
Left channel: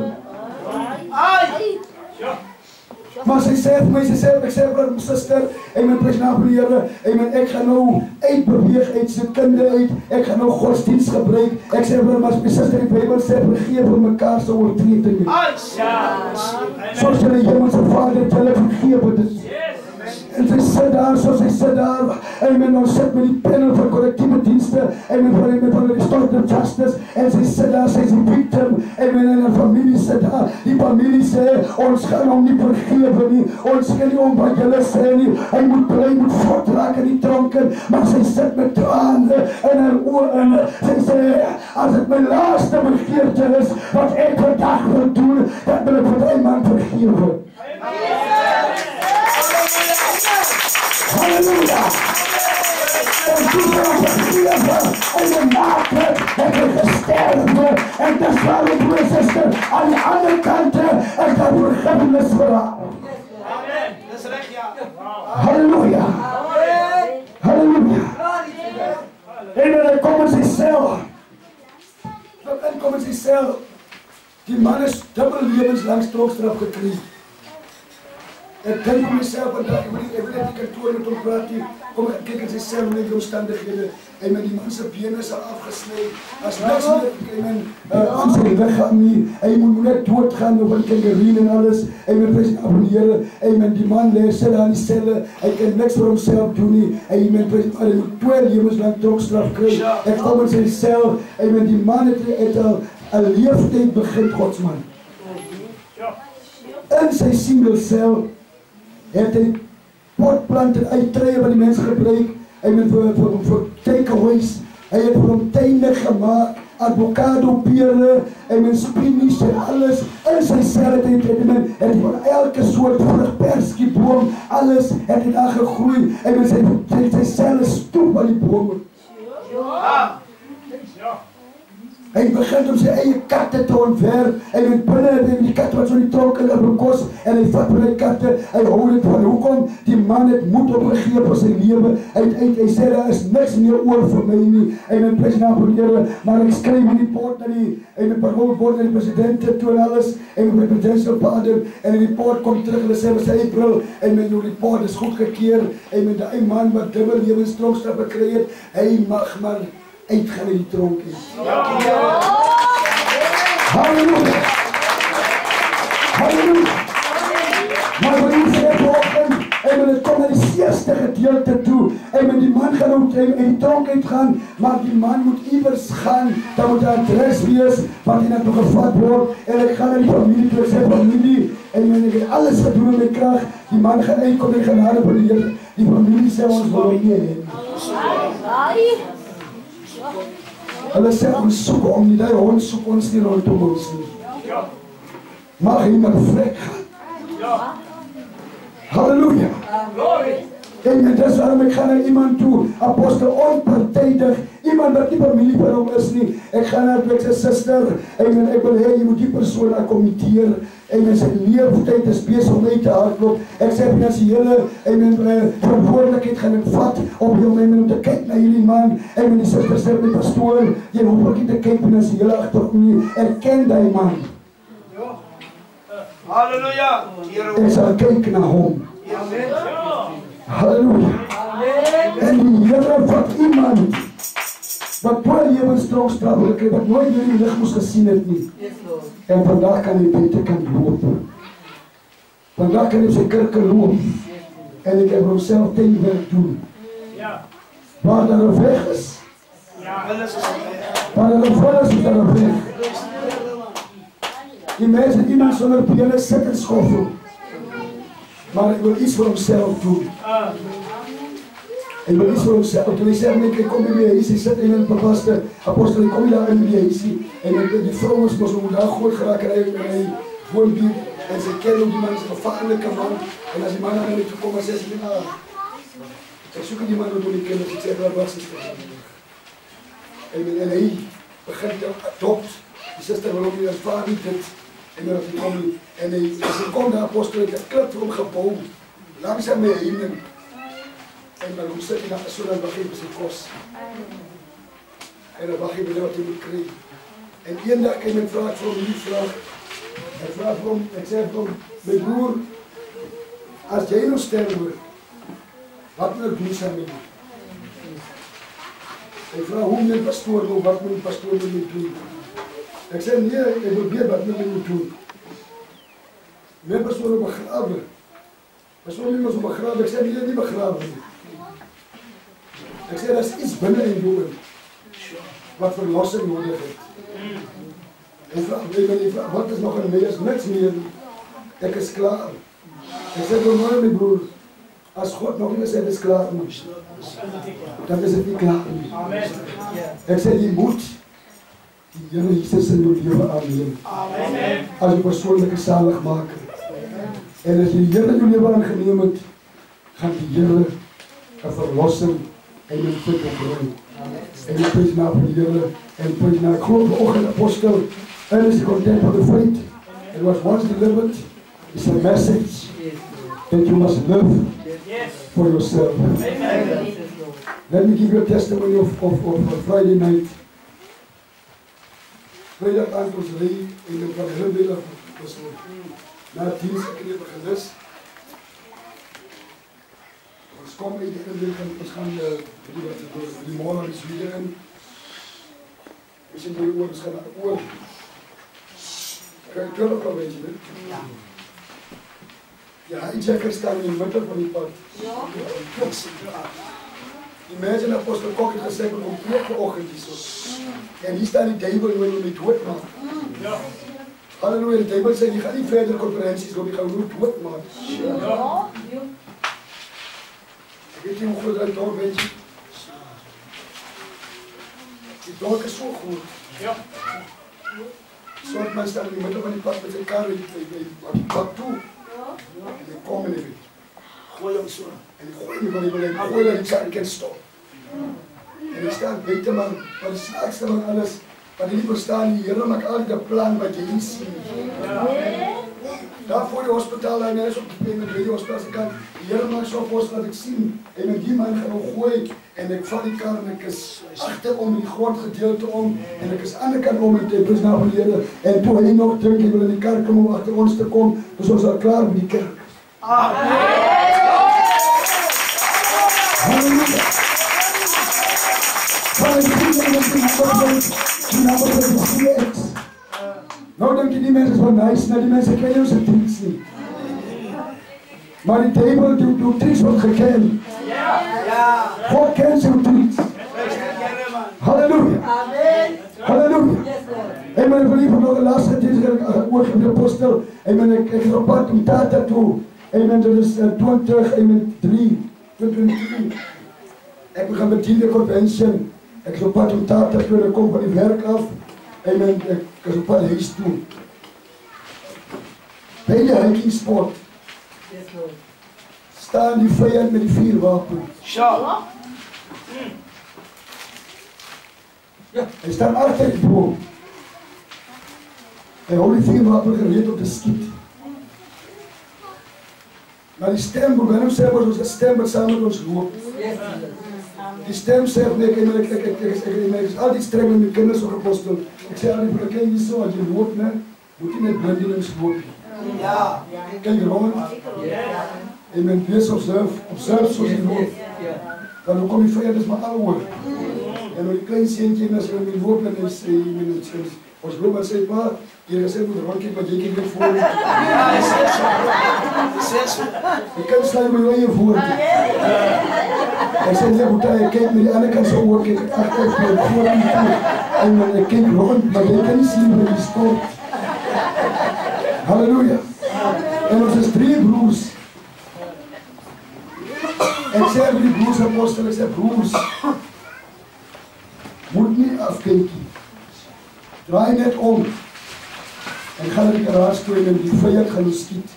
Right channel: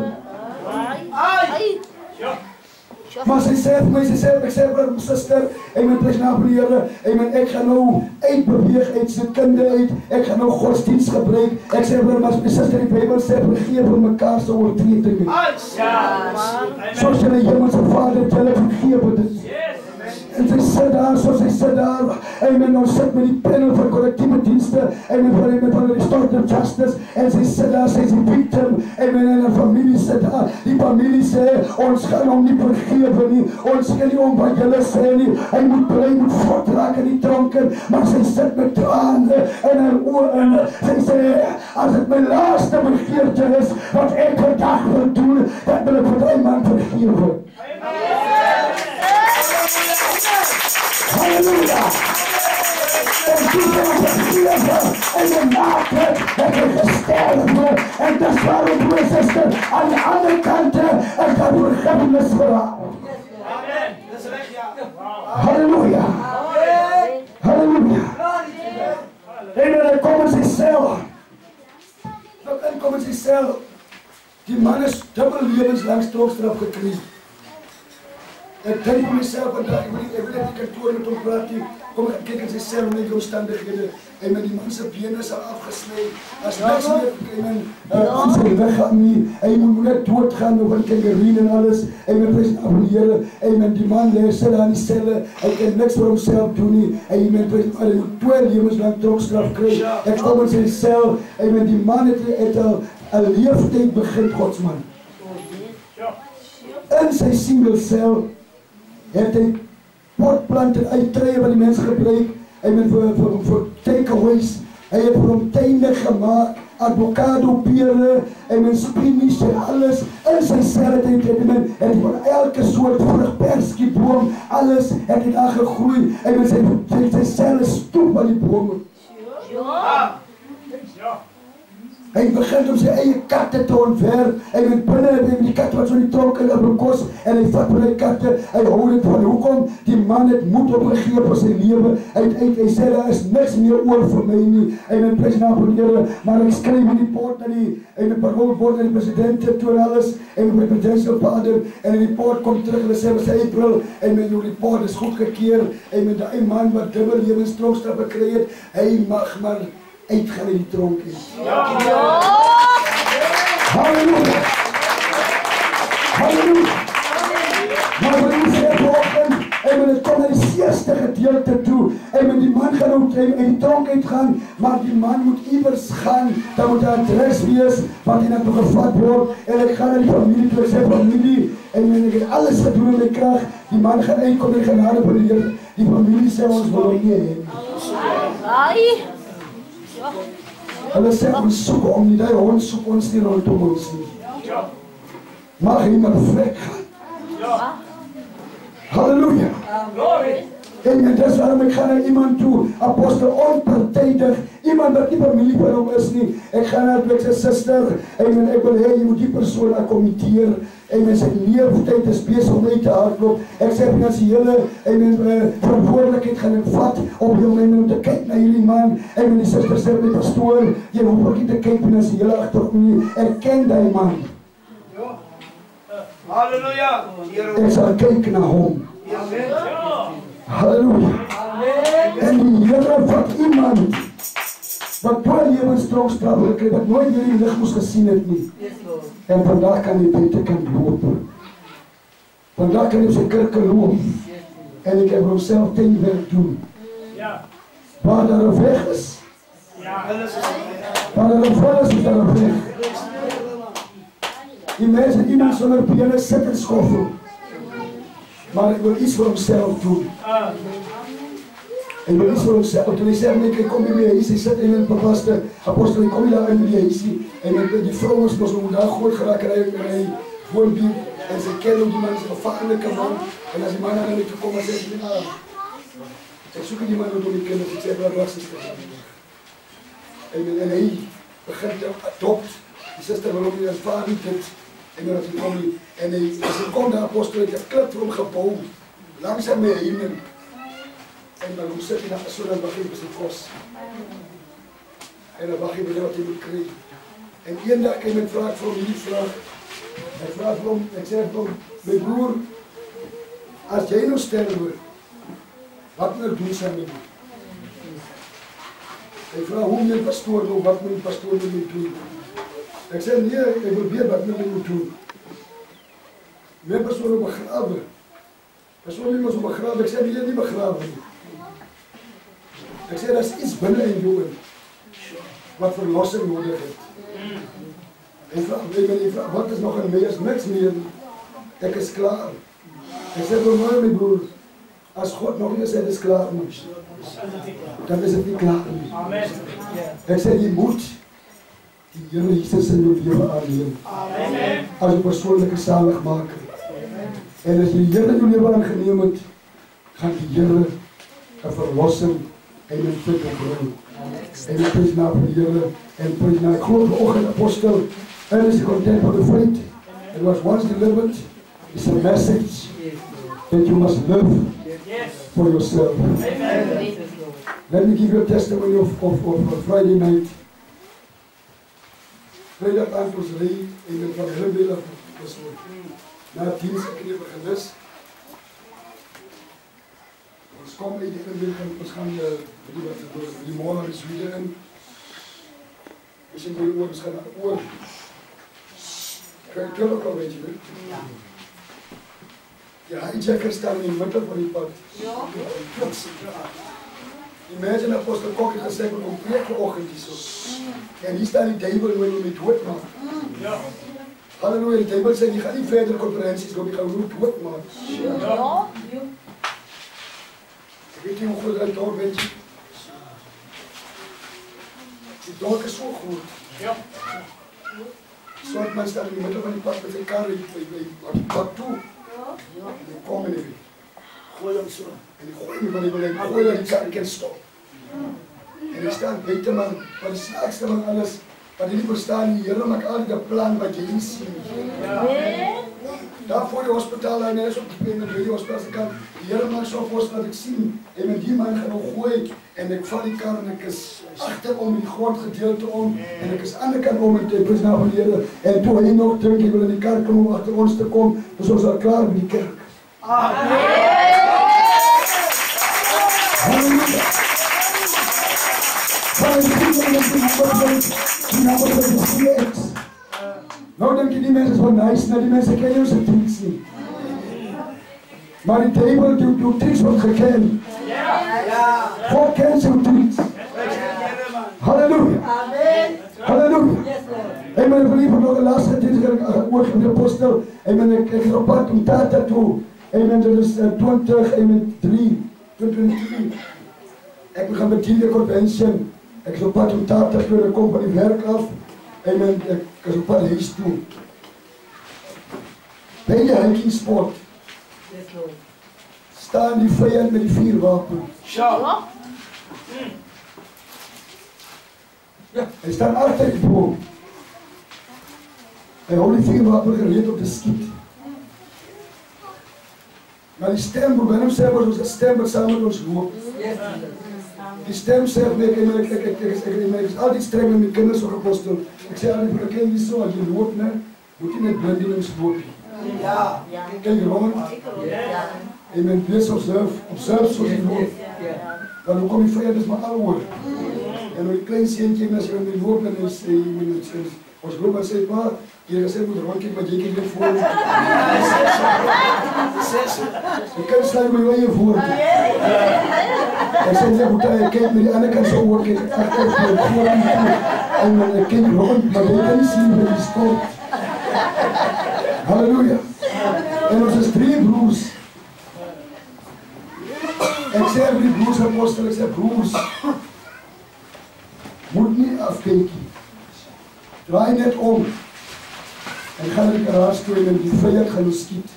Maar sy sê vir my, ek sê vir my suster, amen, prys naam van die Here, amen, ek gaan nou uitbeweeg uit sy kinde uit, ek gaan nou godsdienst gebruik, ek sê vir my, maar my suster, die Bybel sê, vergeef vir mekaar se oortredinge. Soos julle hemelse Vader, julle vergewe dit. En sy sit daar, soos sy sit daar, amen, ons sit met die panel van collectieve dienste, amen, van die restorative justice, en sy sit daar, sy is die victim, amen, en die familie sit daar, die familie sê, ons gaan hom nie vergewe nie, ons gaan nie om wat julle sê nie, hy moet bly, moet voortraak in die tronken, maar sy sit met trane in haar oor, sy sê, as het my laaste begeerte is, wat ek vandag wil doen, dan wil ek vir die man vergewe. Halleluja! En toen zijn we vergeven en de naken hebben gesterven. En dat is waarom, broer en zuster, aan de andere kant is dat vergiffenis verhaal. Amen. Dat is recht, ja. Halleluja! Halleluja! En dan komen ze zelf. Dan komen ze zelf. Die man is dubbel levenslang trooststraf gekregen. Ek dink vir myself vandag, ek wil net die kantoor met hom praat nie, kom ek kyk in sy sel met die omstandighede, en met die man se bene is al afgesny, as niks meer, aan sy weggaan nie, hy moet net doodgaan, nou van kangerien en alles, hy moet prys aan die Here, hy met die man sit daar in die selle, hy kan niks vir homself doen nie, hy moet prys, hy moet 2 lewenslang tronkstraf kry, ek kom in sy sel, hy met die man het al 'n leeftyd begin, Godsman. In sy single cel, het hy potplanten uittreie wat die mens gebruik, hy het vir takeaways, hy het vir hom tuine gemaakt, avocado, pere, en men spinies en alles, in sy sel het hy van elke soort vrug, perskieboom, alles het hy daar gegroei, en men sy sel is stoep aan die bome. Hy begint om sy eie katte te ontwerp, hy met binne die kat wat so die tronk in die kos, en hy vat vir die katte, hy hou dit van, hoekom? Die man het moed opgegeef vir sy lewe, hy sê, daar is niks meer oor vir my nie, hy met prys naam van die Here, maar ek skryf in die poort na die, hy met parole word na die president toe en alles, en met die presidential pardon, en die report kom terug, hulle sê, was April, en met die report is goedgekeer, en met die man wat dubbel lewenstronkstraf gekry het, hy mag maar uitgaan in die tronk is. Halleluja! Halleluja! Maar wat die sê vanoggend, en het kom na die eerste gedeelte toe, en met die man gaan ook in die tronk uitgaan, maar die man moet iewers gaan, dan moet 'n adres wees, wat hy net nog gevat word, en ek gaan na die familie toe, ek sê familie, en ek het alles gedoen in my krag, die man gaan uitkom in genade van die Here, die familie sê ons wil nie hê. Hulle sê ons soek om nie, die hond soek ons nie rondom ons nie. Mag hy maar vrek gaan. Halleluja. En dis waarom ek gaan na iemand toe, apostel onpartydig, iemand wat nie familie van hom is nie. Ek gaan na ek sê suster, en ek wil hê jy moet die persoon akkommodeer, en sy leeftyd is besig om uit te hardloop. Ek sê finansiële verantwoordelikheid gaan ek vat om te kyk na hierdie man, en die suster sê my pastoor, jy hoef ook nie te kyk finansiële agter nie, ek ken die man. Halleluja. Ek sal kyk na hom. Halleluja. En die Here wat iemand wat 2 lewenstronkstraf gekry, wat nooit meer die lig moes gesien het nie. En vandag kan hy buitekant loop. Vandag kan hy op sy kerke loop. En ek heb homself tuinwerk doen. Waar daar 'n weg is, waar daar 'n vol is daar 'n weg. Die mense, iemand sonder bene sit en skoffel. Maar hy wil iets vir homself doen. Hy wil iets vir homself. Toen hy sê, nee, kom nie meer huis, hy sit in een bepaste apostel, hy kom nie daar in die huisie, en die vrou is mos om daar groot geraak, en hy woon bier, en sy ken ook die man is een gevaarlike man, en as die man aan my toe kom, en sê, ek soek die man wat die kinders, ek sê, waar was die en hy begin te adopt, die sister wil ook nie ervaar nie dit, en dat hy kom nie, en hy, as hy kom daar apostel, het 'n klip vir hom gebouw, langs aan my heining, en dan hoe sit hy na so dan wag hy vir sy kos. En dan wag hy vir wat hy moet kry. En eendag kan my vraag vir hom hierdie vraag. Hy vraag vir hom, ek sê vir hom, my broer, as jy nou sterwe, wat moet ek doen saam met jou? Ek vra hoe moet die pastoor nou, wat moet die pastoor nou doen? Ek sê nee, ek wil weet wat moet jy moet doen. My pastoor op begrawe. Pastoor nie ons op begrawe, ek sê nee, nie begrawe nie. Ek sê daar is iets binne in jou wat verlossing nodig het. En vra, wat is nog in my? Is niks meer. Ek is klaar. Ek sê vir my broer, as God nog nie sê, dit is klaar nie, dan is dit nie klaar nie. Ek sê, jy moet die Here Jesus in jou lewe aanneem. As jou persoonlike saligmaker. En as jy die Here in jou lewe aangeneem het, gaan die Here 'n verlossing en 'n plek opbring. En ek prys na vir die Here en prys na groot oggend apostel. And is content for the faith. It was once delivered. It's a message that you must live for yourself. Amen. Let me give you a testimony of Friday night. Vrijdag aand ons ry en dit was heel middag was na dienst ek het gelus. Ons kom uit die inligting, ons gaan die morgen is weer in. Ons in die oor, ons gaan naar oor. Kan je het ook al weet je, hè? Ja. Die hijacker staan in die middel van die pad. Ja. Imagine Apostel Kok het gesê, kom preek vanoggend hierso. En hier staan die duivel nou om my doodmaak. Ja. Halleluja, die duivel sê, jy gaan nie verder konferensies loop, jy gaan nou doodmaak. Ja. Ek weet nie hoe groot die dorp, weet jy. Die dorp is so groot. Ja. Soort man staan in die middel van die pad met sy kar, by die pad toe. En die kom in die weg. Gooi hom so. En die gooi nie van die beleid, gooi dat die kar kan stop. En die staan buiten man, wat die snaakste van alles, wat die nie verstaan, die Here maak altyd 'n plan wat jy nie sien. Daar voor die hospitaal, en is op die hospitaal se kant, die Here maak so vors dat ek sien, en met die man gaan nou gooi, en ek vat die kar en ek is agterom in die grondgedeelte om, en ek is aan die kant om, en ek is na van die Here, en toe hy nog dink, hy wil in die kerk kom om agter ons te kom, dus ons al klaar met die kerk. Amen. Halleluja. Nou dink jy die mense is van nice, nou die mense ken jou se tricks nie. Maar die duivel die tricks word geken. Ja. God ken jou tricks. Halleluja. Amen. Halleluja. En my verliefde nog 'n laaste ding oor die apostel. En ek is op pad om Tata toe. En dit is 20 en 23. Ek begin met die convention. Ek is op pad om Tata toe, ek kom van die werk af. En ek is op pad huis toe. By die hiking spot staan die vyand met die vuurwapen. Ja. Hy staan agter die boom. Hy hou die vuurwapen gereed om te skiet. Maar die stem, hoe ben hem sê, was ons stem wat saam met ons loop. Die stem sê, ek is altyd streng met my kinders op apostel. Ek sê altyd, vir ek ken jy so, as jy loop, moet jy net blindelings loop. Ja. Kijk rond. En men wees observe soos jy loop. Dan kom die vyand is maar al oor. En nou die klein seentjie, as jy met loop, en hy sê, ons loop en sê, pa, jy gesê moet rondkijk, want jy kyk net voor. Die kind sluit my eie voor. Ek sê, ek kyk met die ander kant so oor, kyk agter voor en toe. En ek kyk rond, maar jy kan nie sien met die stort. Halleluja. En ons is 3 broers. Ek sê vir die broers apostel, ek sê broers, moet nie afkyk nie. Draai net om. En gaan in die garage toe en die vyand gaan ons skiet.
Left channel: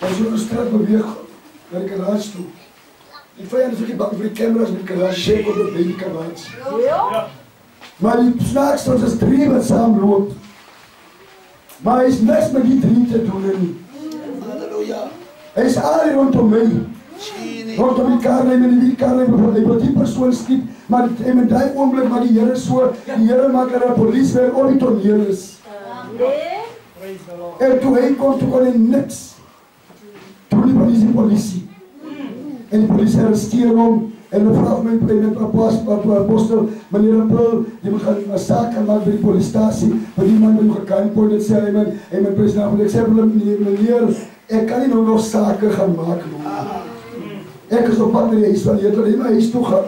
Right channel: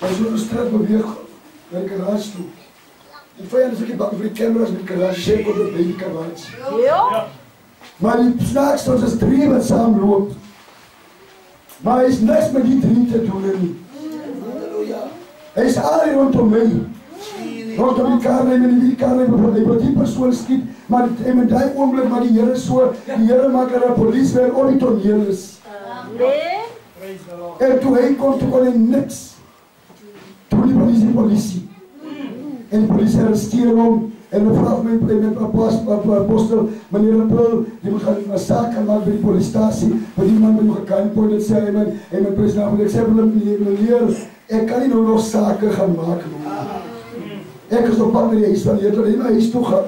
En so 'n straat beweeg na die garage toe. Die vyand is ook nie bang vir die cameras met die garage, sê kom op by die garage. Ja. Maar die snaakste, ons is 3 wat saam loop. Maar hy is niks met die 3 te doen nie. Halleluja. Hy is al rondom my. Rondom die karlijn en die karlijn, hy wil die persoon skiet, maar in die oomblik maar die Here so, die Here maak dat die polisie weer op die toneel is. En toe hy kom, toe kon hy niks Toen die politie. En die politie arresteer hom. En dan vraag my apostel, meneer April, jy moet gaan 'n saak gaan maak by die polisiestasie, want die man moet gekant word, dit sê hy my president, ek sê meneer, ek kan nie nou nog sake gaan maak nie. Ek is op pad na die huis van die Here, hy na huis toe gaan.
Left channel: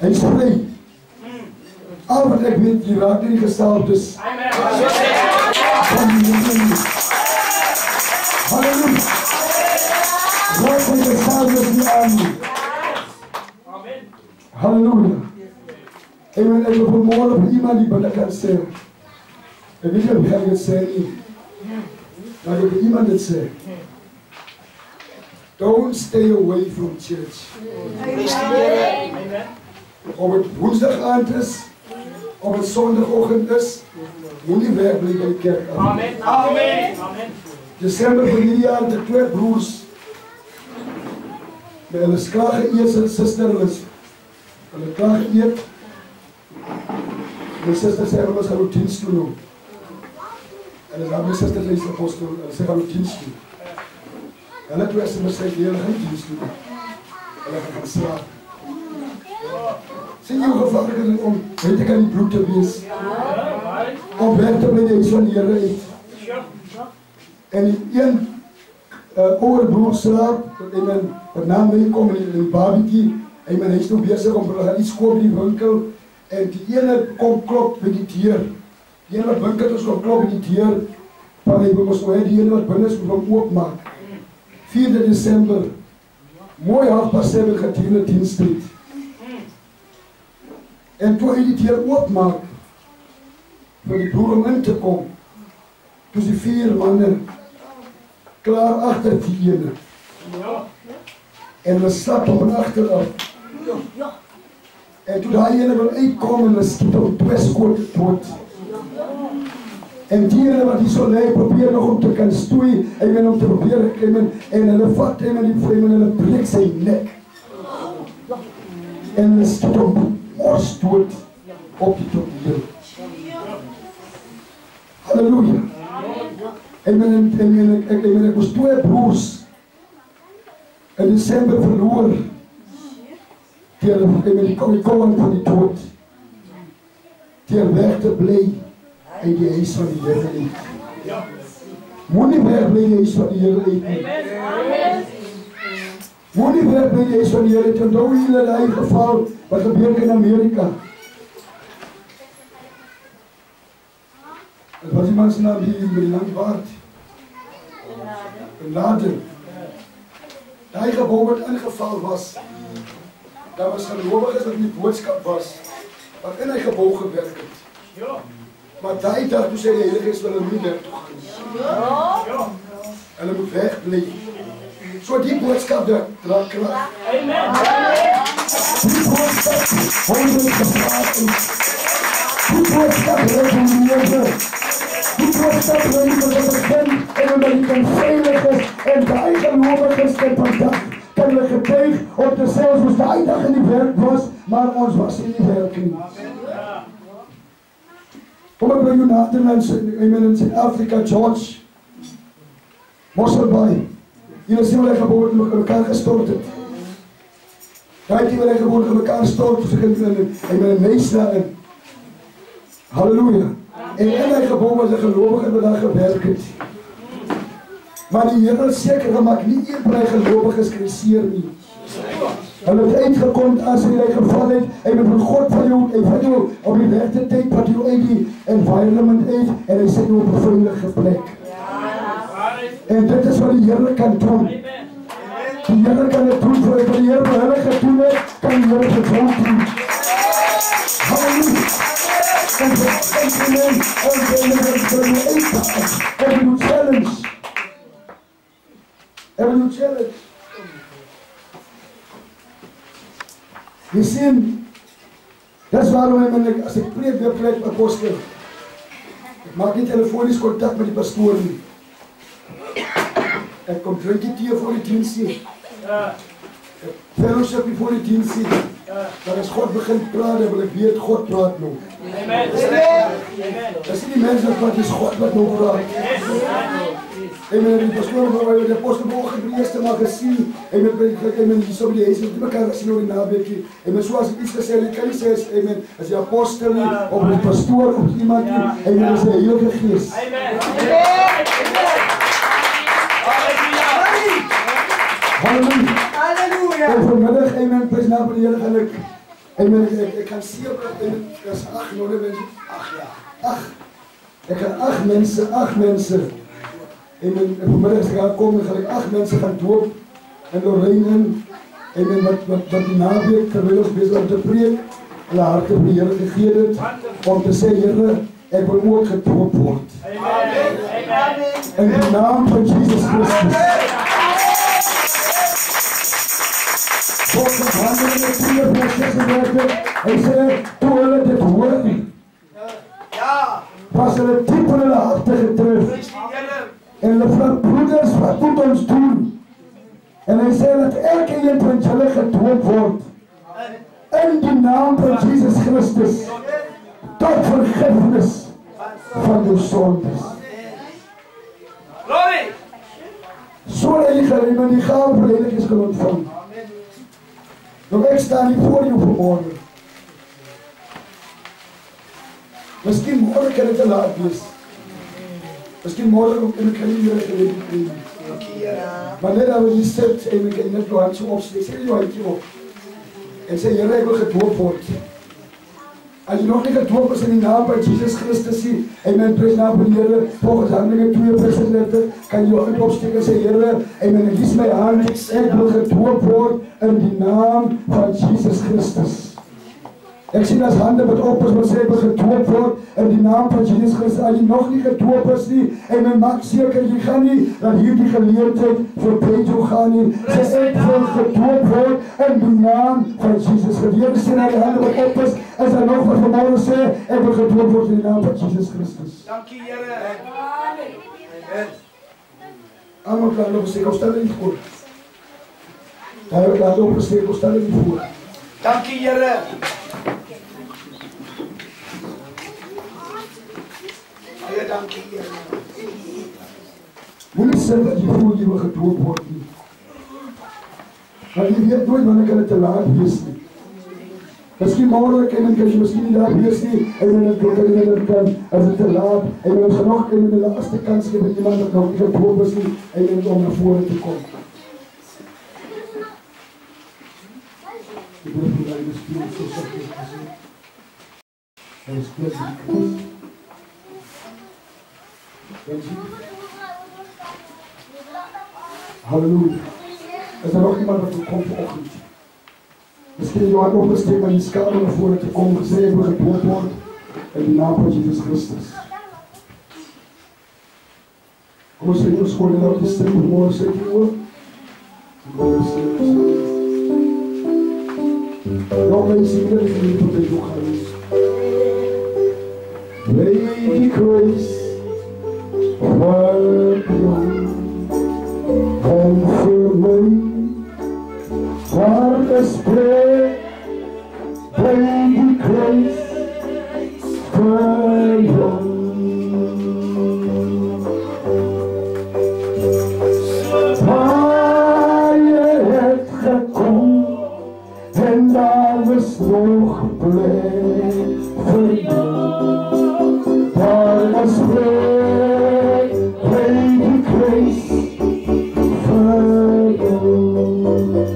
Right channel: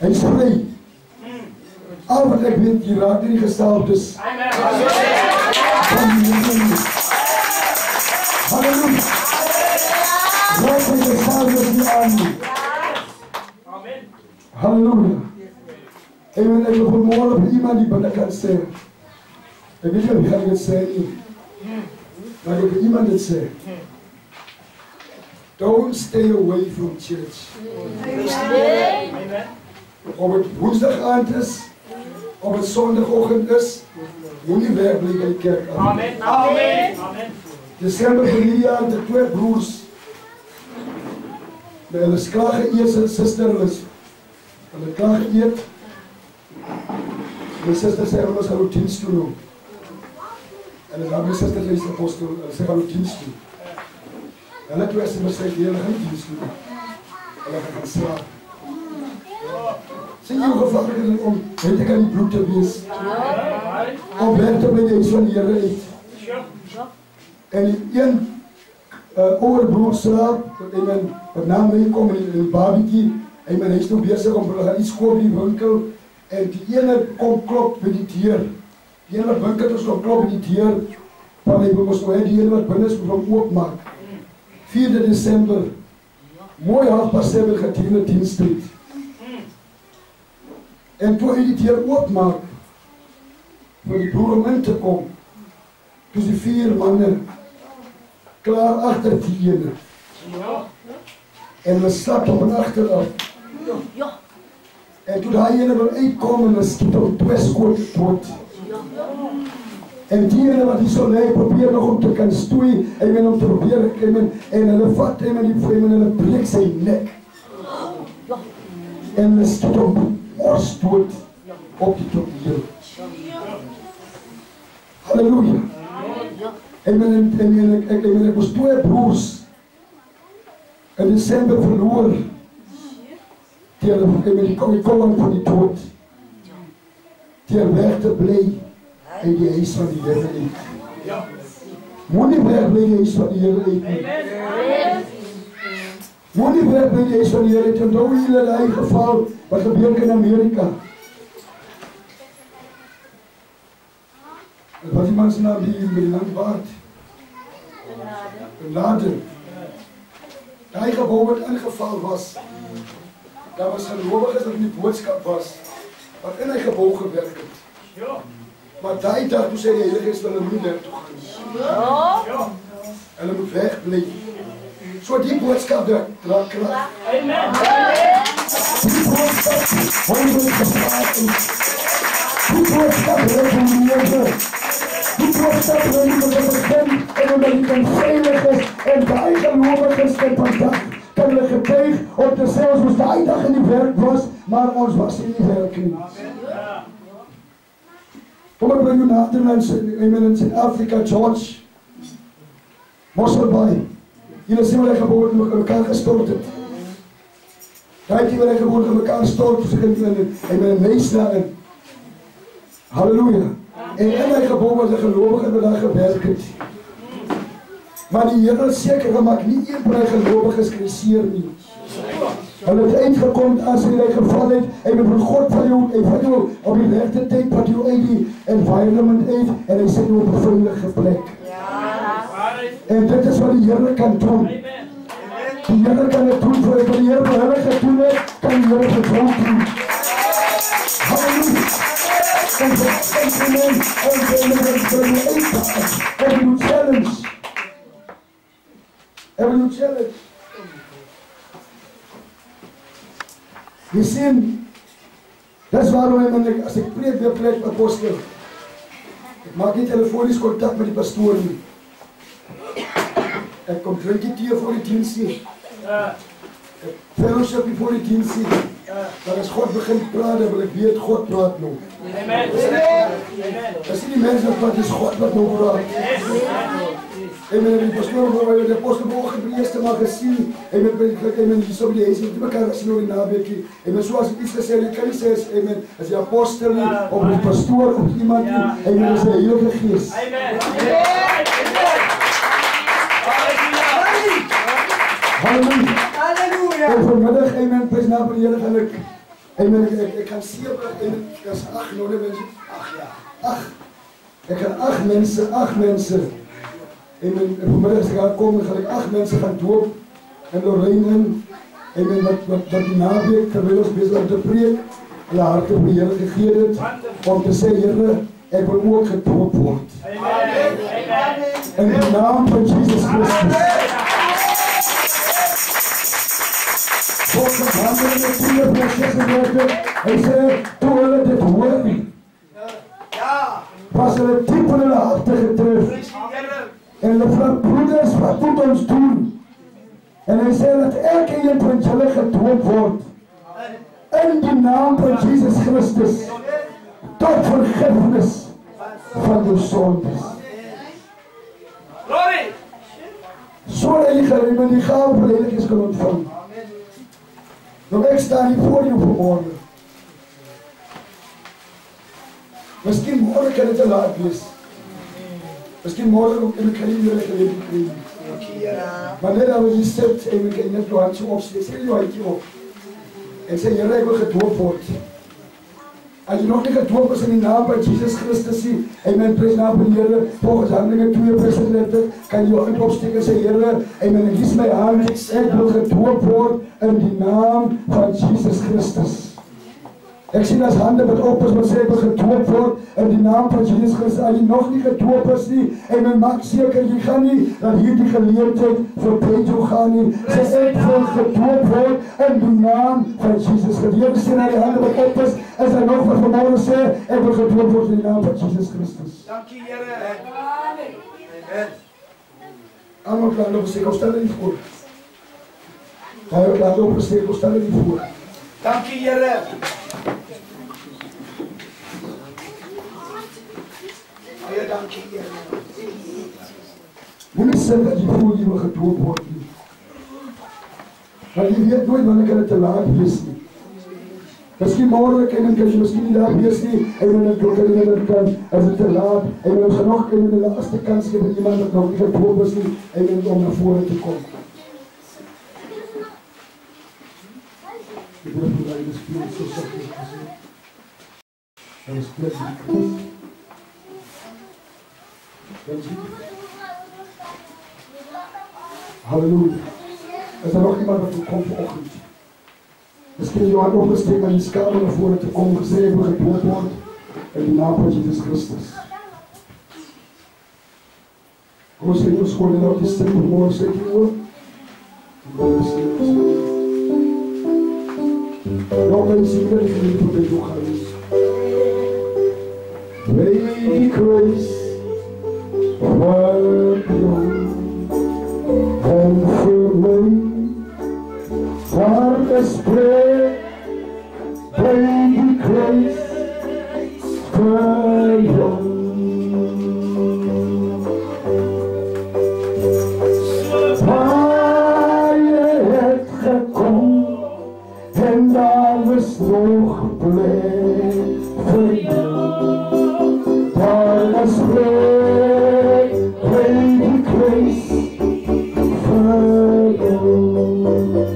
Hy is vry. Al wat ek weet, jy raak nie gesalfdes. Halleluja. Raak nie gesalfdes nie aan nie. Halleluja. En ek wil vanmorgen vir iemand die binne kan sê. Ek weet nie of jy dit sê nie. Maar ek wil vir iemand dit sê. Don't stay away from church. Of het woensdag aand is, of het zondagochtend is, moet nie wegbly by die kerk aan. Amen. Amen. Desember van hierdie jaar, die 2 broers, by hulle is klaar geëet, sy sister, hulle klaar geëet. My sister sê, hulle gaan ook dienst doen nou. En dan my sister sê, apostel, hulle sê, gaan ook dienst doen. Hulle twee sê, hulle gaan dienst doen. Hulle gaan slaap. Sê jou gevaarlik om, weet ek aan die bloed te wees. Om weg te bly die huis van die Here uit. En die een oude broer slaap, en wat na my kom in die barbecue, en my huis nou bezig om te gaan iets koop in die winkel, en die ene kom klop by die deur. Die ene wat winkel is, kom klop by die deur, van hy moest nou die ene wat binnen is, moet hom oopmaak. 4 December, mooi 7:30 gedurende dienstyd. En toe hy die deur oopmaak, vir die broer om in te kom, toe die 4 manne klaar achter die ene. En hulle slap hom van achteraf. En toe die ene wil uitkom en hulle skiet hom 2 skote dood. En die ene wat hier so lê, probeer nog om te kan stoei, en om te probeer, en hulle vat hem en hulle breek sy nek. En hulle skiet hom mors dood op die toneel. Halleluja. Ek was 2 broers in December verloor die koning van die dood deur weg te bly in die huis van die Here uit. Moenie weg bly in die huis van die Here uit nie. Moenie weg bly in die huis van die Here uit. Onthou julle die geval wat gebeur in Amerika. Het was die man se naam die met die lang baard. Bin Laden. Die gebouw wat ingeval was. Daar was gelowiges wat in die boodskap was, wat in die gebouw gewerk het. Maar die dag toe sê die Heilige Gees, hulle moet daar toe gaan. Hulle moet wegbly. So die boodskap dra krag. Amen. Die boodskap word gepraat. Die boodskap reformeer. Die boodskap word begin en omdat die kan veilig is en die gelowiges kan hulle getuig om te sê ons moes die dag in die werk was, maar ons was in die werk nie. Kom ek by jou Nederlands, in Zuid-Afrika, George Mosselbaai. Julle sien wat hy geboord in mekaar gestort het. Daai die wat hy geboord in mekaar stort, en met 'n neus daarin. Halleluja. En in hy geboord was 'n gelowige wat daar gewerk het. Maar die Here het seker gemaak nie een van die gelowiges kriseer nie. Hulle het uitgekom as hy geval het, hy het van God van jou op die regte tyd wat jou uit die environment uit en hy sê jou op 'n veilige plek. En dit is wat die Here kan doen. Die Here kan dit doen vir die Here wat hulle gedoen het, kan die Here dit doen. Halleluja. En you challenge. Every challenge. Jy sien, dis waarom as ek preek weer plek apostel, ek maak nie telefonies kontak met die pastoor nie. Ek kom drink die tee voor die diens nie. Ek fellowship nie voor die diens nie. Maar as God begin praat, dan wil ek weet, God praat nou. Amen. Dis nie die mense wat is God wat nou praat. Amen, die pastoor waar die apostel vanoggend die eerste maar gesien. Amen, hier so die huis met mekaar sien oor die naweekie. Amen, soos ek iets gesê het, kan nie sê amen, as die apostel nie, of die pastoor of iemand nie. Amen, is die Heilige Gees. Amen. Halleluja. Halleluja. En vanmiddag, amen, prys na die Here gaan ek, amen, ek gaan 7, amen, as 8 nou mense. 8 ja. 8. Ek gaan 8 mense. Amen, en vanmiddag as ek gaan kom, gaan ek 8 mense gaan doop in Lorraine. Amen, wat die naweek, terwyl ons besig om te preek, hulle harte vir die Here gegee het, om te sê, Here, ek wil ook gedoop word. Amen. In die naam van Jesus Christus. Volgens Handelinge 4:36, hy sê, toe hulle dit hoor, was hulle diep in hulle harte getref. En hulle vra, broeders, wat moet ons doen? En hy sê dat elke een van julle gedoop word in die naam van Jesus Christus tot vergifnis van jou sondes. Glory! Sodat jy met die gawe van die Heilige Gees kan ontvang. Nou ek staan hier voor jou vanmorgen. Miskien morgen kan het te laat wees. Miskien morgen ook in kan jy weer gelewe kry. Maar net as jy sit en jy kan net jou hand so opsteek, sê jou handjie op. En sê, Here, ek wil gedoop word. As jy nog nie gedoop is in die naam van Jesus Christus nie, amen, prys naam van die Here, volgens Handelinge 2:36, kan jy jou hand opsteek en sê, Here, amen, ek kies my hand, ek wil gedoop word in die naam van Jesus Christus. Ek sien as hande wat op is, wat sê ek wil gedoop word in die naam van Jesus Christus. As jy nog nie gedoop is nie, en maak seker jy gaan nie, dat hierdie geleentheid voorbij jou gaan nie. Sê ek wil gedoop word in die naam van Jesus Christus. Jy sien na die hande wat op is daar nog wat vanmorgen sê, ek wil gedoop word in die naam van Jesus Christus. Dankie, Here. Amen. Allemaal klaar opgesteek, stel er niet voor. Daar klaar opgesteek, stel er niet voor. Dankie, Here. Dankie, Here. Moenie sê dat jy voel jy wil gedoop word nie. Maar jy weet nooit wanneer kan het te laat wees nie. Miskien morgen kan jy miskien nie daar wees nie, en dan kan, as het te laat, en ons gaan nog in die laaste kans gee vir iemand wat nog nie gedoop is nie, en om na vore te kom. Ek wil vir die Spirit so sagtens gesê. Hy is kleed die kruis. Halleluja. Is er nog iemand wat kom vanoggend? Miskien jou hand opgesteek aan die skade na vore te kom, gesê ek wil gedoop word in die naam van Jesus Christus. Kom ons vir ons skoon en op die stem vanmorgen sê die oor. Ja, mense, hier is die liefde by jou gewees. Lady Grace, for and for me, for the spread, baby grace, for you. Waar het gekom en alles nog bleef voor jou. Voor the spread, baby grace.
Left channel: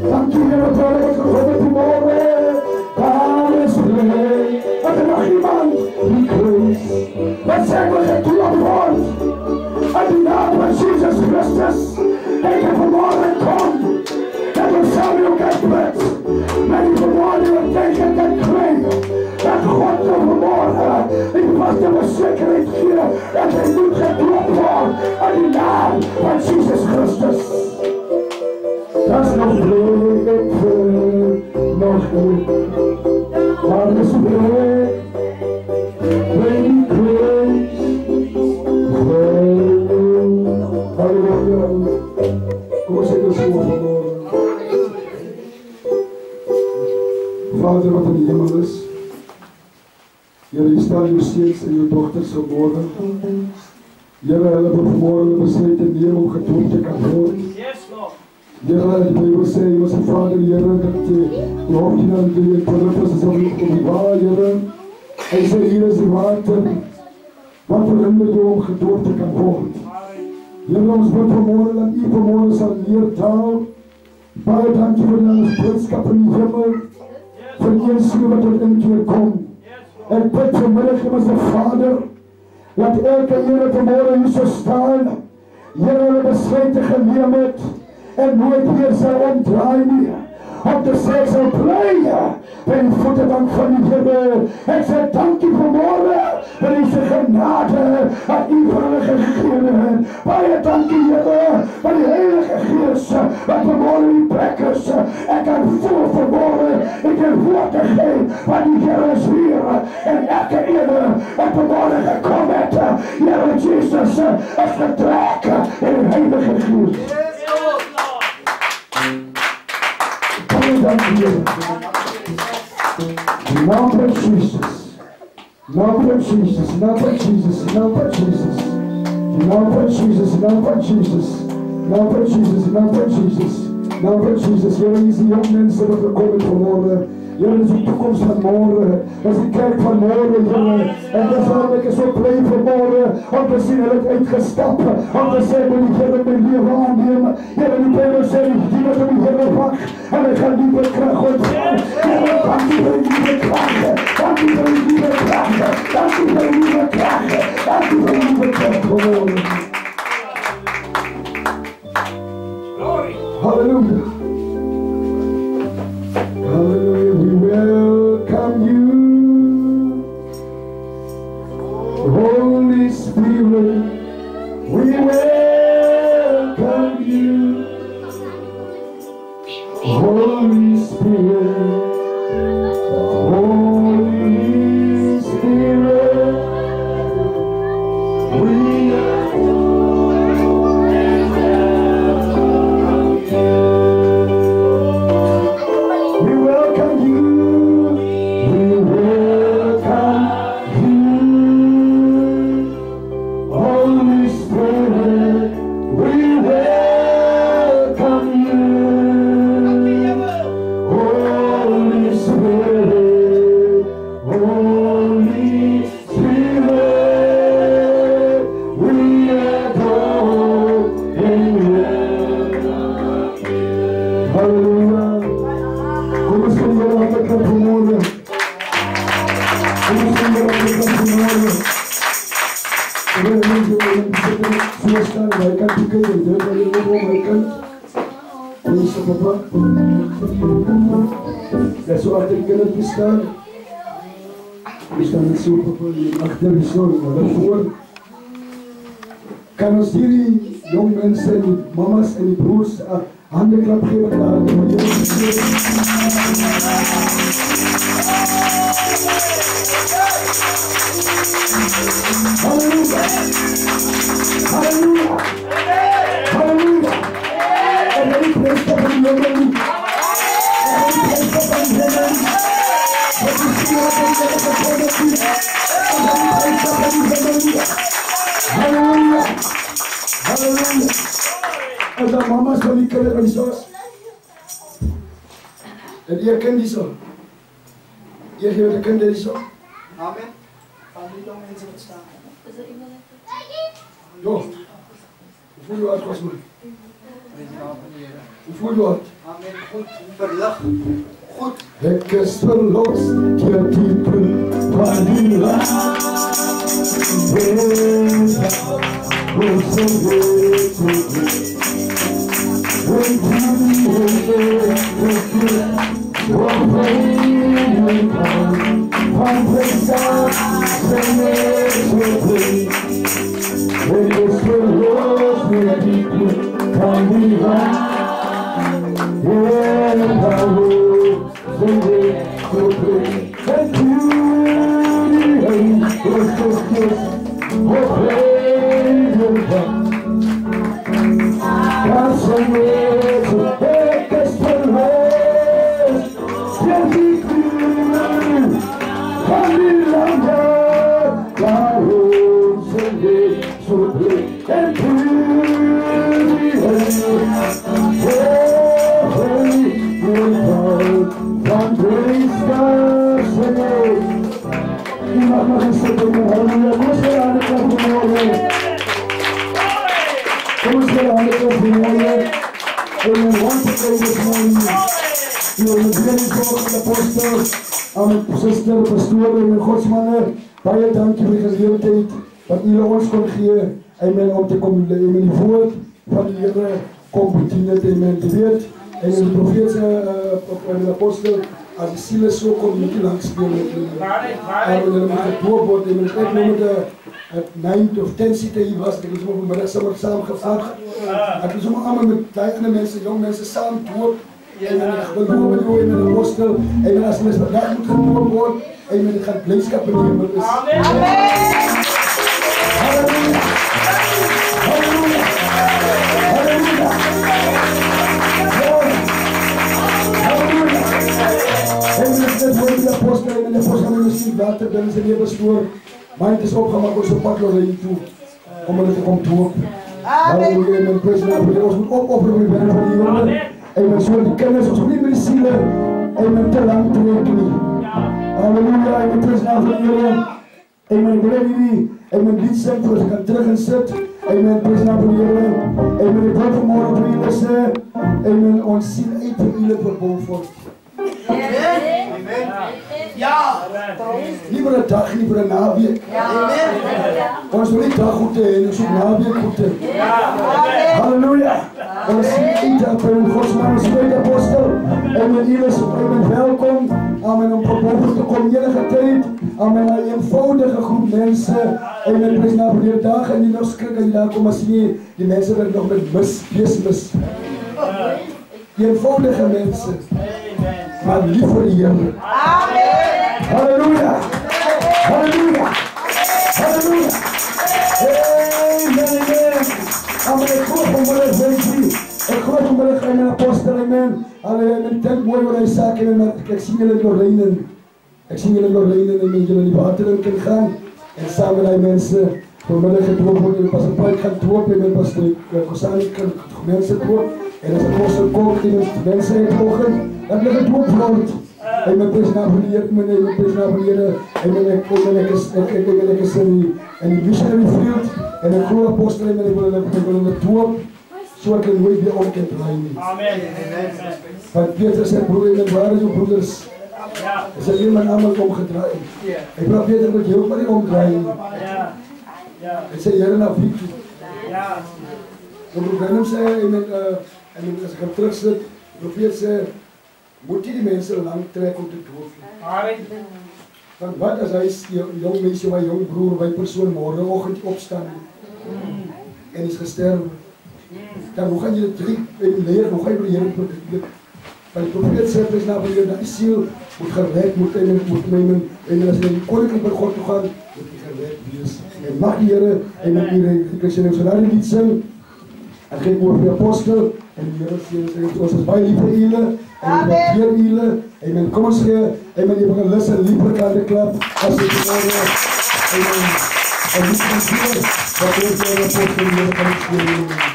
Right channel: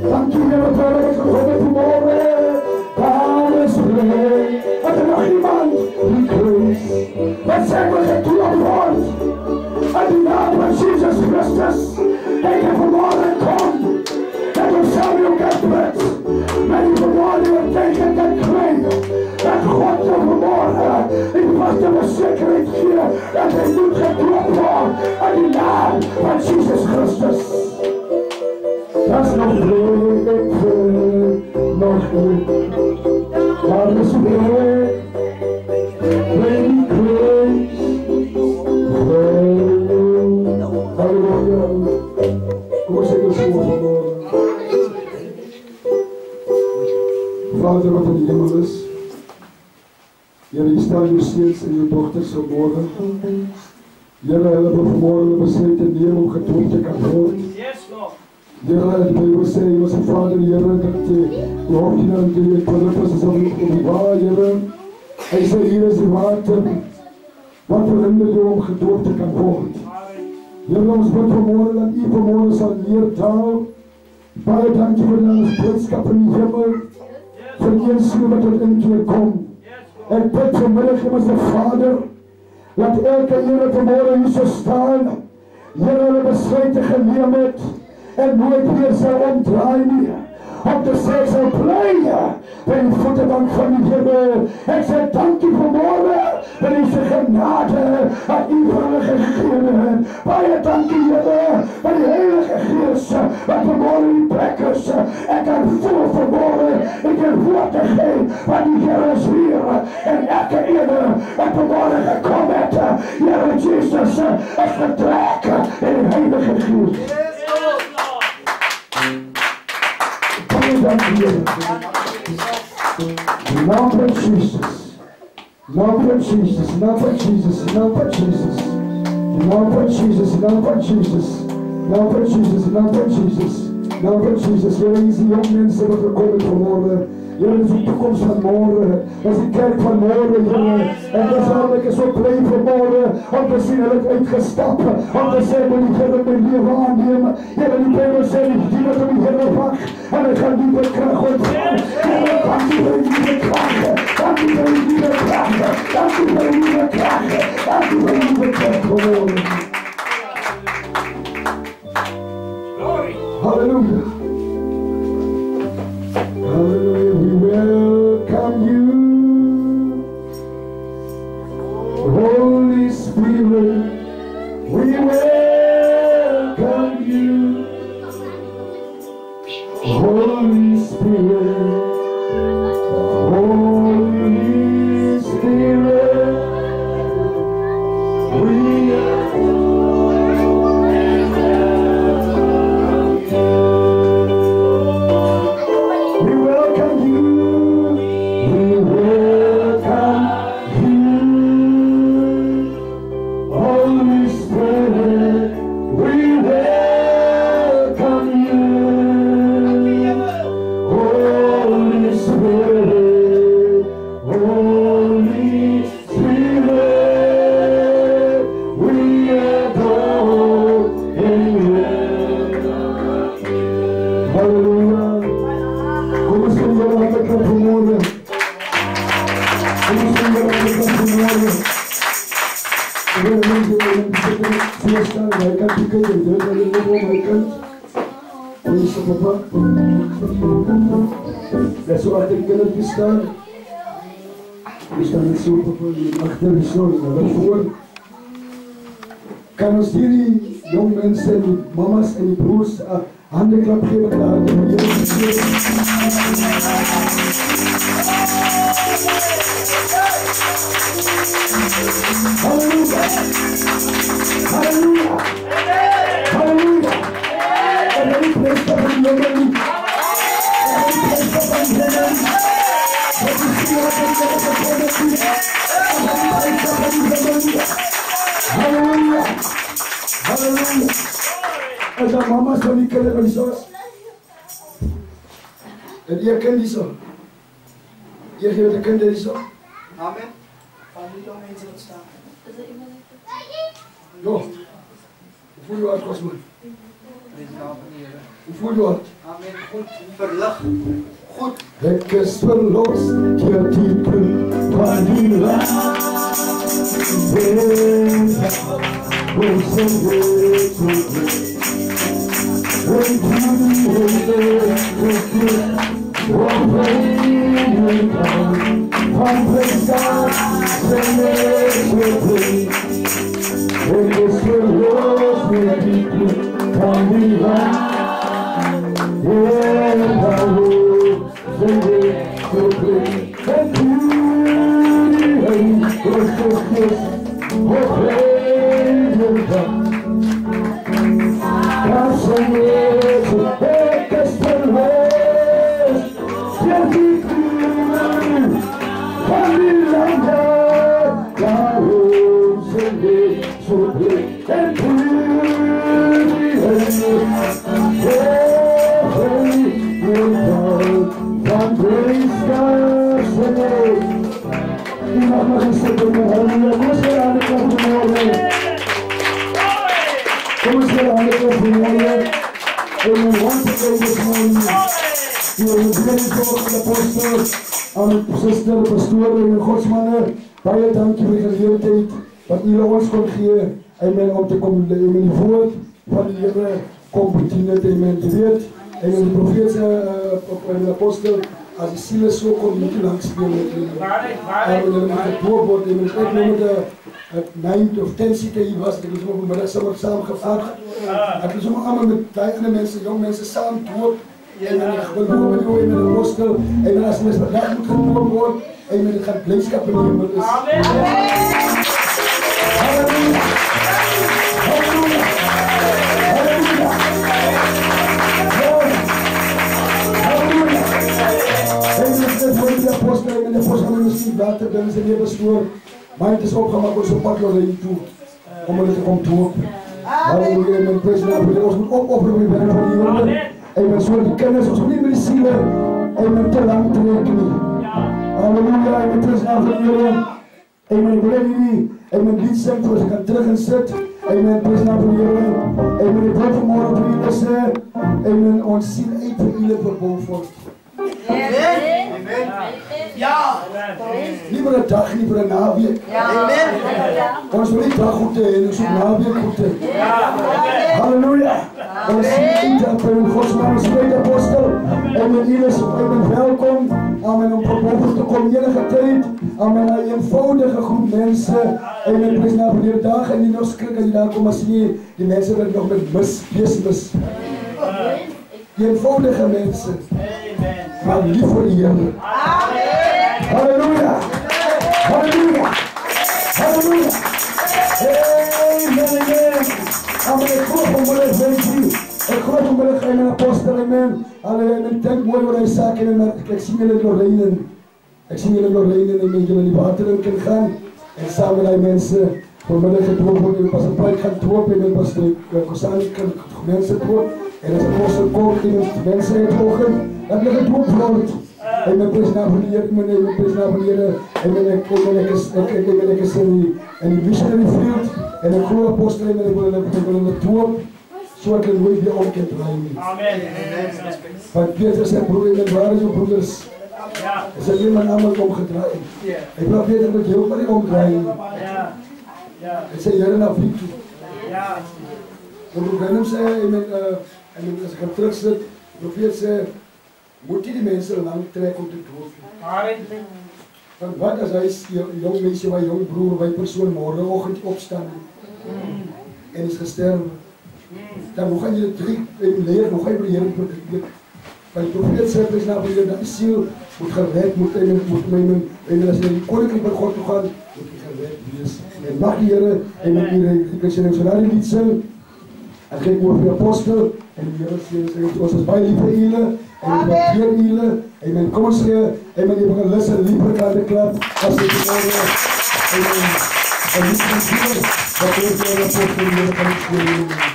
Dank u wel dat ik gekomen vanmorgen. Daar is blij. Wat er nog iemand die grace. Wat zijn we gedood wordt. In de naam van Jesus Christus. En je vanmorgen komt. Dat we samen ook uitbredt. Maar die vanmorgen wat tegen kan krijgen. Dat God zo vanmorgen. Ik was de verzekering hier. Dat hij niet gedood wordt. In de naam van Jesus Christus. Dat is nog leuk, nog leuk. Maar is leuk, baby grace. Halleluja. Kom eens even zo vanmorgen. Vader wat in de hemel is. Heer, je stelt je steeds en je dochters vanmorgen. Here, hulle vanmorgen besluit te neem om gedoop te kan word. Here, die Bijbel sê, jy was die Vader, Here, dat die hoogte en die Philippus is om die waar, Here. Hy sê, hier is die water, wat verhinder jou om gedoop te kan word. Here, ons bid vanmorgen, dat u vanmorgen sal neerdaal. Baie dankie vir die boodskap in die hemel, vir die siel wat tot inkeer kom. Ek bid vanmiddag, hemelse Vader, dat elke Here vanmorgen hier so staan, Here hulle besluite geneem het, en nooit weer sal omdraai nie, om te sê sal bly by die voetebank van die Here. Ek sê dankie vanmorgen vir die genade wat u vir hulle gegee het. Baie dankie Here vir die Heilige Gees wat vanmorgen die plek is. Ek kan voel vanmorgen, ek kan woord te gee, want die Here is hier, en elke ene wat vanmorgen gekom het, Here Jesus is vertrek in die Heilige Gees. Love of Jesus, love of Jesus, love of Jesus, love of Jesus, love of Jesus, love of Jesus, love of Jesus, love of Jesus, love of Jesus. Here is die jong mense wat gekom het vanmorgen. Here is die toekomst van morgen, is die kerk van morgen, Here. En dis waarom ek is so blij vanmorgen, om te sien hulle het uitgestap, om te sê, moet die Here my leven aanneem. Here, die Bijbel sê, die wat om die Here wacht, en hy gaan nieuwe kracht ontvang. Here, dankie vir die nieuwe kracht, dankie vir die nieuwe kracht, dankie vir die nieuwe kracht, dankie vir die nieuwe kracht vanmorgen. Hallelujah. Hallelujah, we welcome you, Holy Spirit, we welcome you, Holy Spirit, Holy Spirit, we kan ons hierdie jong mense en die mamas en die broers hande klap gee met hulle. Halleluja! Halleluja! Halleluja! En die prester van die jongen, en die prester van die jongen, en die Halleluja! Halleluja! En dan mama's van die kinderen van die zoons. En die kind die zo. Je geeft de kinderen die zo. Amen. Van die jonge mensen wat staan. Jo. Hoe voel je hart, Kosman? Hoe voel je hart? Amen. Goed. Verlig. Goed. Ik is verlost, je diepe van die laag. So and one grace God Vamos ver a hora do Senhor. Eu want to go this morning. You begin to talk to the pastor, aan die suster, pastoor en godsmanne. Baie dankie vir die geleentheid wat julle ons kon gee. Amen, om te kom in die woord van die Here kom bedien het. Amen. Jy weet, en die profeet en die apostel, as die siele so kom nie langs speel met hulle. En hulle moet gedoop word. En ek nou met 9 of 10 sitte hier was, ek is op middag saamgevat. Ek is allemaal met die ander mense, jong mense saam doop. En ek wil doop met jou en met die apostel. En as hulle vandag moet gedoop word, en met die gaan blydskap in die hemel is. Amen. Halleluja. Halleluja. Halleluja. Halleluja. En dit voor die apostel en die apostel misschien later binne sy lewe stoor. Maar het is opgemaak ons op pad Lorraine toe, om hulle te kom doop. Halleluja, en prys naam vir ons moet opoffer vir die werk van die Here. En men so die kinders, ons moet nie met die siele, en men te lang trek nie. Halleluja, en prys naam vir die Here. En men wil nie, en men lied sing, voor ons kan terug en sit. En men prys naam vir die Here. En men die woord vanmorgen vir julle sê, en men ons sien uit vir julle verbouw word. Ja, nie vir 'n dag, nie vir 'n naweek. Ons wil nie dag goed hê, ons moet naweek goed hê. Halleluja. Ons sien dat vir Godsman ons tweede apostel en met julle is welkom. Amen, om verbouw te kom enige tyd. Amen, 'n eenvoudige groep mense. En met prys na vir die dag en nie nog skrik as jy daar kom as jy die mense wat nog met mis. Eenvoudige mense. Maar lief voor die Heer. Amen. Halleluja. Halleluja. Halleluja. Amen. Amen. Ik geloof om wel eens ik geloof om wel eens een apostel. Amen. Alleen ik denk mooi wat hij zegt. Ik zie jullie doorheen. Ik zie jullie doorheen en met jullie die water in kunnen gaan. En samen met die mensen. Vanmiddag gedoopt worden. Pas een paar gaan dopen. En pas de Kosani kan mensen dopen. En als de apostel komt, die mensen in het ogen. Dat ligt het ook groot. En mijn president van de Heer, mijn president van de Heer, en ik is in die missionary field, en ik geloof apostel, en ik wil het doop, zodat ik nooit weer om kan draaien. Amen. Want Peter zei, broer, en waar is uw broeders? Er zijn iemand allemaal omgedraaid. Ik vraag Peter, dat je ook maar niet omdraaien. Ik zei, Heer, naar vriend toe. En broer Brenham zei, en als ik hem terug zit, de profeet zei, moet je die mensen lang trekken om te doven. Want wat als hij jong mensen, mijn jong broer, mijn persoon morgenochtend opstaan en is gesterven. Dan hoe ga je het leren, hoe ga je leren prediken? Maar de profeet zei, prys na vir dat die ziel moet gered, en als je in die koninkrijk van God toe gaan, moet je gered wees. En mag die Here, en ik kan je zo'n lied sing, en geef over de apostel, en die Here sê, ons is baie lief vir julle, en ons waardeer julle, amen, kom ons gee, amen, jy begin lus en lief vir aan die klap, as jy die orde, amen, en die sê, wat ons vir die apostel, die Here kan ons gee,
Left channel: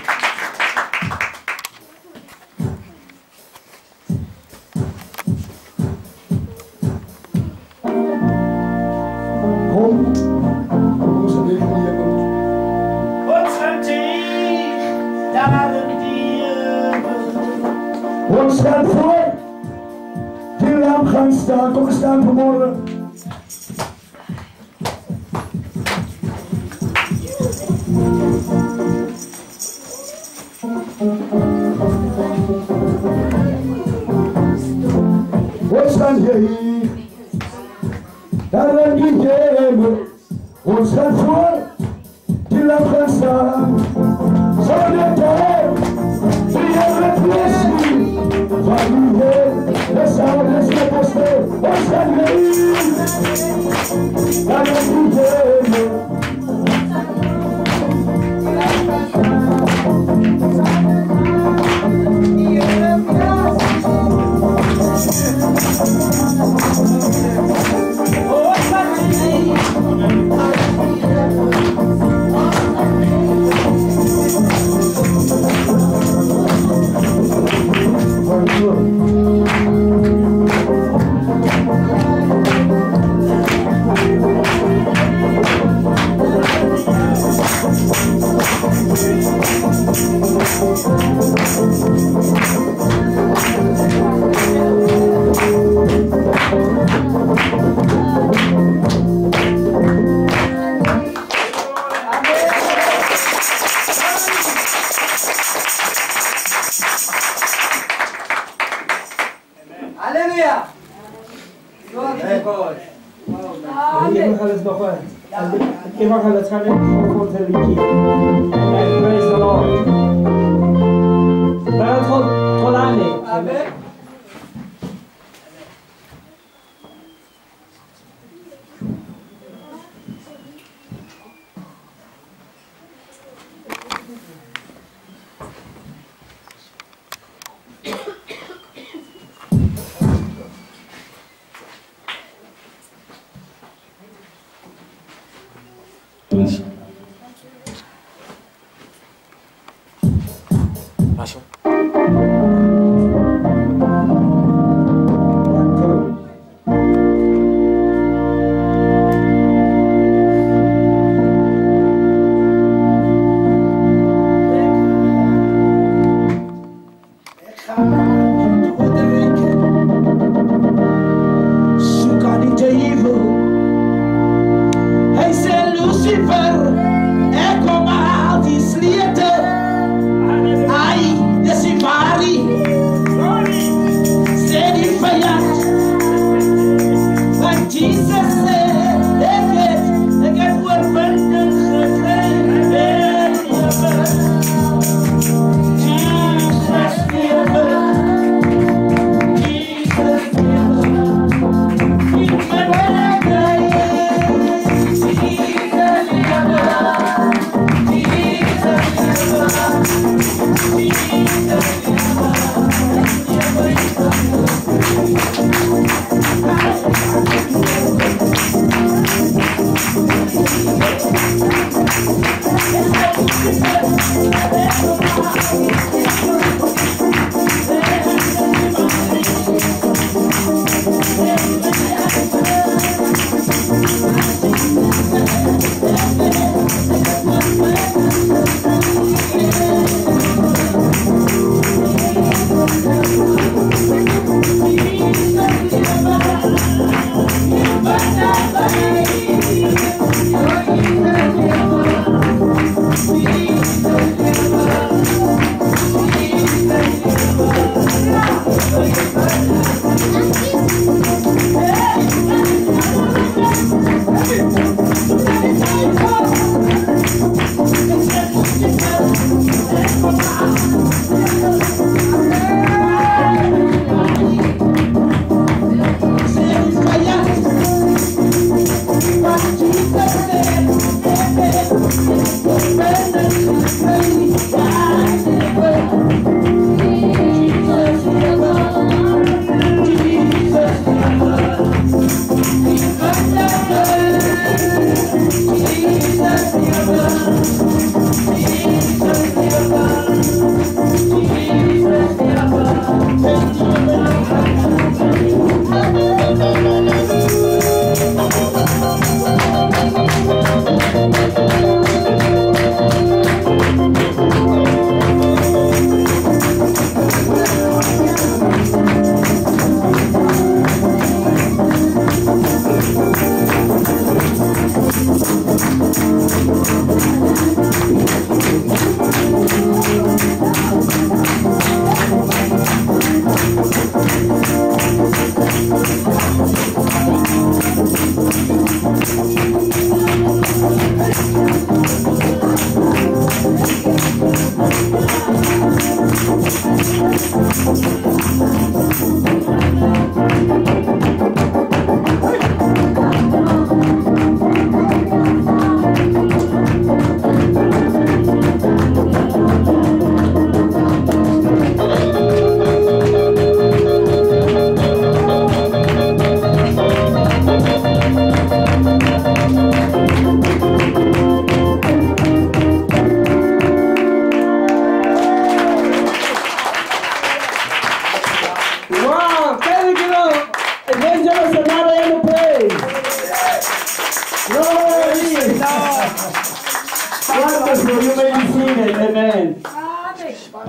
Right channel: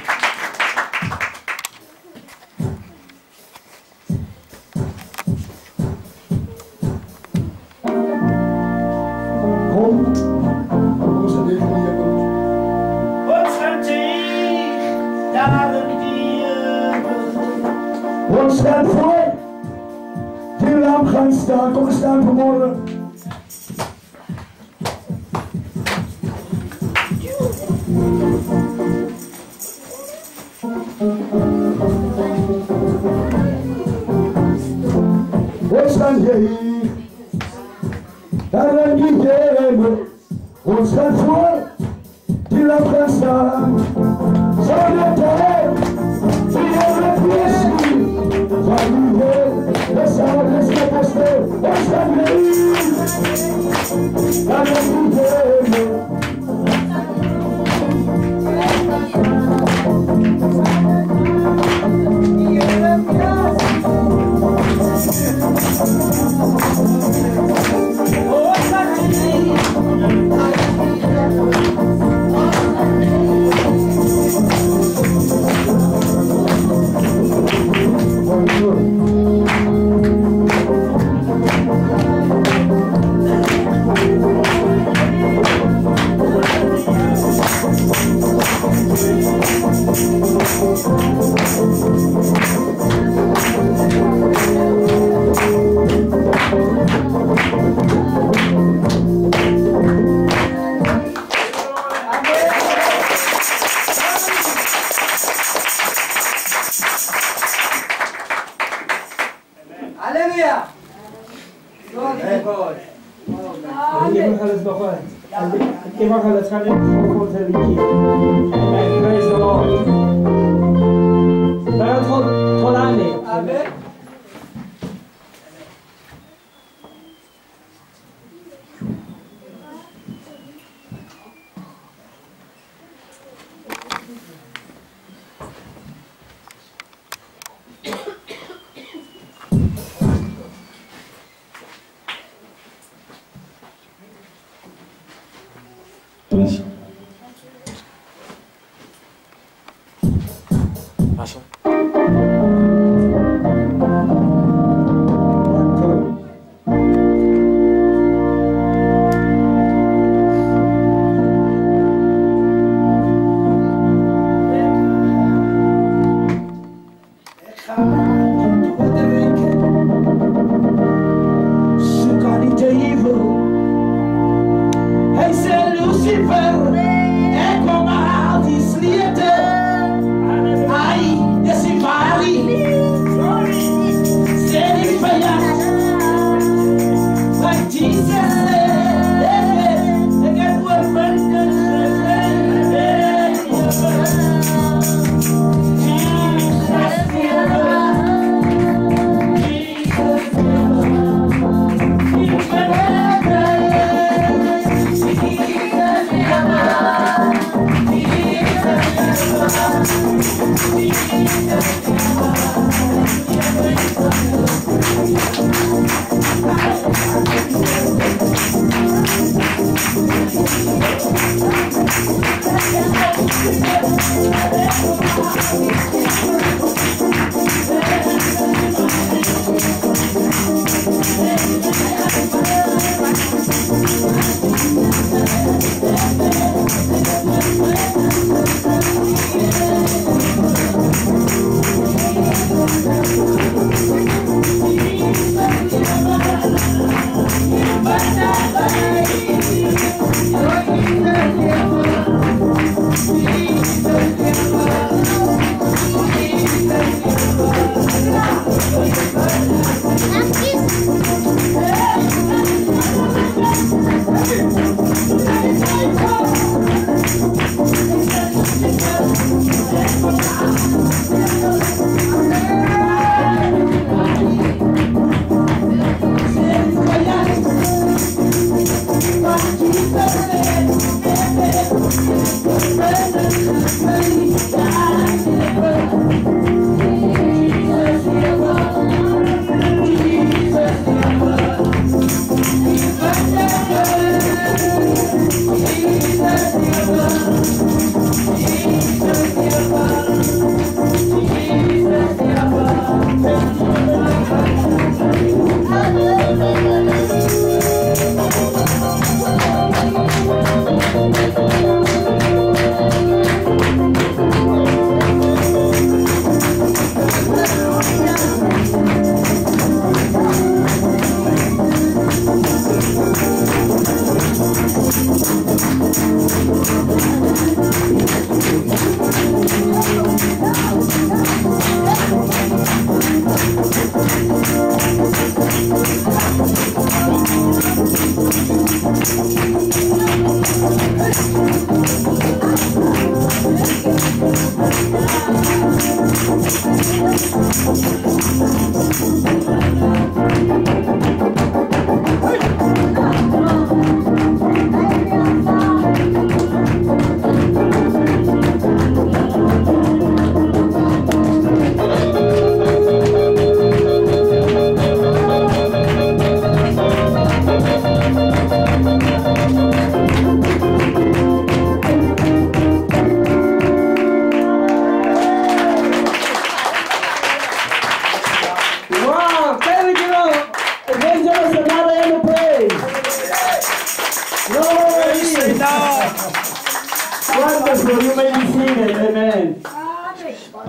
ons gaan voor die lamp gaan staan. Kom staan vanmorgen. Ons gaan hier. Daar aan die hemel. Ons gaan voor die lamp gaan staan. Zo de tijd. Die hele kwestie. Van die Heer, de zouders met ons door, ons gaan heen. Daar aan die hemel. Oh, Hallelujah. Glory to God. Evangelist gaan net voor zijn liedje. Amen. Praise the Lord. Maar het God aan neemt. Amen. Wonderful. You may be seated. Amen.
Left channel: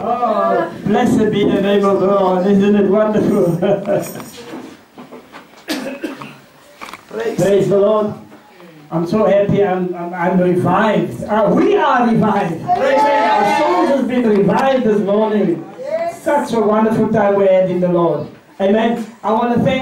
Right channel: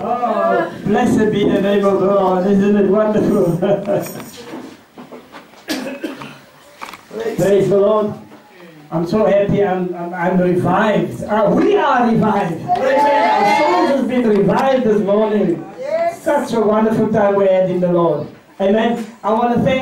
Oh, blessed be the name of the Lord. Isn't it wonderful? Praise the Lord. I'm so happy. I'm revived. We are revived. Amen. Our souls have been revived this morning. Such a wonderful time we had in the Lord. Amen. I want to thank